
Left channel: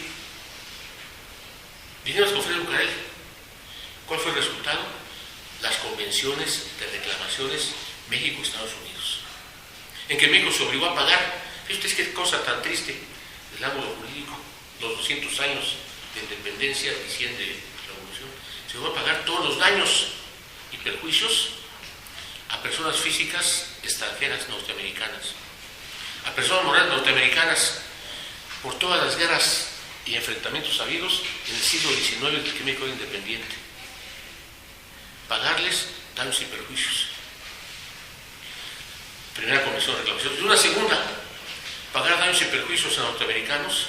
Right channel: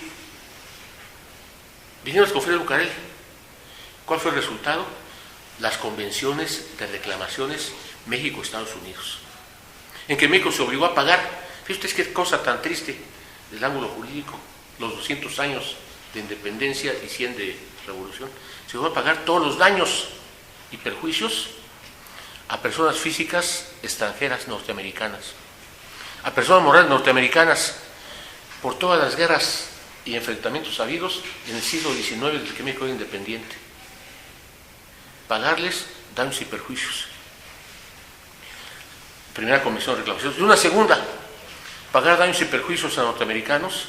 vinieron las conferencias de Bucareli. ¿Cuál fue el resultado? Las convenciones de reclamaciones México-Estados Unidos, en que México se obligó a pagar. Fíjate, es qué cosa tan triste del ángulo jurídico, los 200 años de independencia y 100 de revolución, se obligó a pagar todos los daños y perjuicios a personas físicas extranjeras norteamericanas, a personas morales norteamericanas, por todas las guerras y enfrentamientos habidos en el siglo XIX, desde que México era independiente. Pagarles daños y perjuicios. Primera comisión de reclamaciones. Y una segunda, pagar daños y perjuicios a norteamericanos,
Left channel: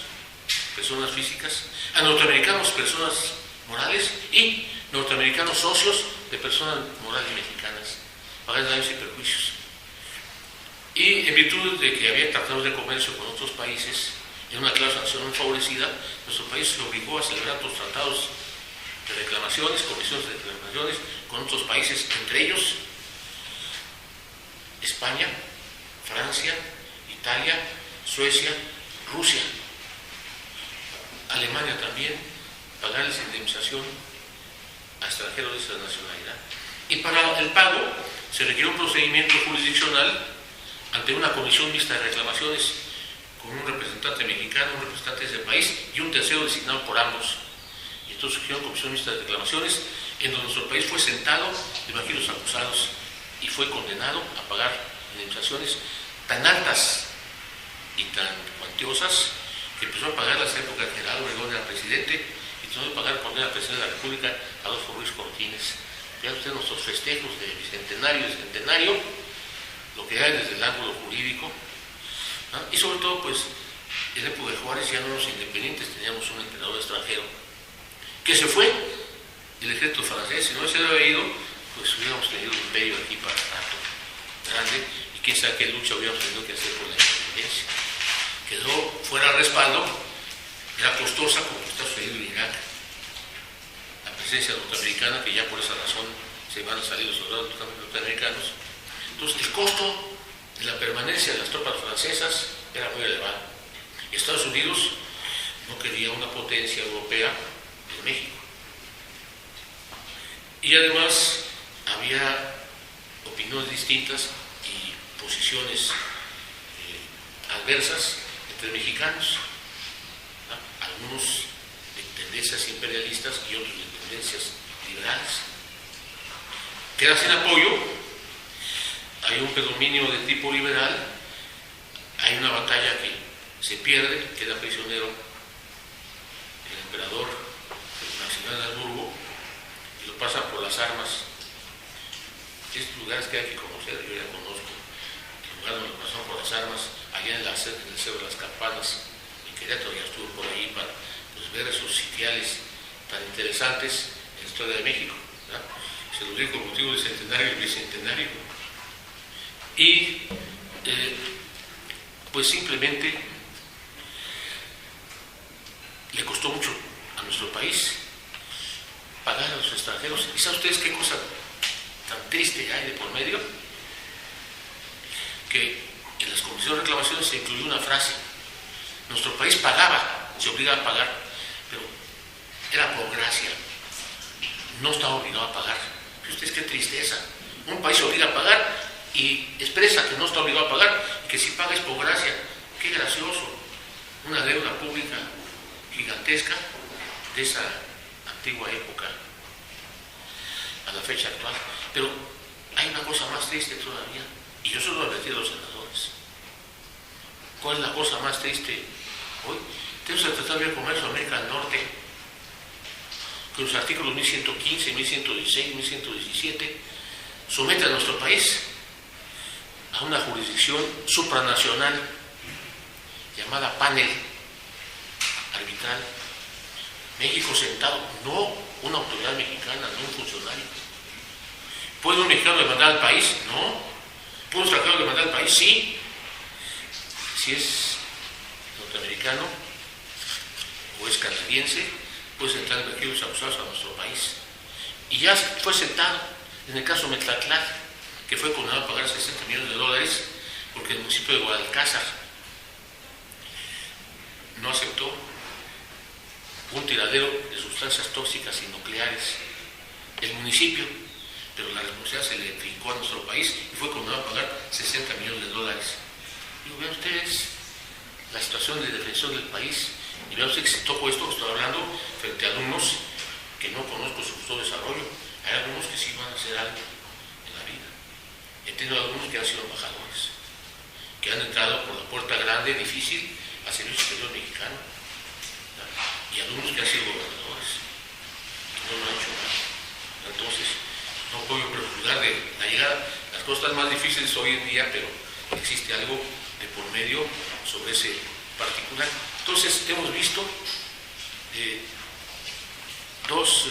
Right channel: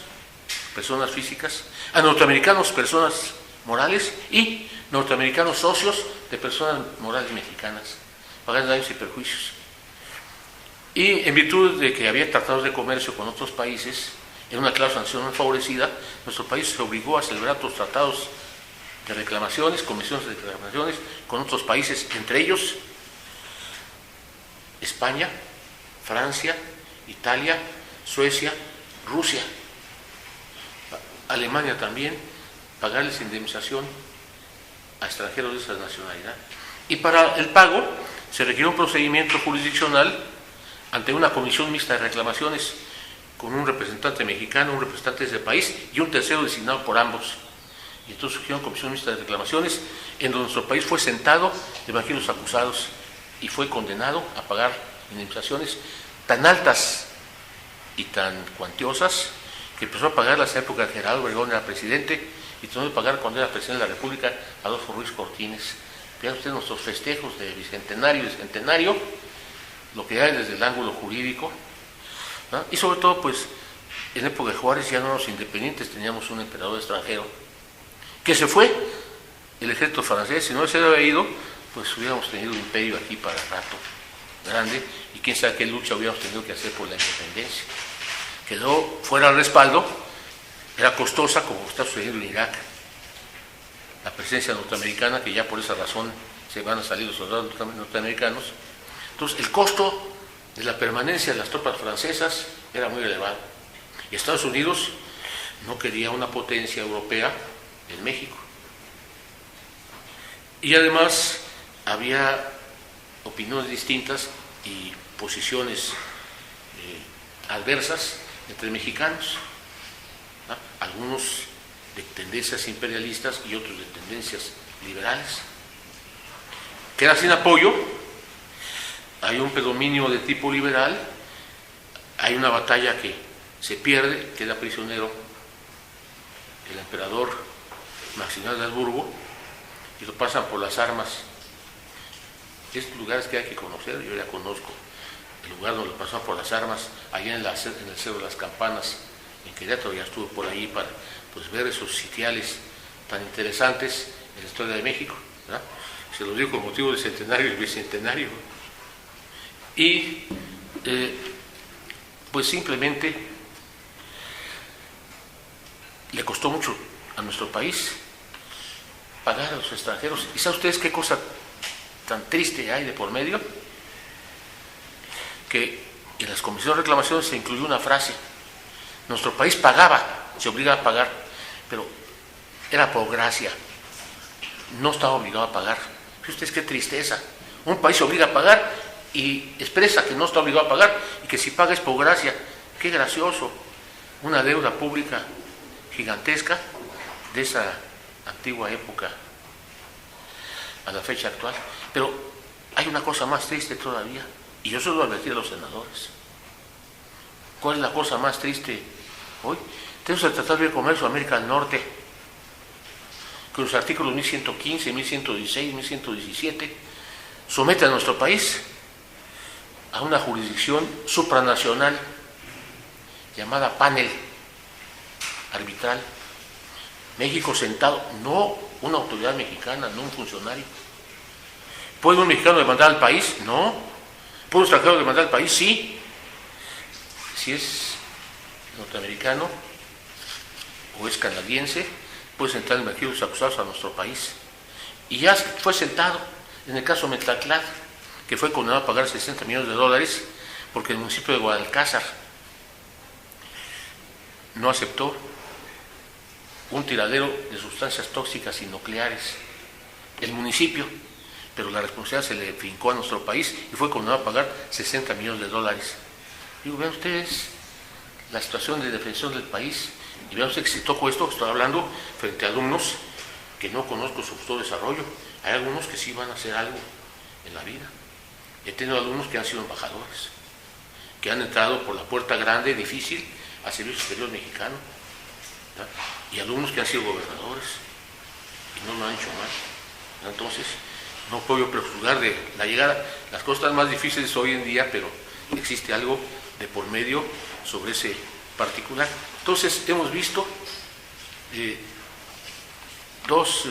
personas físicas, a norteamericanos, personas morales, y norteamericanos socios de personas morales mexicanas. Pagar daños y perjuicios. Y en virtud de que había tratados de comercio con otros países, en una cláusula nacional favorecida, nuestro país se obligó a celebrar otros tratados de reclamaciones, comisiones de reclamaciones con otros países, entre ellos España, Francia, Italia, Suecia, Rusia, Alemania también, pagarles indemnización a extranjeros de esa nacionalidad. Y para el pago se requirió un procedimiento jurisdiccional ante una comisión mixta de reclamaciones, con un representante mexicano, un representante de ese país y un tercero designado por ambos. Y entonces surgió una comisión mixta de reclamaciones en donde nuestro país fue sentado debajo de los acusados y fue condenado a pagar indemnizaciones tan altas y tan cuantiosas que empezó a pagar en la época de Gerardo Obregón era presidente y tuvo que pagar cuando era presidente de la República Adolfo Ruiz Cortines. Vean ustedes nuestros festejos de bicentenario y centenario, lo que hay desde el ángulo jurídico, ¿no? Y sobre todo, pues, en época de Juárez ya no éramos independientes, teníamos un emperador extranjero que se fue, el ejército francés. Si no se hubiera ido, pues hubiéramos tenido un imperio aquí para rato grande, y quién sabe qué lucha hubiéramos tenido que hacer por la independencia. Quedó fuera el respaldo, era costosa, como está sucediendo en Irak, la presencia norteamericana, que ya por esa razón se van a salir los soldados norteamericanos. Entonces el costo de la permanencia de las tropas francesas era muy elevado, y Estados Unidos no quería una potencia europea en México. Y además había opiniones distintas y posiciones adversas entre mexicanos, ¿no? Algunos de tendencias imperialistas y otros de tendencias liberales. Queda sin apoyo, hay un predominio de tipo liberal, hay una batalla que se pierde, queda prisionero el emperador Maximiliano de Habsburgo y lo pasan por las armas. Estos lugares que hay que conocer, yo ya conozco el lugar donde lo pasó por las armas, allá en el Cerro de las Campanas, en Querétaro, ya estuve por ahí para, pues, ver esos sitiales tan interesantes en la historia de México, ¿verdad? Se lo digo con motivo del centenario y el bicentenario. Y pues simplemente le costó mucho a nuestro país pagar a los extranjeros. ¿Y saben ustedes qué cosa tan triste hay de por medio? Que en las comisiones de reclamaciones se incluyó una frase: nuestro país pagaba, se obligaba a pagar, pero era por gracia, no estaba obligado a pagar. Fíjense ustedes qué tristeza, un país se obliga a pagar y expresa que no está obligado a pagar y que si paga es por gracia. Qué gracioso, una deuda pública gigantesca de esa antigua época a la fecha actual. Pero hay una cosa más triste todavía, y yo se lo advertí a los senadores. ¿Cuál es la cosa más triste hoy? Tenemos el Tratado de Libre Comercio de América del Norte, con los artículos 1115, 1116, 1117, somete a nuestro país a una jurisdicción supranacional llamada panel arbitral. México sentado, no una autoridad mexicana, no un funcionario. ¿Puede un mexicano demandar al país? No. ¿Puede un extranjero demandar al país? Sí. Si es norteamericano o es canadiense, puede sentar en los acusados a nuestro país. Y ya fue sentado en el caso Metlatlat, que fue condenado a pagar 60 millones de dólares porque el municipio de Guadalcázar no aceptó un tiradero de sustancias tóxicas y nucleares. El municipio, pero la responsabilidad se le fincó a nuestro país y fue condenado a pagar 60 millones de dólares. Digo, vean ustedes la situación de defensión del país y vean ustedes que si toco esto, estoy hablando frente a alumnos que no conozco su futuro desarrollo. Hay algunos que sí van a hacer algo en la vida. He tenido alumnos que han sido embajadores, que han entrado por la puerta grande, difícil, al Servicio Exterior Mexicano, ¿verdad? Y alumnos que han sido gobernadores y no lo han hecho mal. Entonces, no puedo prejuzgar de la llegada. Las cosas están más difíciles hoy en día, pero existe algo de por medio sobre ese particular. Entonces, hemos visto dos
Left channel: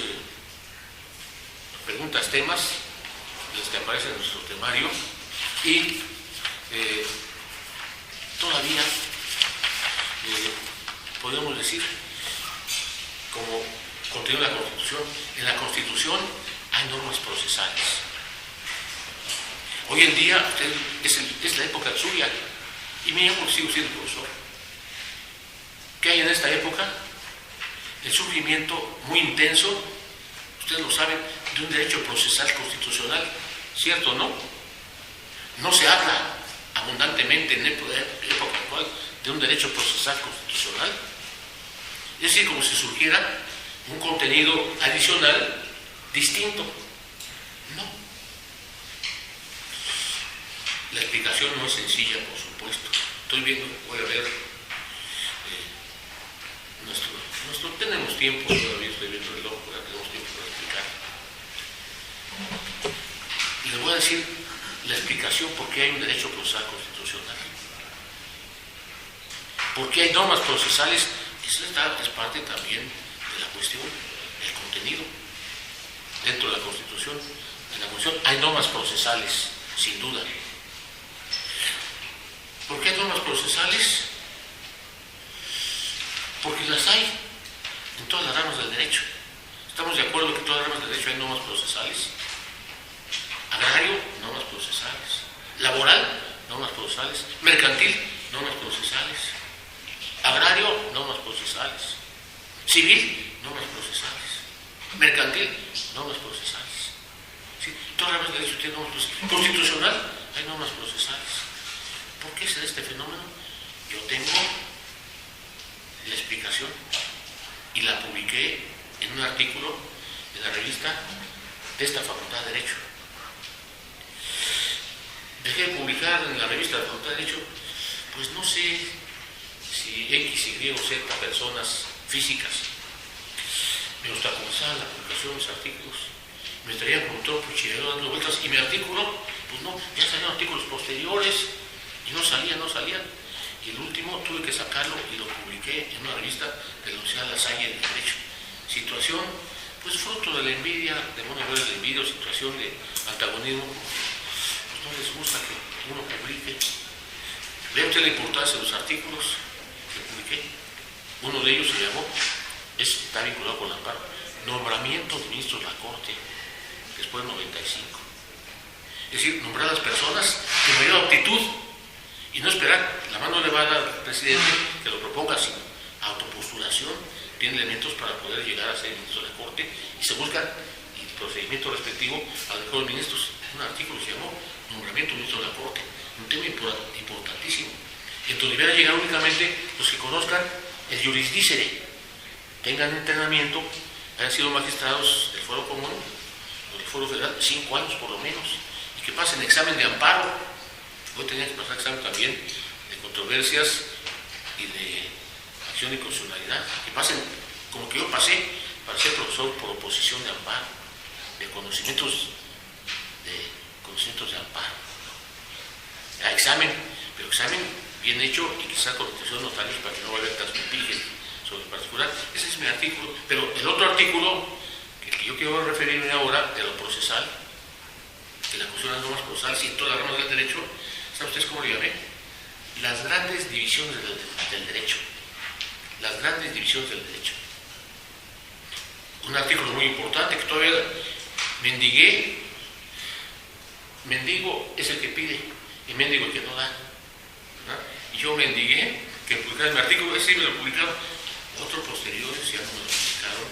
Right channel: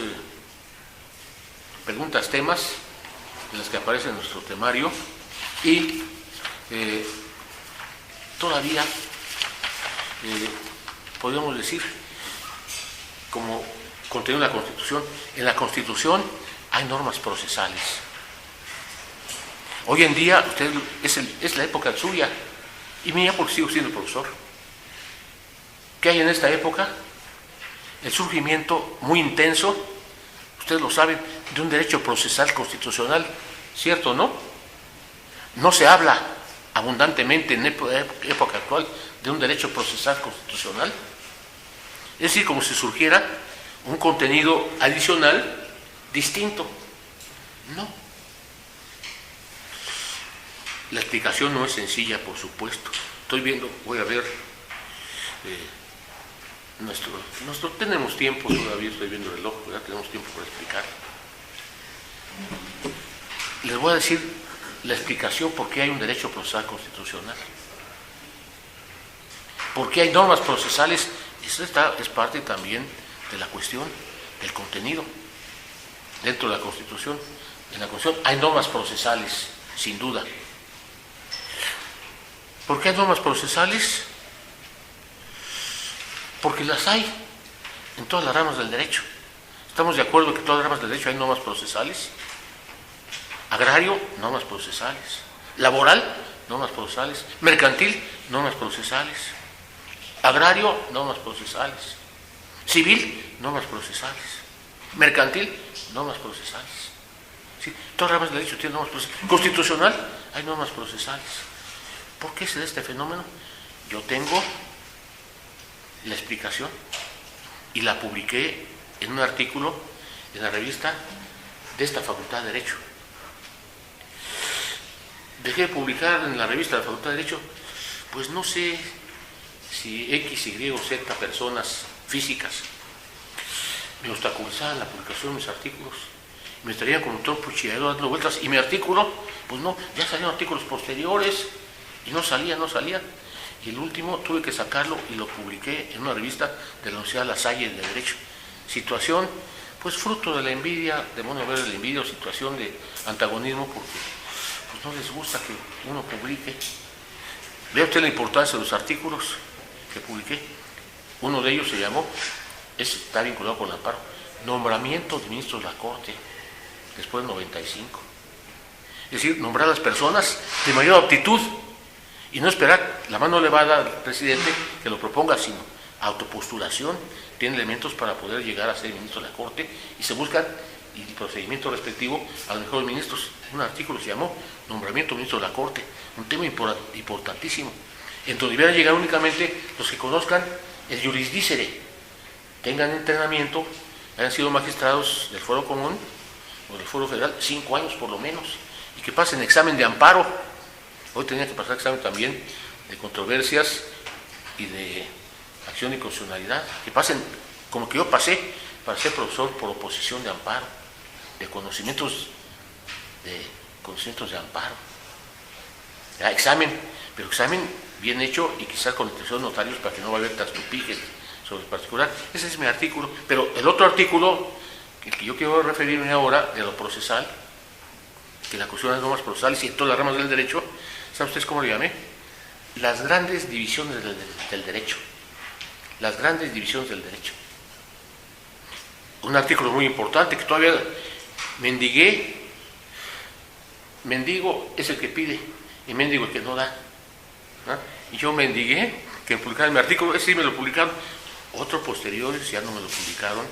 preguntas, temas, de las que aparecen en nuestro temario, y todavía podríamos decir, como contenido de la Constitución, en la Constitución hay normas procesales. Hoy en día, es la época suya, y mía porque sigo siendo profesor. ¿Qué hay en esta época? El surgimiento muy intenso, ustedes lo saben, de un derecho procesal constitucional, ¿cierto o no? No se habla abundantemente en época actual de un derecho procesal constitucional. Es decir, como si surgiera un contenido adicional distinto. No. La explicación no es sencilla, por supuesto. Estoy viendo, voy a ver, tenemos tiempo todavía, estoy viendo el reloj, ¿verdad? Tenemos tiempo para explicar. Les voy a decir la explicación por qué hay un derecho procesal constitucional. ¿Por qué hay normas procesales? Eso es parte también de la cuestión del contenido. Dentro de la Constitución, en la Constitución hay normas procesales, sin duda. ¿Por qué hay normas procesales? Porque las hay en todas las ramas del derecho. ¿Estamos de acuerdo que en todas las ramas del derecho hay normas procesales? Agrario, normas procesales. Laboral, normas procesales. Mercantil, normas procesales. Agrario, normas procesales. Civil, normas procesales. Mercantil, normas procesales. ¿Sí? Todas las ramas del derecho tienen normas procesales. Constitucional, hay normas procesales. ¿Por qué se da este fenómeno? Yo tengo la explicación y la publiqué en un artículo en la revista de esta Facultad de Derecho. Dejé de publicar en la revista de la Facultad de Derecho, pues no sé si X, Y o Z personas físicas me obstaculizaban la publicación de mis artículos, me estarían como doctor Puchillador dando vueltas, y mi artículo, pues no, ya salieron artículos posteriores y no salían. Y el último tuve que sacarlo y lo publiqué en una revista de la Universidad La Salle de Derecho. Situación, pues fruto de la envidia, demonio verde de la envidia, o situación de antagonismo, porque pues no les gusta que uno publique. Vea usted la importancia de los artículos que publiqué. Uno de ellos se llamó, está vinculado con el amparo, nombramiento de ministros de la Corte, después del 95. Es decir, nombrar a las personas de mayor aptitud, y no esperar la mano elevada al presidente que lo proponga, sino autopostulación. Tiene elementos para poder llegar a ser ministro de la Corte y se busca el procedimiento respectivo a los mejores ministros. Un artículo se llamó Nombramiento de Ministro de la Corte, un tema importantísimo, en donde debieran llegar únicamente los que conozcan el jurisdicere, tengan entrenamiento, hayan sido magistrados del Fuero Común o del Fuero Federal 5 años por lo menos, y que pasen examen de amparo. Hoy tenía que pasar examen también de controversias y de acción y constitucionalidad, que pasen, como que yo pasé, para ser profesor por oposición de amparo, de conocimientos de amparo. Ya, examen, pero examen bien hecho y quizás con intención de notarios para que no vaya a haber traspipijes sobre el particular. Ese es mi artículo. Pero el otro artículo, que yo quiero referirme ahora, de lo procesal, que la cuestión de las normas procesales y en todas las ramas del derecho, ¿saben ustedes cómo lo llamé? Las grandes divisiones del derecho. Las grandes divisiones del derecho. Un artículo muy importante que todavía mendigué mendigo es el que pide y mendigo el que no da. ¿Ah? Y yo mendigué que publicaran mi artículo, ese sí me lo publicaron, otros posteriores ya no me lo publicaron,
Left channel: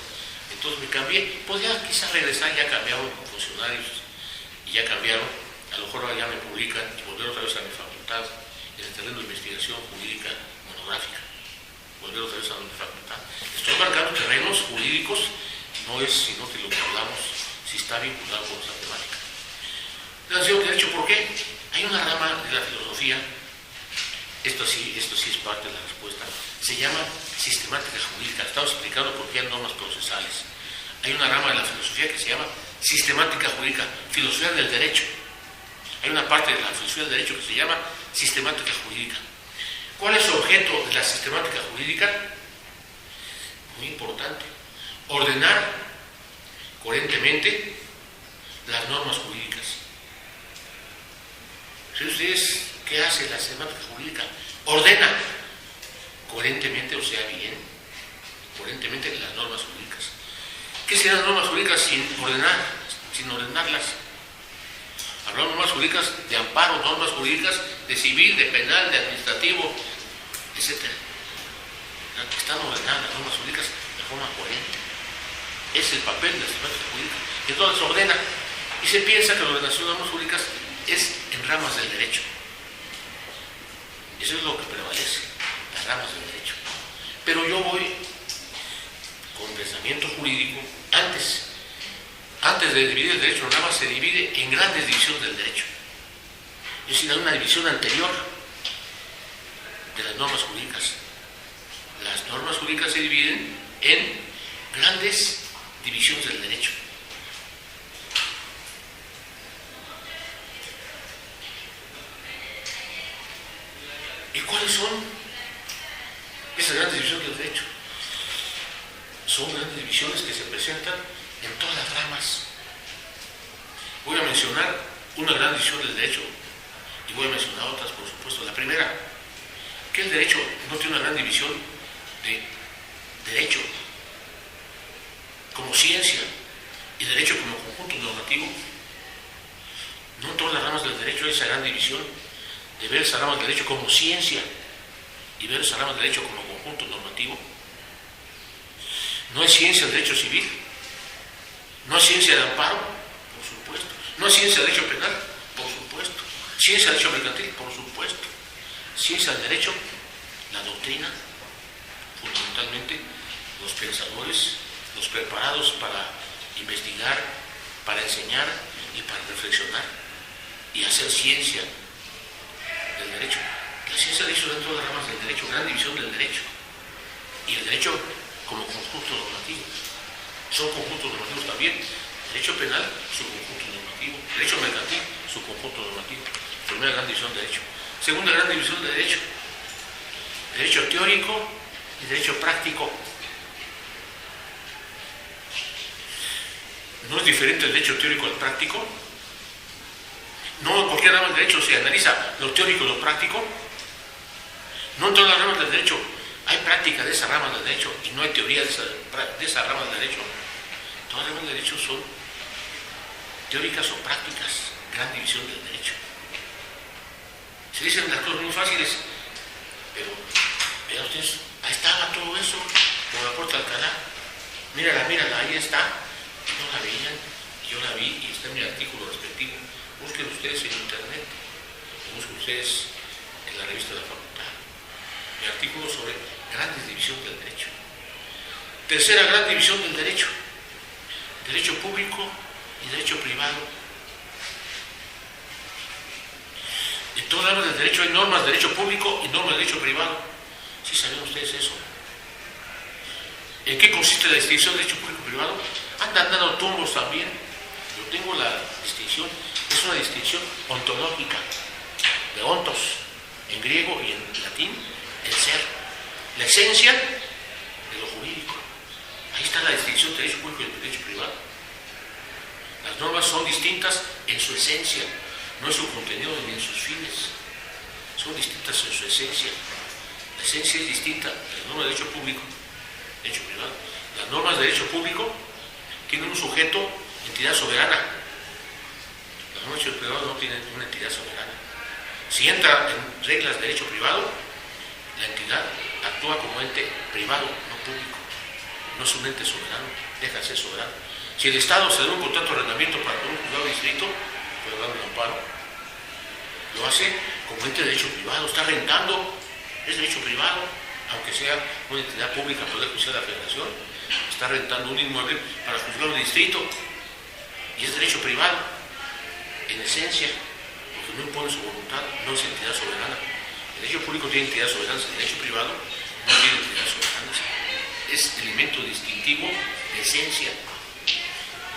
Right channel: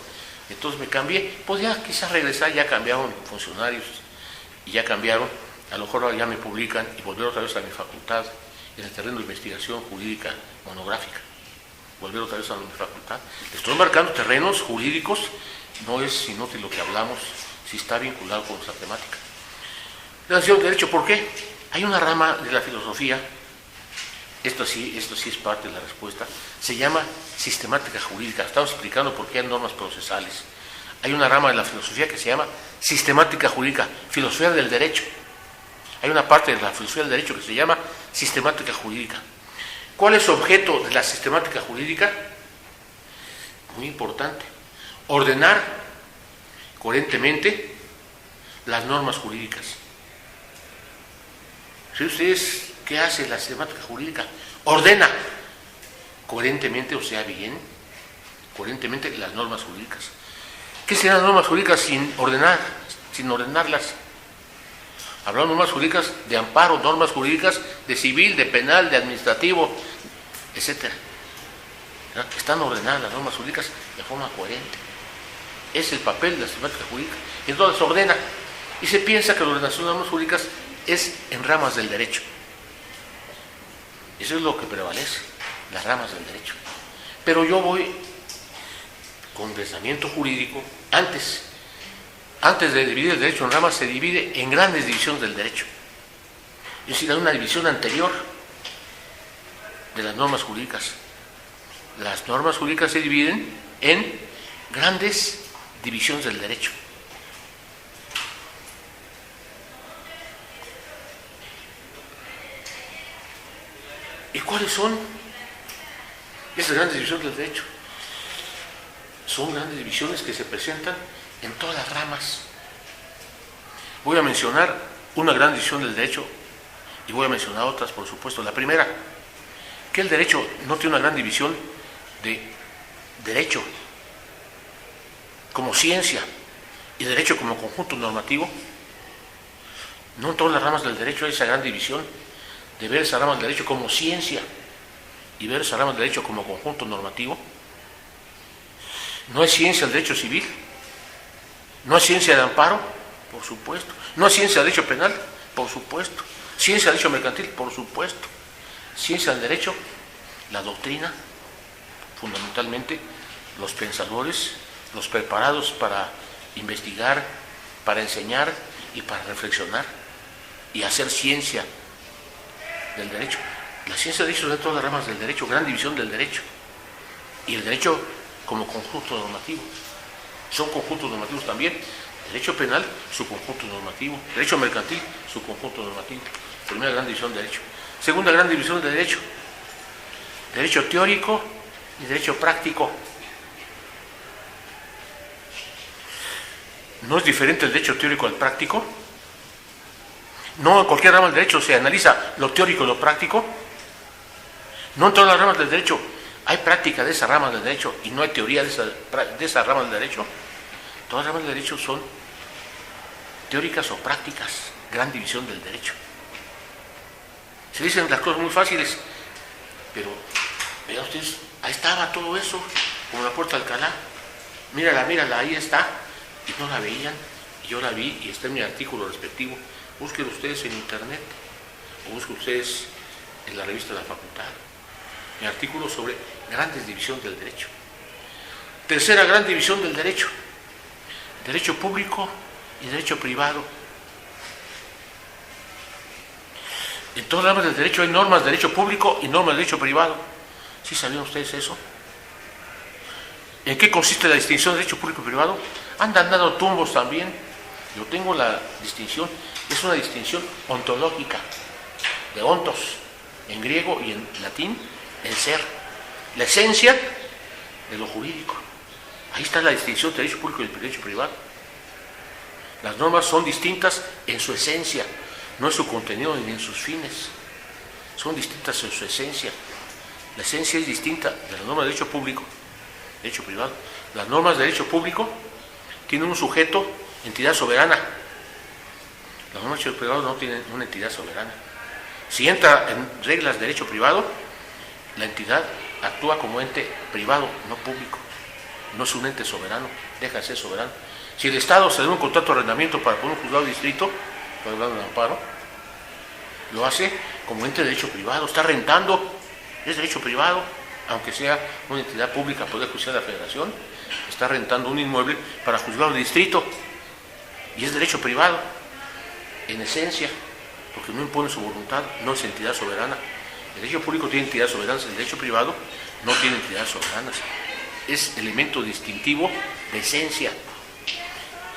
entonces me cambié, pues ya quizás regresar, ya cambiaron funcionarios y ya cambiaron, a lo mejor ya me publican y volver otra vez a mi facultad en el terreno de investigación jurídica monográfica, volver otra vez a mi facultad. Estoy marcando terrenos jurídicos, no es inútil lo que hablamos, si está vinculado con nuestra temática. Relación de derecho, ¿por qué? Hay una rama de la filosofía, esto sí es parte de la respuesta, se llama sistemática jurídica. Estamos explicando por qué hay normas procesales. Hay una rama de la filosofía que se llama sistemática jurídica, filosofía del derecho. Hay una parte de la filosofía del derecho que se llama sistemática jurídica. ¿Cuál es el objeto de la sistemática jurídica? Muy importante. Ordenar coherentemente las normas jurídicas. ¿Sí ustedes qué hace la sistemática jurídica? Ordena coherentemente, o sea, bien, coherentemente las normas jurídicas. ¿Qué serán las normas jurídicas sin ordenarlas? Hablamos de normas jurídicas de amparo, normas jurídicas de civil, de penal, de administrativo, etc. Están ordenadas las normas jurídicas de forma coherente. Es el papel de la sistemática jurídica. Y entonces se ordena. Y se piensa que la ordenación de normas jurídicas es en ramas del derecho. Eso es lo que prevalece, las ramas del derecho. Pero yo voy con pensamiento jurídico. Antes de dividir el derecho en ramas, se divide en grandes divisiones del derecho. Es decir, hay una división anterior de las normas jurídicas. Las normas jurídicas se dividen en grandes divisiones del derecho. ¿Y cuáles son esas grandes divisiones del derecho? Son grandes divisiones que se presentan en todas las ramas. Voy a mencionar una gran división del derecho y voy a mencionar otras, por supuesto. La primera, que el derecho no tiene una gran división de derecho como ciencia y derecho como conjunto normativo. No en todas las ramas del derecho hay esa gran división de ver esa rama del derecho como ciencia y ver esa rama del derecho como conjunto normativo. No es ciencia el derecho civil, no es ciencia de amparo, por supuesto, no es ciencia del derecho penal, por supuesto, ciencia del derecho mercantil, por supuesto, ciencia del derecho, la doctrina, fundamentalmente los pensadores, los preparados para investigar, para enseñar y para reflexionar y hacer ciencia del derecho. La ciencia del derecho es de todas las ramas del derecho, gran división del derecho. Y el derecho como conjunto normativo. Son conjuntos normativos también. Derecho penal, su conjunto normativo. Derecho mercantil, su conjunto normativo. Primera gran división del derecho. Segunda gran división del derecho. Derecho teórico y derecho práctico. ¿No es diferente el derecho teórico al práctico? No en cualquier rama del derecho se analiza lo teórico y lo práctico. No en todas las ramas del derecho hay práctica de esa rama del derecho y no hay teoría de esa rama del derecho. Todas las ramas del derecho son teóricas o prácticas, gran división del derecho. Se dicen las cosas muy fáciles, pero vean ustedes, ahí estaba todo eso, como la puerta de Alcalá. Mírala, ahí está. Y no la veían, y yo la vi y está en mi artículo respectivo. Busquen ustedes en internet o busquen ustedes en la revista de la facultad mi artículo sobre grandes divisiones del derecho. Tercera gran división del derecho: derecho público y derecho privado. En todas las ramas del derecho hay normas de derecho público y normas de derecho privado. ¿Sí sabían ustedes eso? ¿En qué consiste la distinción de derecho público y privado? Andan dando tumbos también. Yo tengo la distinción, es una distinción ontológica, de ontos, en griego y en latín, el ser, la esencia de lo jurídico. Ahí está la distinción de derecho público y derecho privado. Las normas son distintas en su esencia, no en su contenido ni en sus fines. Son distintas en su esencia. La esencia es distinta de las normas de derecho público, derecho privado. Las normas de derecho público tienen un sujeto, entidad soberana, Las normas de derecho privado no tienen una entidad soberana. Si entra en reglas de derecho privado, la entidad actúa como ente privado, no público. No es un ente soberano, deja de ser soberano. Si el Estado se da un contrato de arrendamiento para poner un juzgado de distrito, para hablar de un amparo, lo hace como ente de derecho privado, está rentando, es derecho privado, aunque sea una entidad pública, Poder Judicial de la Federación, está rentando un inmueble para juzgado de distrito y es derecho privado, en esencia, porque no impone su voluntad, no es entidad soberana. El derecho público tiene entidades soberanas, el derecho privado no tiene entidades soberanas. Es elemento distintivo de esencia.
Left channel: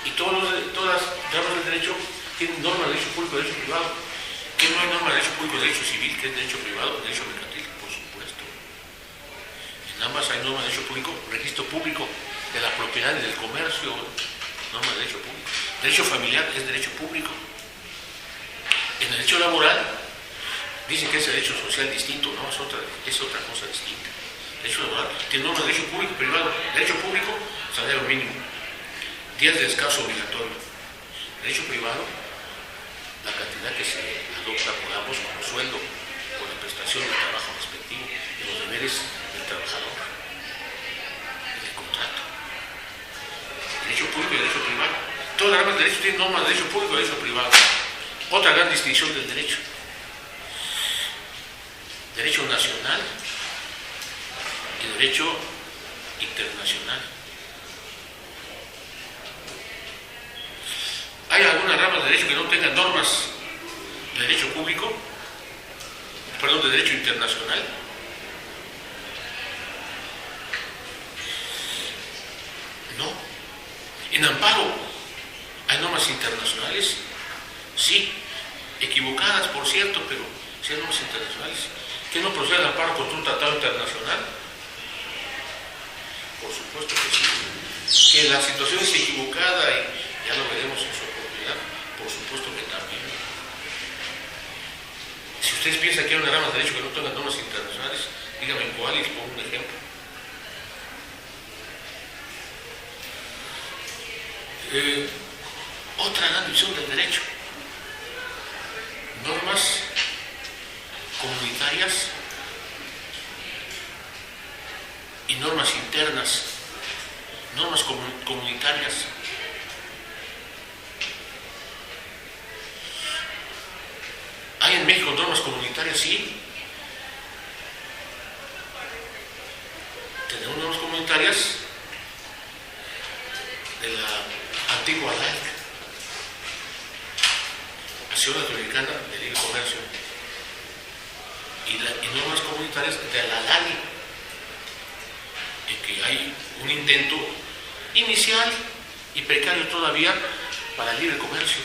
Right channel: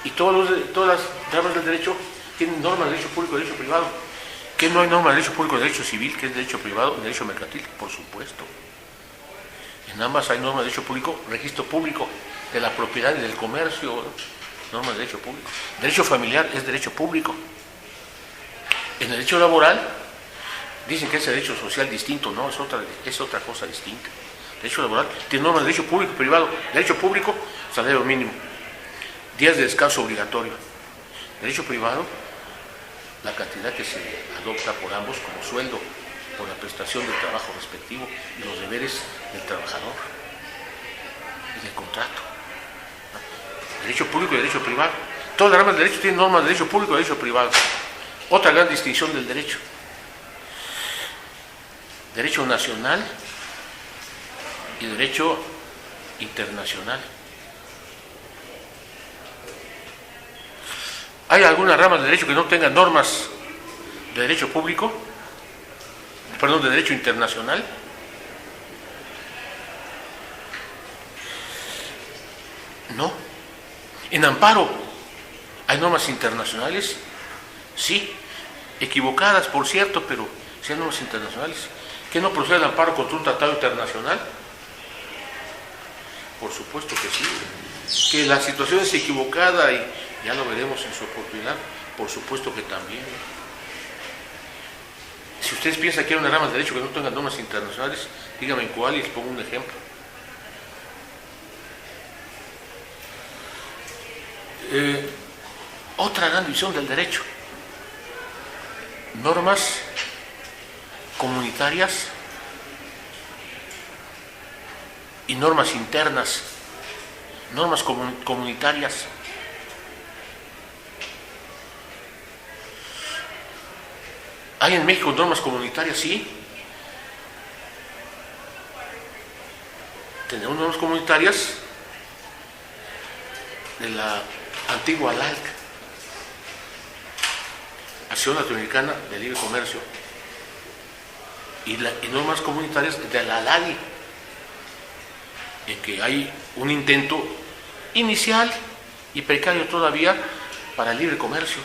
Y todas las ramas del derecho tienen normas de derecho público y derecho privado. ¿Qué no hay norma de derecho público y derecho civil, que es derecho privado y derecho mercantil? Por supuesto. En ambas hay normas de derecho público, registro público de la propiedad y del comercio, ¿no? Normas de derecho público. Derecho familiar es derecho público. En el derecho laboral dicen que es derecho social distinto, no, es otra cosa distinta. Derecho laboral tiene normas de derecho público y privado. Derecho público, salario mínimo, días de descanso obligatorio. Derecho privado, la cantidad que se adopta por ambos como sueldo por la prestación del trabajo respectivo y los deberes del trabajador y del contrato. Derecho público y derecho privado. Todas las ramas del derecho tienen normas de derecho público y derecho privado. Otra gran distinción del derecho. Derecho nacional y derecho internacional. ¿Hay algunas ramas de derecho que no tengan normas de derecho público? Perdón, de derecho internacional. No. En amparo, ¿hay normas internacionales? Sí. Equivocadas, por cierto, pero sí hay normas internacionales. ¿Qué no procede el amparo contra un tratado internacional? Por supuesto que sí. Que la situación es equivocada y ya lo veremos en su oportunidad, por supuesto que también. Si ustedes piensan que hay una rama de derecho que no tenga normas internacionales, díganme cuál y les pongo un ejemplo. Otra gran división del derecho. Normas comunitarias y normas internas. Normas comunitarias. ¿Hay en México normas comunitarias? Sí. Tenemos normas comunitarias de la antigua ALAC, Asociación Latinoamericana de Libre Comercio, y normas comunitarias de la ALADI, en que hay un intento inicial y precario todavía para el libre comercio,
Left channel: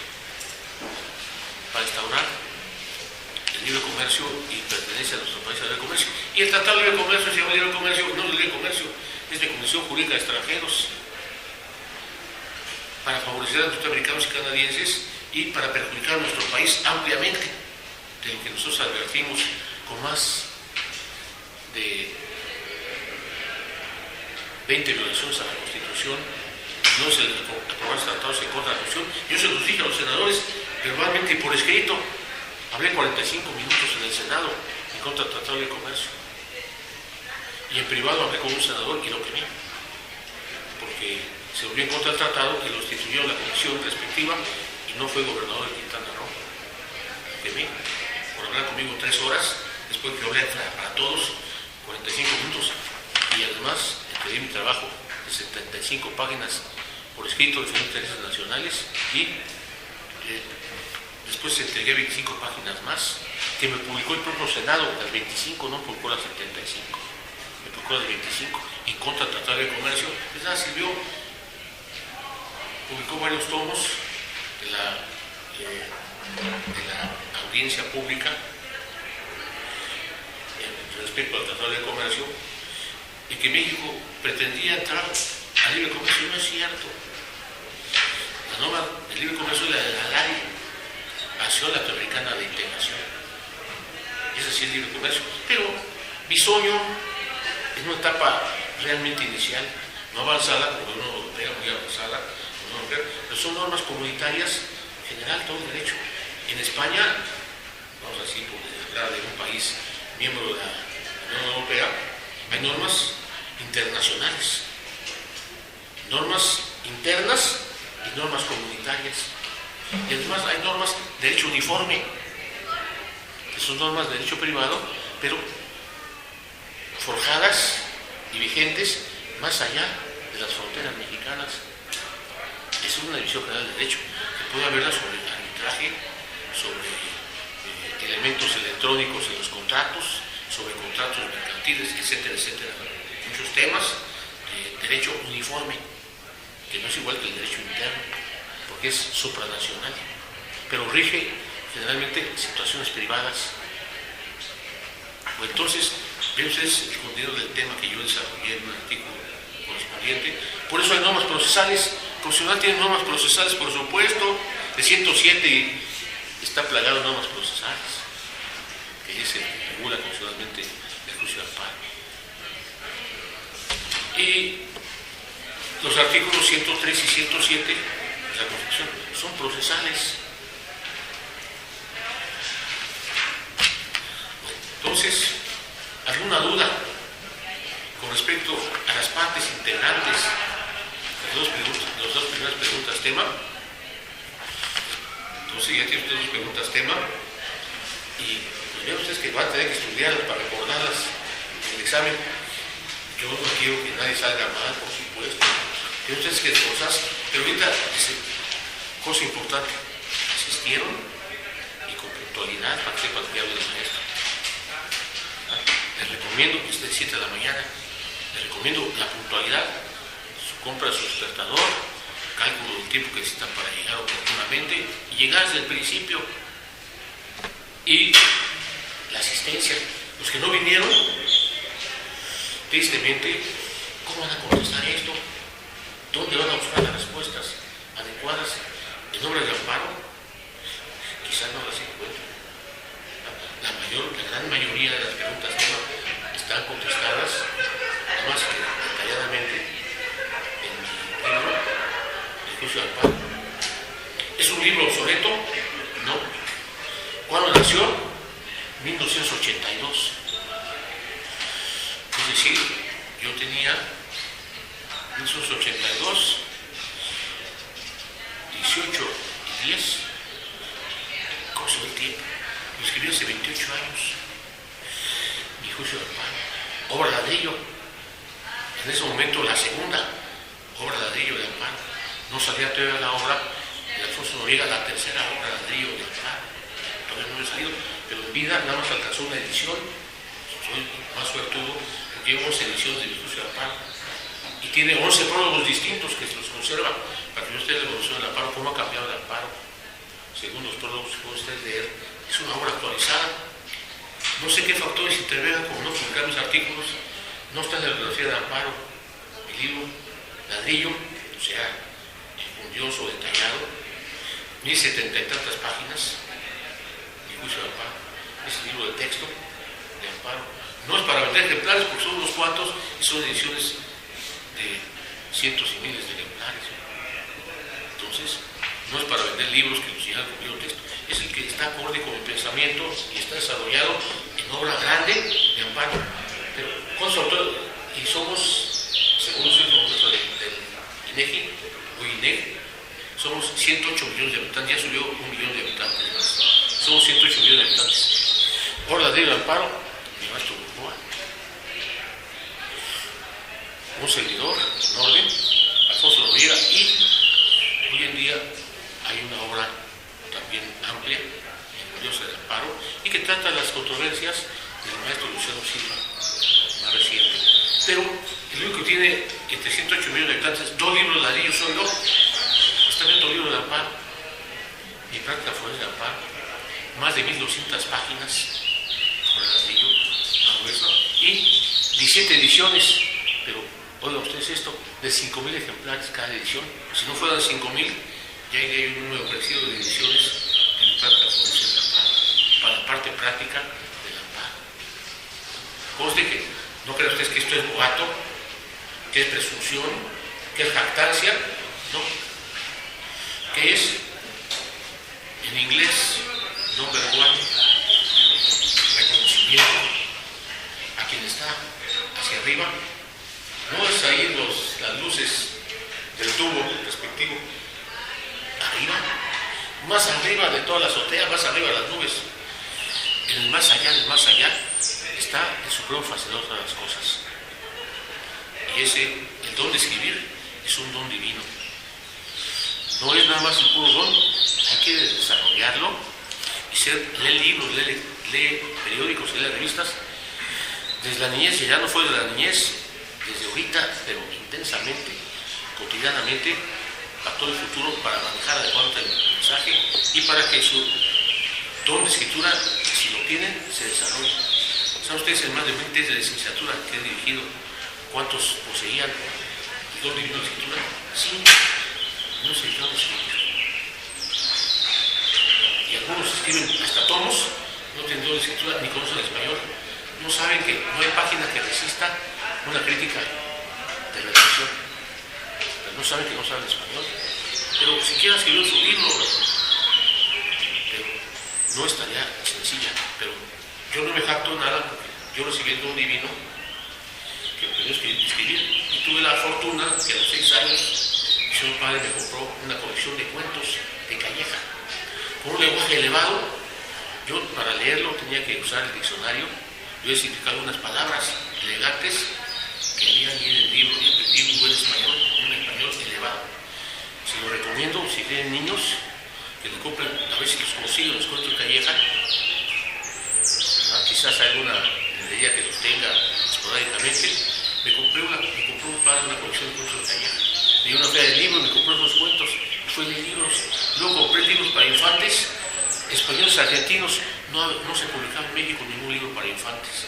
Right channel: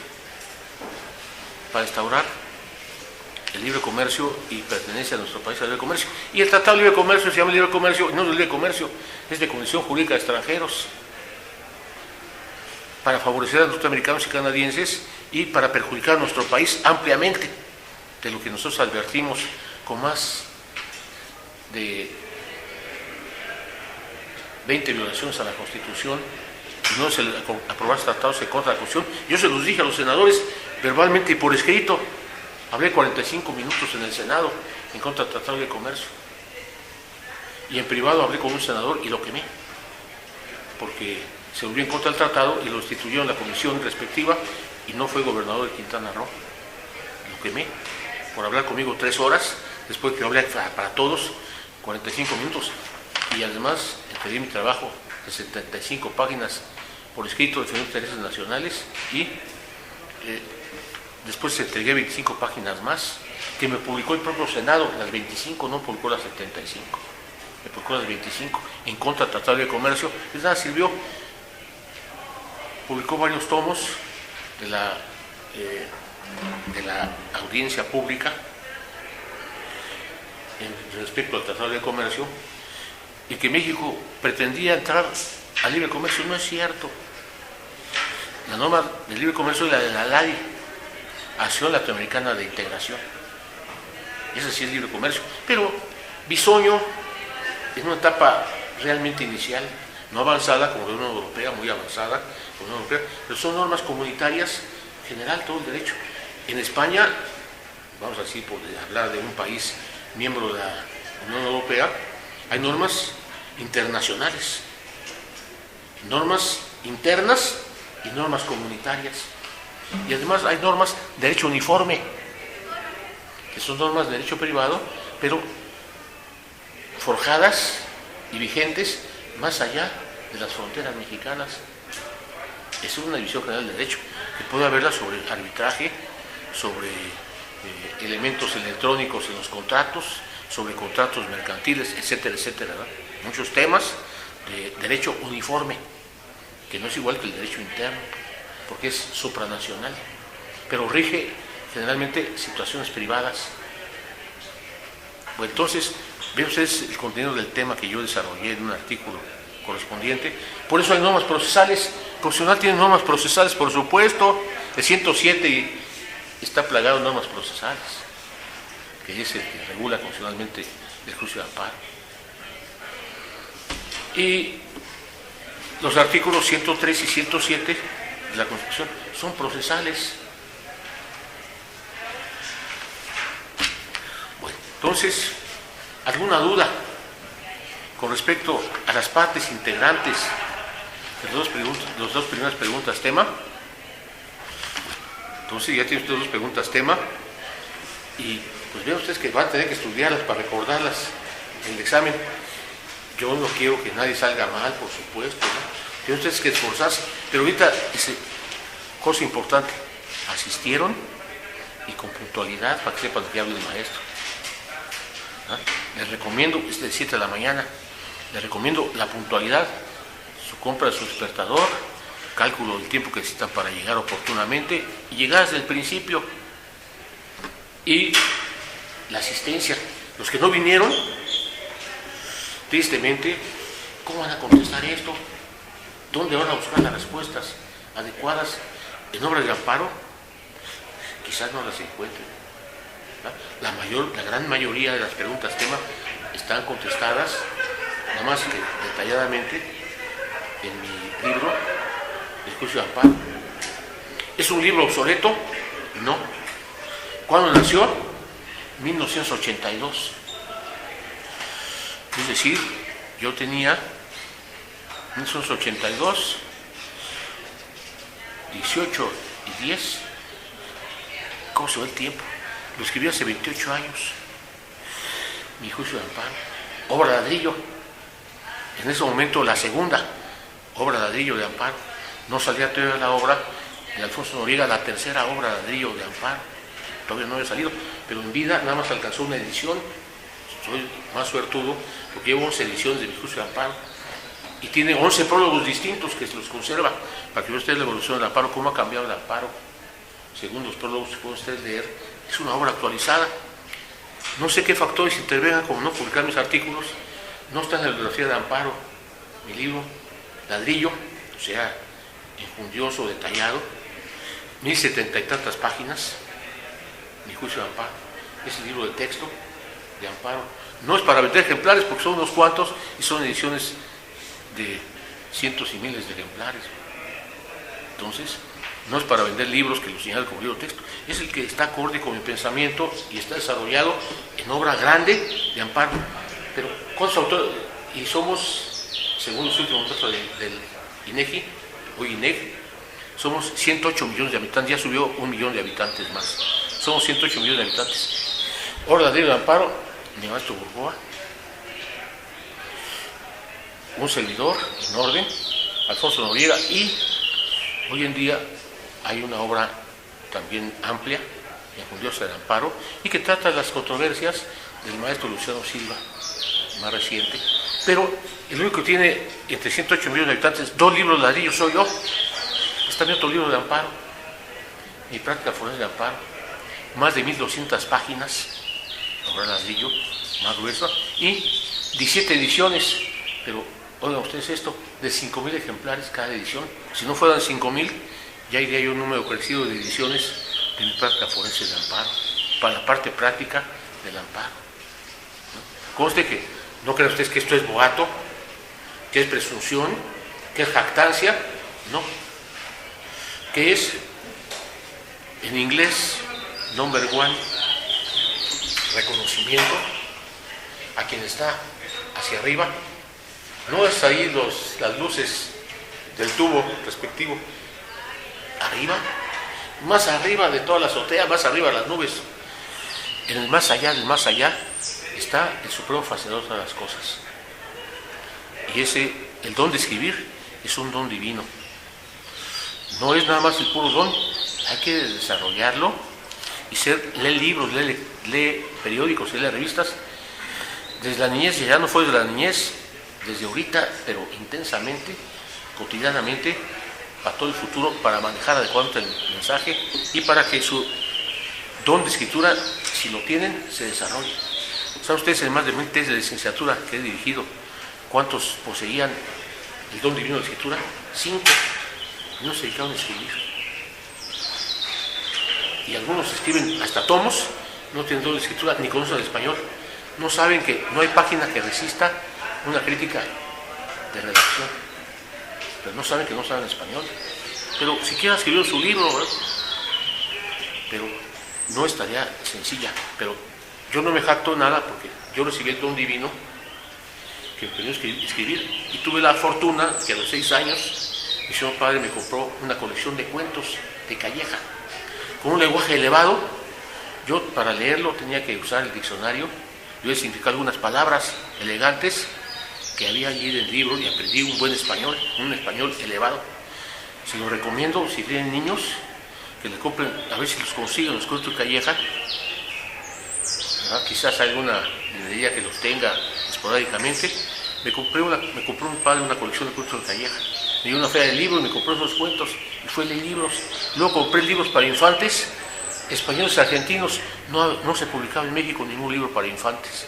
para instaurar el libre comercio y pertenece a nuestro país al libre comercio. Y el Tratado de Libre Comercio se llama libre comercio, no es de libre comercio, es de Comisión Jurídica de Extranjeros, para favorecer a los norteamericanos y canadienses y para perjudicar a nuestro país ampliamente, de lo que nosotros advertimos con más de 20 violaciones a la Constitución, y no se aprobar tratados en contra de la Constitución. Yo se los dije a los senadores verbalmente y por escrito. Hablé 45 minutos en el Senado en contra del Tratado de Comercio. Y en privado hablé con un senador y lo quemé, porque se volvió en contra del tratado y lo instituyó en la comisión respectiva y no fue gobernador de Quintana Roo. Lo quemé por hablar conmigo 3 horas, después que hablé para todos 45 minutos. Y además pedí mi trabajo de 75 páginas por escrito defendiendo intereses nacionales y después entregué 25 páginas más que me publicó el propio Senado, las 25, no publicó las 75, me publicó las 25 en contra del Tratado de Comercio. Es nada, sirvió. Publicó varios tomos de la audiencia pública respecto al Tratado de Comercio, y que México pretendía entrar al libre comercio. No es cierto. La norma del libre comercio es la de la ALADI, Asociación Latinoamericana de Integración. Ese sí es libre comercio. Pero Bisoño es una etapa realmente inicial, no avanzada como la Unión Europea, muy avanzada como la Unión Europea, pero son normas comunitarias general, todo el derecho. En España, vamos así por hablar de un país miembro de la Unión Europea, hay normas internacionales, normas internas y normas comunitarias. Y además hay normas de derecho uniforme, que son normas de derecho privado, pero forjadas y vigentes más allá de las fronteras mexicanas. Es una división general del derecho, que puede haberla sobre arbitraje, sobre elementos electrónicos en los contratos, sobre contratos mercantiles, etcétera, etcétera, ¿no? Muchos temas de derecho uniforme, que no es igual que el derecho interno, porque es supranacional, pero rige generalmente situaciones privadas. Bueno, entonces, ven ustedes el contenido del tema que yo desarrollé en un artículo correspondiente. Por eso hay normas procesales. El Constitucional tiene normas procesales, por supuesto. El 107 está plagado de normas procesales, que es el que regula constitucionalmente el juicio de amparo. Y los artículos 103 y 107 de la Constitución son procesales. Bueno, entonces, ¿alguna duda con respecto a las partes integrantes de las dos primeras preguntas tema? Entonces ya tienen ustedes dos preguntas tema, y pues vean ustedes que van a tener que estudiarlas para recordarlas en el examen. Yo no quiero que nadie salga mal, por supuesto, ¿no? Tienen ustedes que esforzarse, pero ahorita, cosa importante, asistieron y con puntualidad para que sepan de qué habla el maestro. ¿Ah? Les recomiendo, es de 7 de la mañana, les recomiendo la puntualidad, su compra de su despertador, cálculo del tiempo que necesitan para llegar oportunamente y llegar desde el principio, y la asistencia. Los que no vinieron, tristemente, ¿cómo van a contestar esto? ¿Dónde van a buscar las respuestas adecuadas? En obras de amparo quizás no las encuentren. La gran mayoría de las preguntas tema están contestadas, nada más que detalladamente, en mi libro El juicio de amparo. ¿Es un libro obsoleto? No. ¿Cuándo nació? 1982. Es decir, yo tenía 1982, 18 y 10. ¿Cómo se va el tiempo? Lo escribí hace 28 años. Mi juicio de amparo. Obra de ladrillo. En ese momento la segunda obra de ladrillo de amparo. No salía todavía la obra de Alfonso Noriega, la tercera obra de ladrillo de amparo. Todavía no había salido, pero en vida nada más alcanzó una edición. Soy más suertudo porque llevo 11 ediciones de mi juicio de amparo. Y tiene 11 prólogos distintos que se los conserva para que vean ustedes la evolución del amparo, cómo ha cambiado el amparo. Según los prólogos que pueden ustedes leer, es una obra actualizada. No sé qué factores intervengan, como no publicar mis artículos. No está en la bibliografía de amparo mi libro, ladrillo, o sea, enjundioso, detallado, 1070 y tantas páginas, mi juicio de amparo. Es el libro de texto de amparo. No es para vender ejemplares porque son unos cuantos y son ediciones de cientos y miles de ejemplares. Entonces, no es para vender libros que los señalen como libro de texto, es el que está acorde con mi pensamiento y está desarrollado en obra grande de amparo. Pero, ¿cuántos autores? Y somos, según los últimos datos del INEGI, hoy INEGI, somos 108 millones de habitantes, ya subió 1 millón de habitantes más. Somos 108 millones de habitantes. Obra de amparo, mi maestro Burgoa, un servidor en orden, Alfonso Noriega, y hoy en día hay una obra también amplia, enjundiosa de amparo, y que trata las controversias del maestro Luciano Silva, más reciente, pero el único que tiene entre 108 millones de habitantes 2 libros de ladrillo soy yo. Está en otro libro de amparo, mi práctica forense de amparo, más de 1200 páginas, obra de ladrillo, más gruesa, y 17 ediciones, pero oigan ustedes esto, de 5,000 ejemplares cada edición. Si no fueran 5,000, ya iría yo un número crecido de ediciones de mi práctica forense del amparo, para la parte práctica del amparo. Conste que no crean ustedes que esto es boato, que es presunción, que es jactancia, no. Que es En inglés, number one, reconocimiento a quien está hacia arriba. No es ahí las luces del tubo respectivo. Arriba, más arriba de toda la azotea, más arriba de las nubes. En el más allá del más allá está el supremo facedor de las cosas. Y el don de escribir es un don divino. No es nada más el puro don, hay que desarrollarlo y lee libros, lee periódicos, lee revistas. Desde la niñez, ya no fue desde la niñez, desde ahorita, pero intensamente, cotidianamente, para todo el futuro, para manejar adecuadamente el mensaje y para que su don de escritura, si lo tienen, se desarrolle. ¿Saben ustedes en más de 20 tesis de licenciatura que he dirigido cuántos poseían el don divino de escritura? 5. No se dedicaron a escribir. Y algunos escriben hasta tomos, no tienen don de escritura, ni conocen el español. No saben que no hay página que resista una crítica de redacción. Pero no saben que no saben español. Pero siquiera escribieron su libro, ¿verdad? Pero no es tarea sencilla. Pero yo no me jacto nada porque yo recibí el don divino que me permitió escribir. Y tuve la fortuna que a los 6 años mi señor padre me compró una colección de cuentos de Calleja. Con un lenguaje elevado, yo para leerlo tenía que usar el diccionario. Yo he significado algunas palabras elegantes que había allí en el libro y aprendí un buen español, un español elevado. Se lo recomiendo si tienen niños que le compren, a ver si los consiguen los cuentos de Calleja. ¿Verdad? Quizás alguna librería que los tenga esporádicamente. Me compró un padre una colección de cuentos de Calleja. Me dio una feria de libros, me compró esos cuentos y fue a leer libros. Luego compré libros para infantes, españoles y argentinos. No se publicaba en México ningún libro para infantes.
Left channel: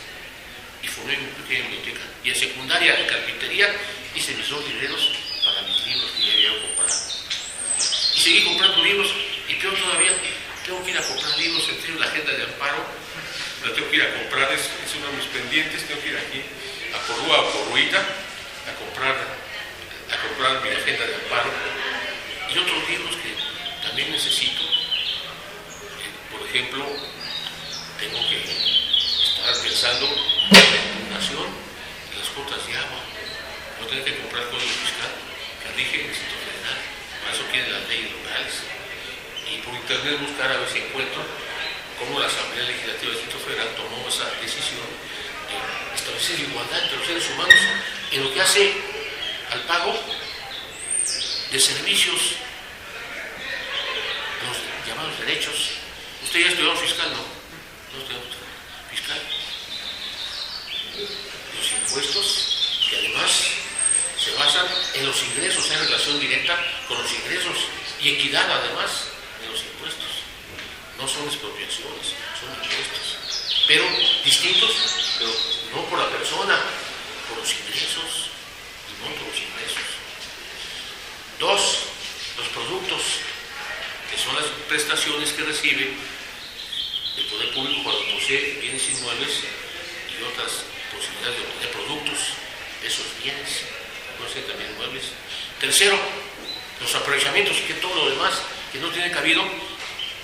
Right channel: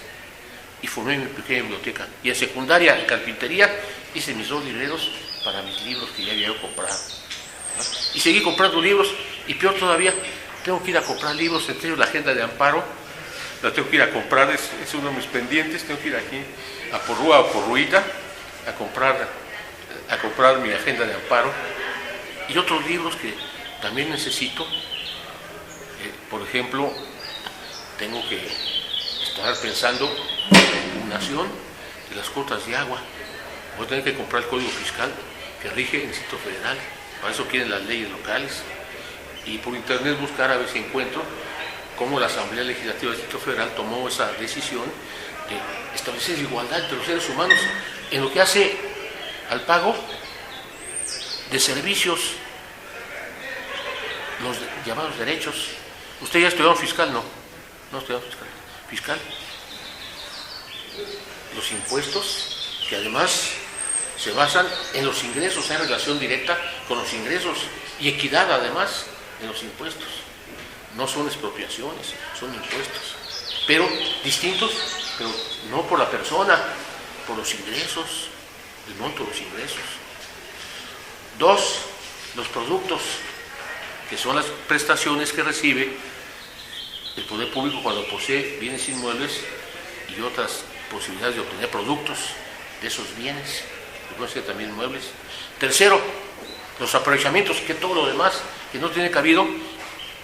Y formé mi pequeña biblioteca. Y en secundaria, en carpintería, hice mis 2 libreros para mis libros que ya había comprado. ¿No? Y seguí comprando libros, y peor todavía, tengo que ir a comprar libros, entre la agenda de Amparo, la tengo que ir a comprar, es uno de mis pendientes, tengo que ir aquí a Porrúa o Porruita a comprar mi agenda de Amparo, y otros libros que también necesito. Por ejemplo, tengo que estar pensando en la impugnación de las cuotas de agua. Voy a tener que comprar el Código Fiscal que rige el Distrito Federal. Para eso quieren las leyes locales. Y por internet buscar a ver si encuentro cómo la Asamblea Legislativa del Distrito Federal tomó esa decisión de establecer igualdad entre los seres humanos en lo que hace al pago de servicios, los llamados derechos. ¿Usted ya estudió fiscal? No estudió fiscal. Los impuestos, que además se basan en los ingresos, en relación directa con los ingresos y equidad además en los impuestos. No son expropiaciones, son impuestos, pero distintos, pero no por la persona, por los ingresos, el monto de los ingresos. 2, los productos, que son las prestaciones que recibe el poder público cuando posee bienes inmuebles y otras posibilidades de obtener productos de esos bienes, que pueden ser también muebles. 3, los aprovechamientos, que todo lo demás que no tiene cabido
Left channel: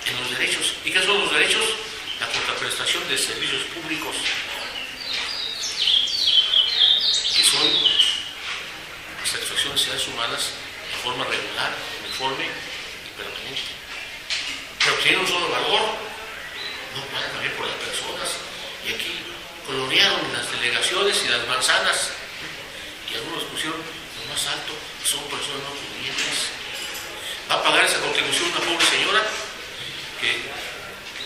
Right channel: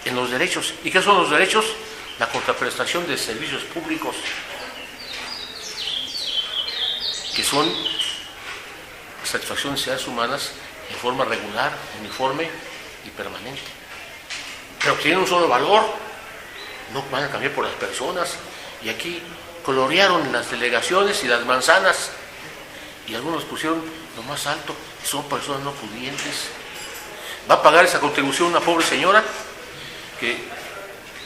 en los derechos. ¿Y qué son los derechos? La contraprestación de servicios públicos, que son satisfacción de necesidades humanas en forma regular, uniforme y permanente. Pero tienen un solo valor, no van a cambiar por las personas. Y aquí colorearon las delegaciones y las manzanas, y algunos pusieron lo más alto, son personas no pudientes. Va a pagar esa contribución una pobre señora que,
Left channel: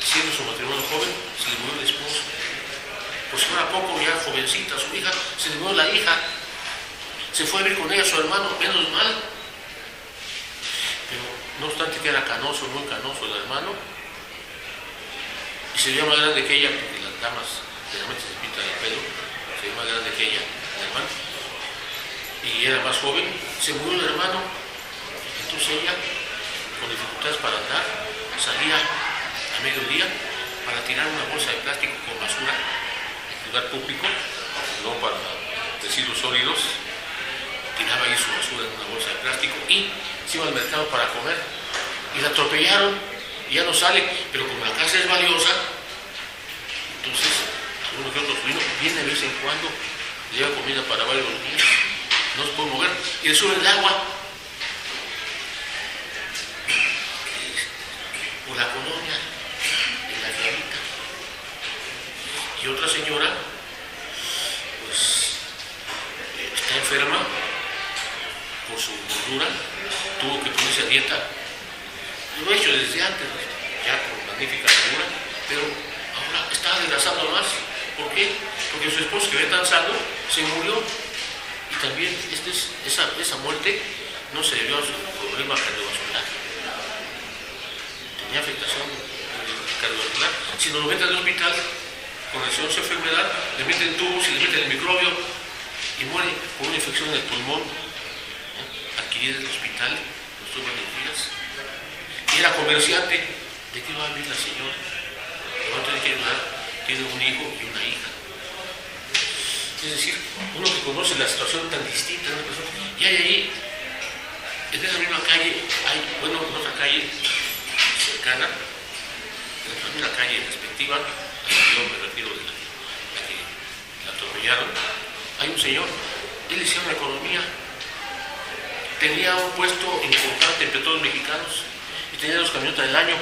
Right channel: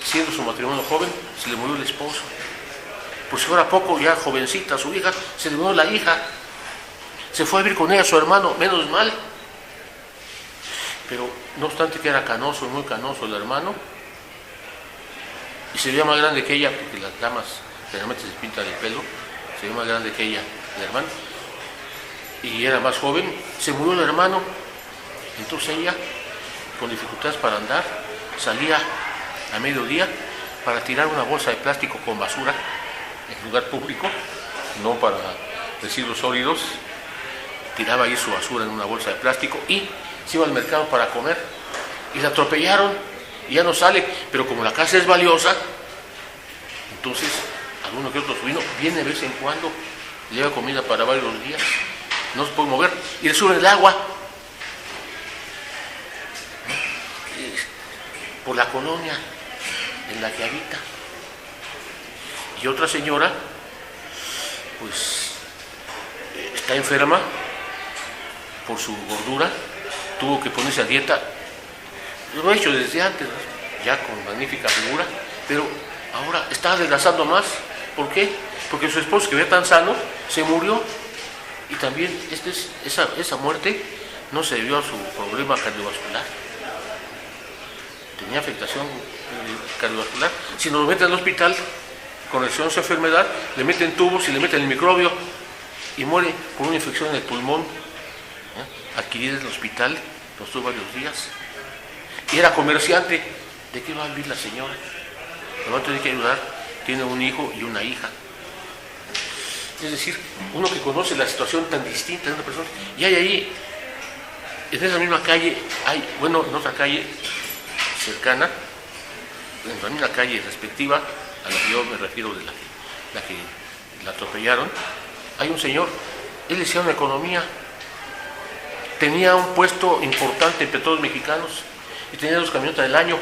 siendo su matrimonio joven, se le murió el esposo. Pues ahora poco, ya jovencita, su hija, se le murió la hija. Se fue a vivir con ella su hermano, menos mal. Pero no obstante que era canoso, muy canoso el hermano, y se veía más grande que ella, porque las damas generalmente se pintan el pelo, se veía más grande que ella, el hermano, y era más joven. Se murió el hermano, entonces ella, con dificultades para andar, salía a mediodía para tirar una bolsa de plástico con basura en lugar público, no para residuos sólidos. Tiraba ahí su basura en una bolsa de plástico y se iba al mercado para comer, y la atropellaron y ya no sale, pero como la casa es valiosa, entonces alguno que otro sobrino viene de vez en cuando, le lleva comida para varios días, no se puede mover, y le sube el agua por la colonia en la que habita. Y otra señora, pues, está enferma por su gordura, tuvo que ponerse a dieta, lo ha hecho desde antes, ya con magnífica figura, pero ahora está adelgazando más. ¿Por qué? Porque su esposo, que veía tan sano, se murió. Y también esa muerte no se debió a su problema cardiovascular. Tenía afectación cardiovascular. Si nos meten al hospital con esa enfermedad, le meten tubos y le meten el microbio y muere por una infección en el pulmón, adquirida en el hospital, los tuvo varios días. Y era comerciante. ¿De qué va a vivir la señora? Le va a tener que ayudar. Tiene un hijo y una hija. Es decir, uno que conoce la situación tan distinta de una persona, y hay ahí, en esa misma calle, en otra calle cercana, en la misma calle respectiva a la que yo me refiero, de la que la atropellaron, hay un señor, él decía una economía, tenía un puesto importante en Petróleos Mexicanos y tenía 2 camionetas del año,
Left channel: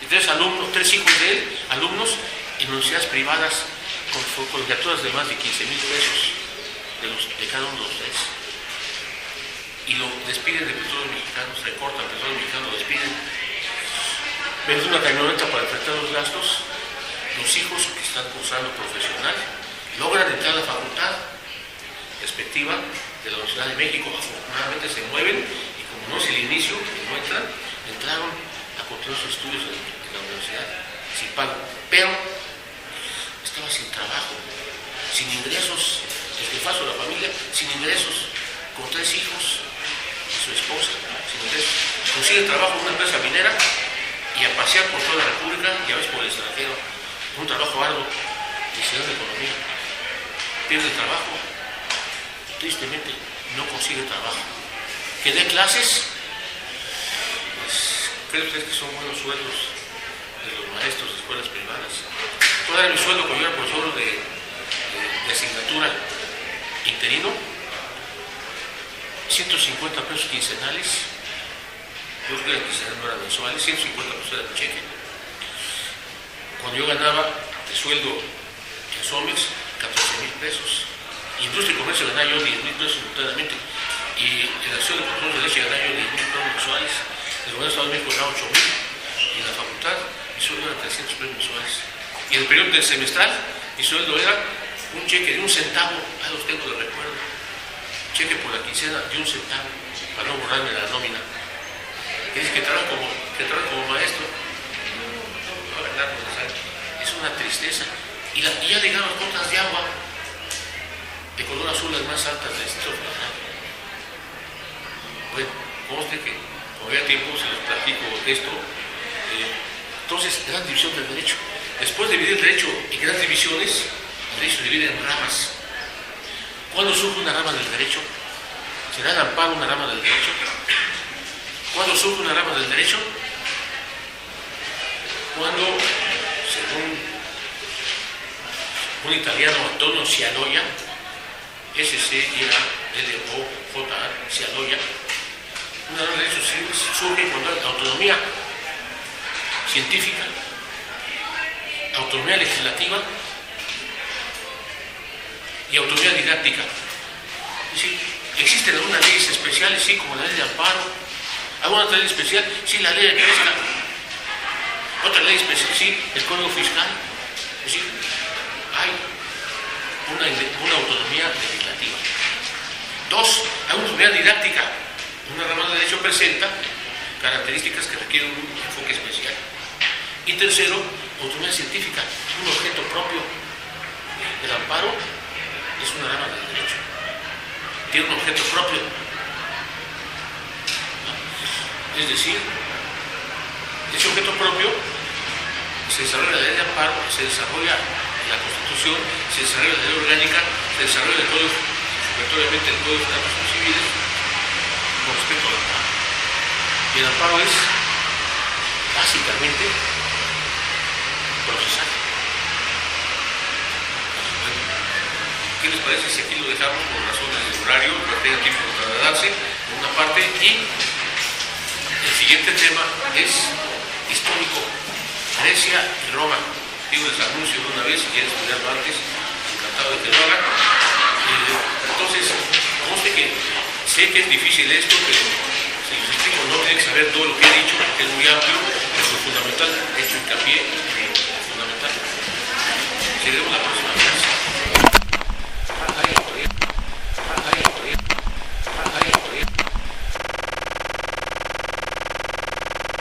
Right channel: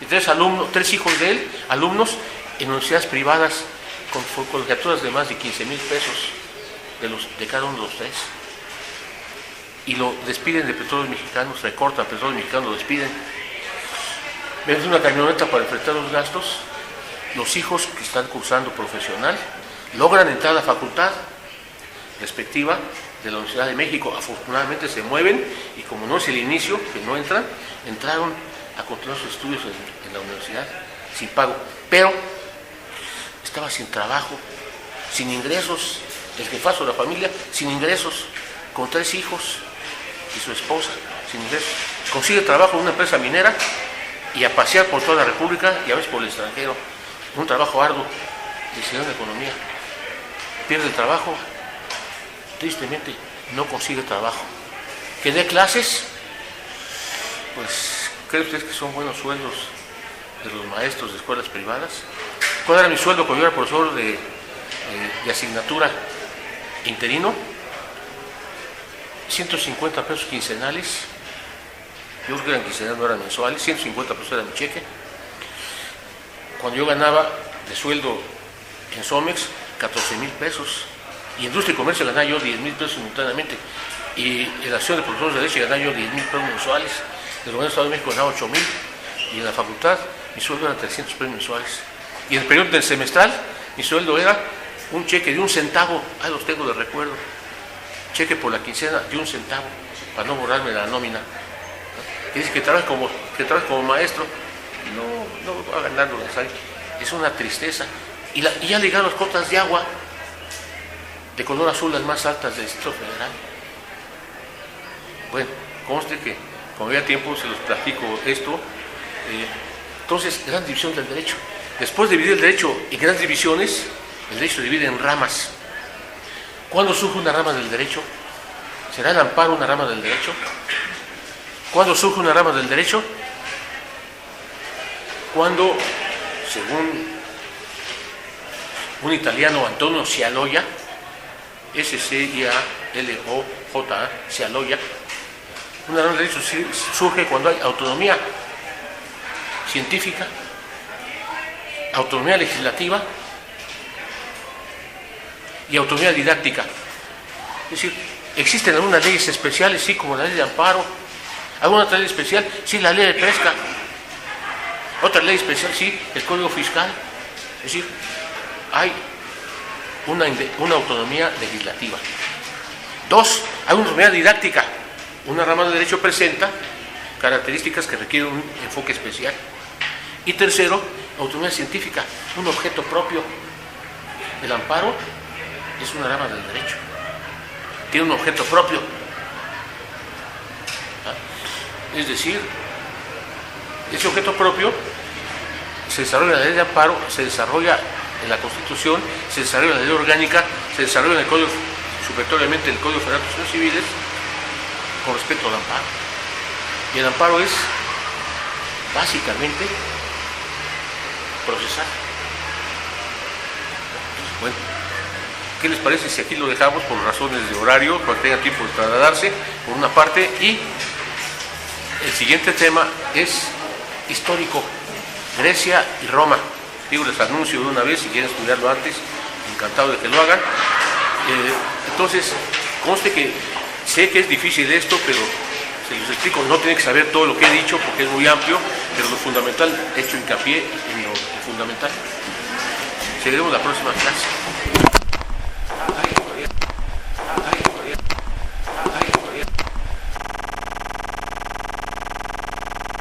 y 3 hijos de él, alumnos en universidades privadas, con colegiaturas de más de 15,000 pesos de cada uno de los 3. Y lo despiden de Petróleos Mexicanos, recortan Petróleos Mexicanos, lo despiden. Venden una camioneta para enfrentar los gastos. Los hijos que están cursando profesional logran entrar a la facultad respectiva de la Universidad de México. Afortunadamente se mueven y como no es el inicio, que no entraron a continuar sus estudios en la universidad sin pago. Pero estaba sin trabajo, sin ingresos, el jefazo de la familia, sin ingresos, con 3 hijos y su esposa, sin ingresos. Consigue trabajo en una empresa minera y a pasear por toda la República y a veces por el extranjero. Un trabajo arduo, licenciado en economía. Pierde el trabajo, tristemente no consigue trabajo. Que dé clases, pues, ¿cree usted que son buenos sueldos de los maestros de escuelas privadas? ¿Cuál era mi sueldo cuando yo era profesor de asignatura interino? 150 pesos quincenales. Yo creo que eran quincenales, no eran mensuales. 150 pesos era mi cheque. Cuando yo ganaba de sueldo en Somex 14,000 pesos. Y Industria y Comercio ganaba yo 10,000 pesos simultáneamente. Y en la acción de profesores de leche ganaba yo 10,000 pesos mensuales. En el gobierno del Estado de México ganaba 8,000. Y en la facultad mi sueldo era 300 pesos mensuales. Y en el periodo del semestral, mi sueldo era un cheque de 1 centavo, ahí los tengo de recuerdo, cheque por la quincena de 1 centavo, para no borrarme la nómina. Que dice que trabaja como maestro, no va a ganar lo necesario. Es una tristeza. Y ya le llegaron las cotas de agua, de color azul, las más altas del Distrito Federal. Bueno, conste que, como había tiempo, se los platico esto. Entonces, gran división del derecho. Después de dividir el derecho en grandes divisiones, el derecho se divide en ramas. ¿Cuándo surge una rama del derecho? ¿Será el amparo una rama del derecho? ¿Cuándo surge una rama del derecho? Cuando, según un italiano, Antonio Scialoja, S-C-I-A-L-O-J-A, Scialoja, una rama del derecho surge cuando hay autonomía científica, autonomía legislativa y autonomía didáctica. Es decir, existen algunas leyes especiales, sí, como la ley de amparo, alguna otra ley especial, sí, la ley de pesca, otra ley especial, sí, el Código Fiscal. Es decir, hay una autonomía legislativa. 2, hay una autonomía didáctica. Una rama de derecho presenta características que requieren un enfoque especial. Y tercero, autonomía científica, un objeto propio. El amparo es una rama del derecho, tiene un objeto propio. Es decir, ese objeto propio se desarrolla en la ley de amparo, se desarrolla en la Constitución, se desarrolla en la ley orgánica, se desarrolla en el Código, supletoriamente en el Código Federal de Procedimientos Civiles, con respecto al amparo. Y el amparo es básicamente procesar. Bueno, ¿qué les parece si aquí lo dejamos por razones de horario, para que tenga tiempo de trasladarse, por una parte? Y el siguiente tema es histórico, Grecia y Roma. Digo, les anuncio de una vez, si quieren estudiarlo antes, encantado de que lo hagan. Entonces, conste que sé que es difícil esto, pero se los explico, no tienen que saber todo lo que he dicho porque es muy amplio, pero lo fundamental, he hecho hincapié en lo fundamental. Seguiremos la próxima clase.